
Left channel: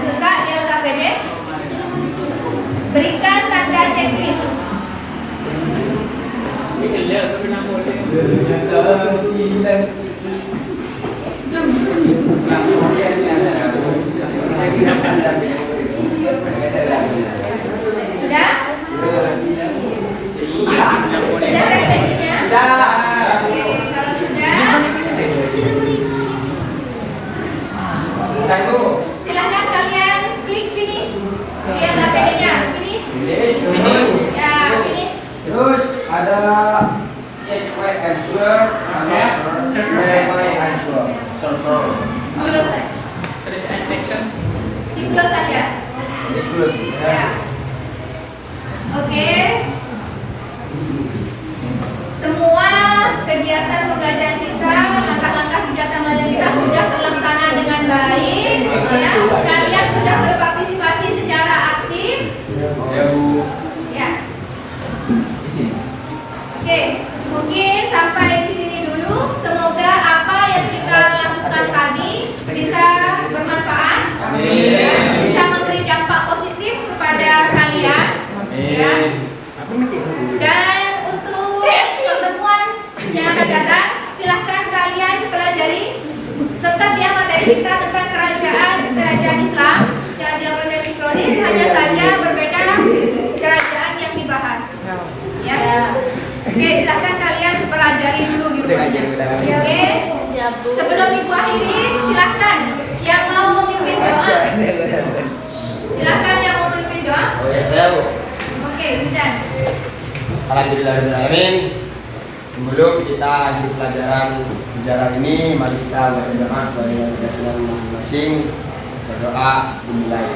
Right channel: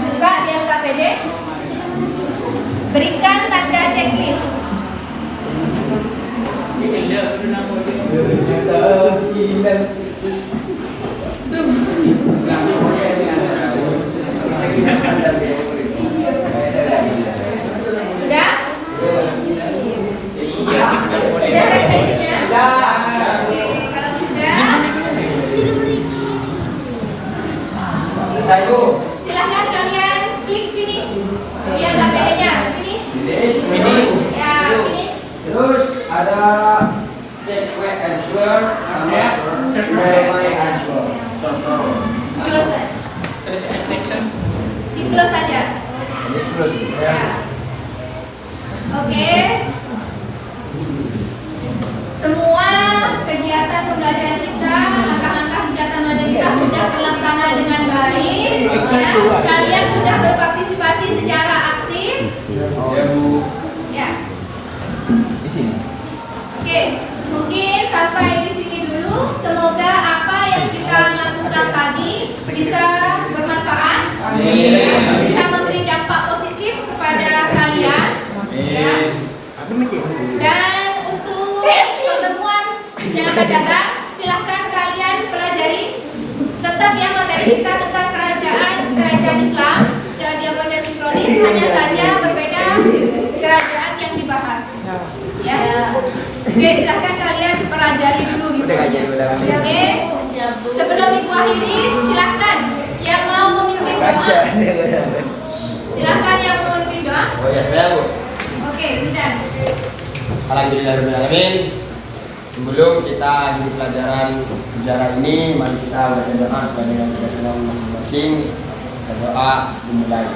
Buka di LKPD, berikan tanda checklist. Sudah? Sudah refleksinya? Oke, kalau sudah, silakan kalian klik finish. Lihat LKPD-nya, finish. Ya, finish. Terus ada check my answer sama my answer. Close. Di close saja. Ya. Oke. Semua kegiatan pembelajaran kita, langkah-langkah kegiatan pembelajaran kita sudah terlaksana dengan baik. Ya. Kalian sudah berpartisipasi secara aktif. Ya, Bu. Ya. Oke, mungkin sampai di sini dulu. Semoga apa yang kita lakukan tadi bisa bermanfaat, bisa memberi dampak positif kepada kalian. Ya. Dan untuk pertemuan yang akan datang, silahkan kalian pelajari tetap ya materi kita tentang kerajaan Islam. Jangan diambil dari kronis, hanya saja berbeda kerajaan yang dibahas. Ya. Oke, silahkan kalian pelajari dulu di rumahnya. Oke. Sebelum Ibu akhiri, silahkan yang mau memimpin doa. Silahkan yang mau memimpin doa. Oh ya, saya Bu. Oke, Bidan. Alhamdulillahirrahmanirrahim. Sebelum kita akhiri pelajaran sejarah ini, mari kita berdoa sesuai dengan keyakinan masing-masing. Berdoa dimulai.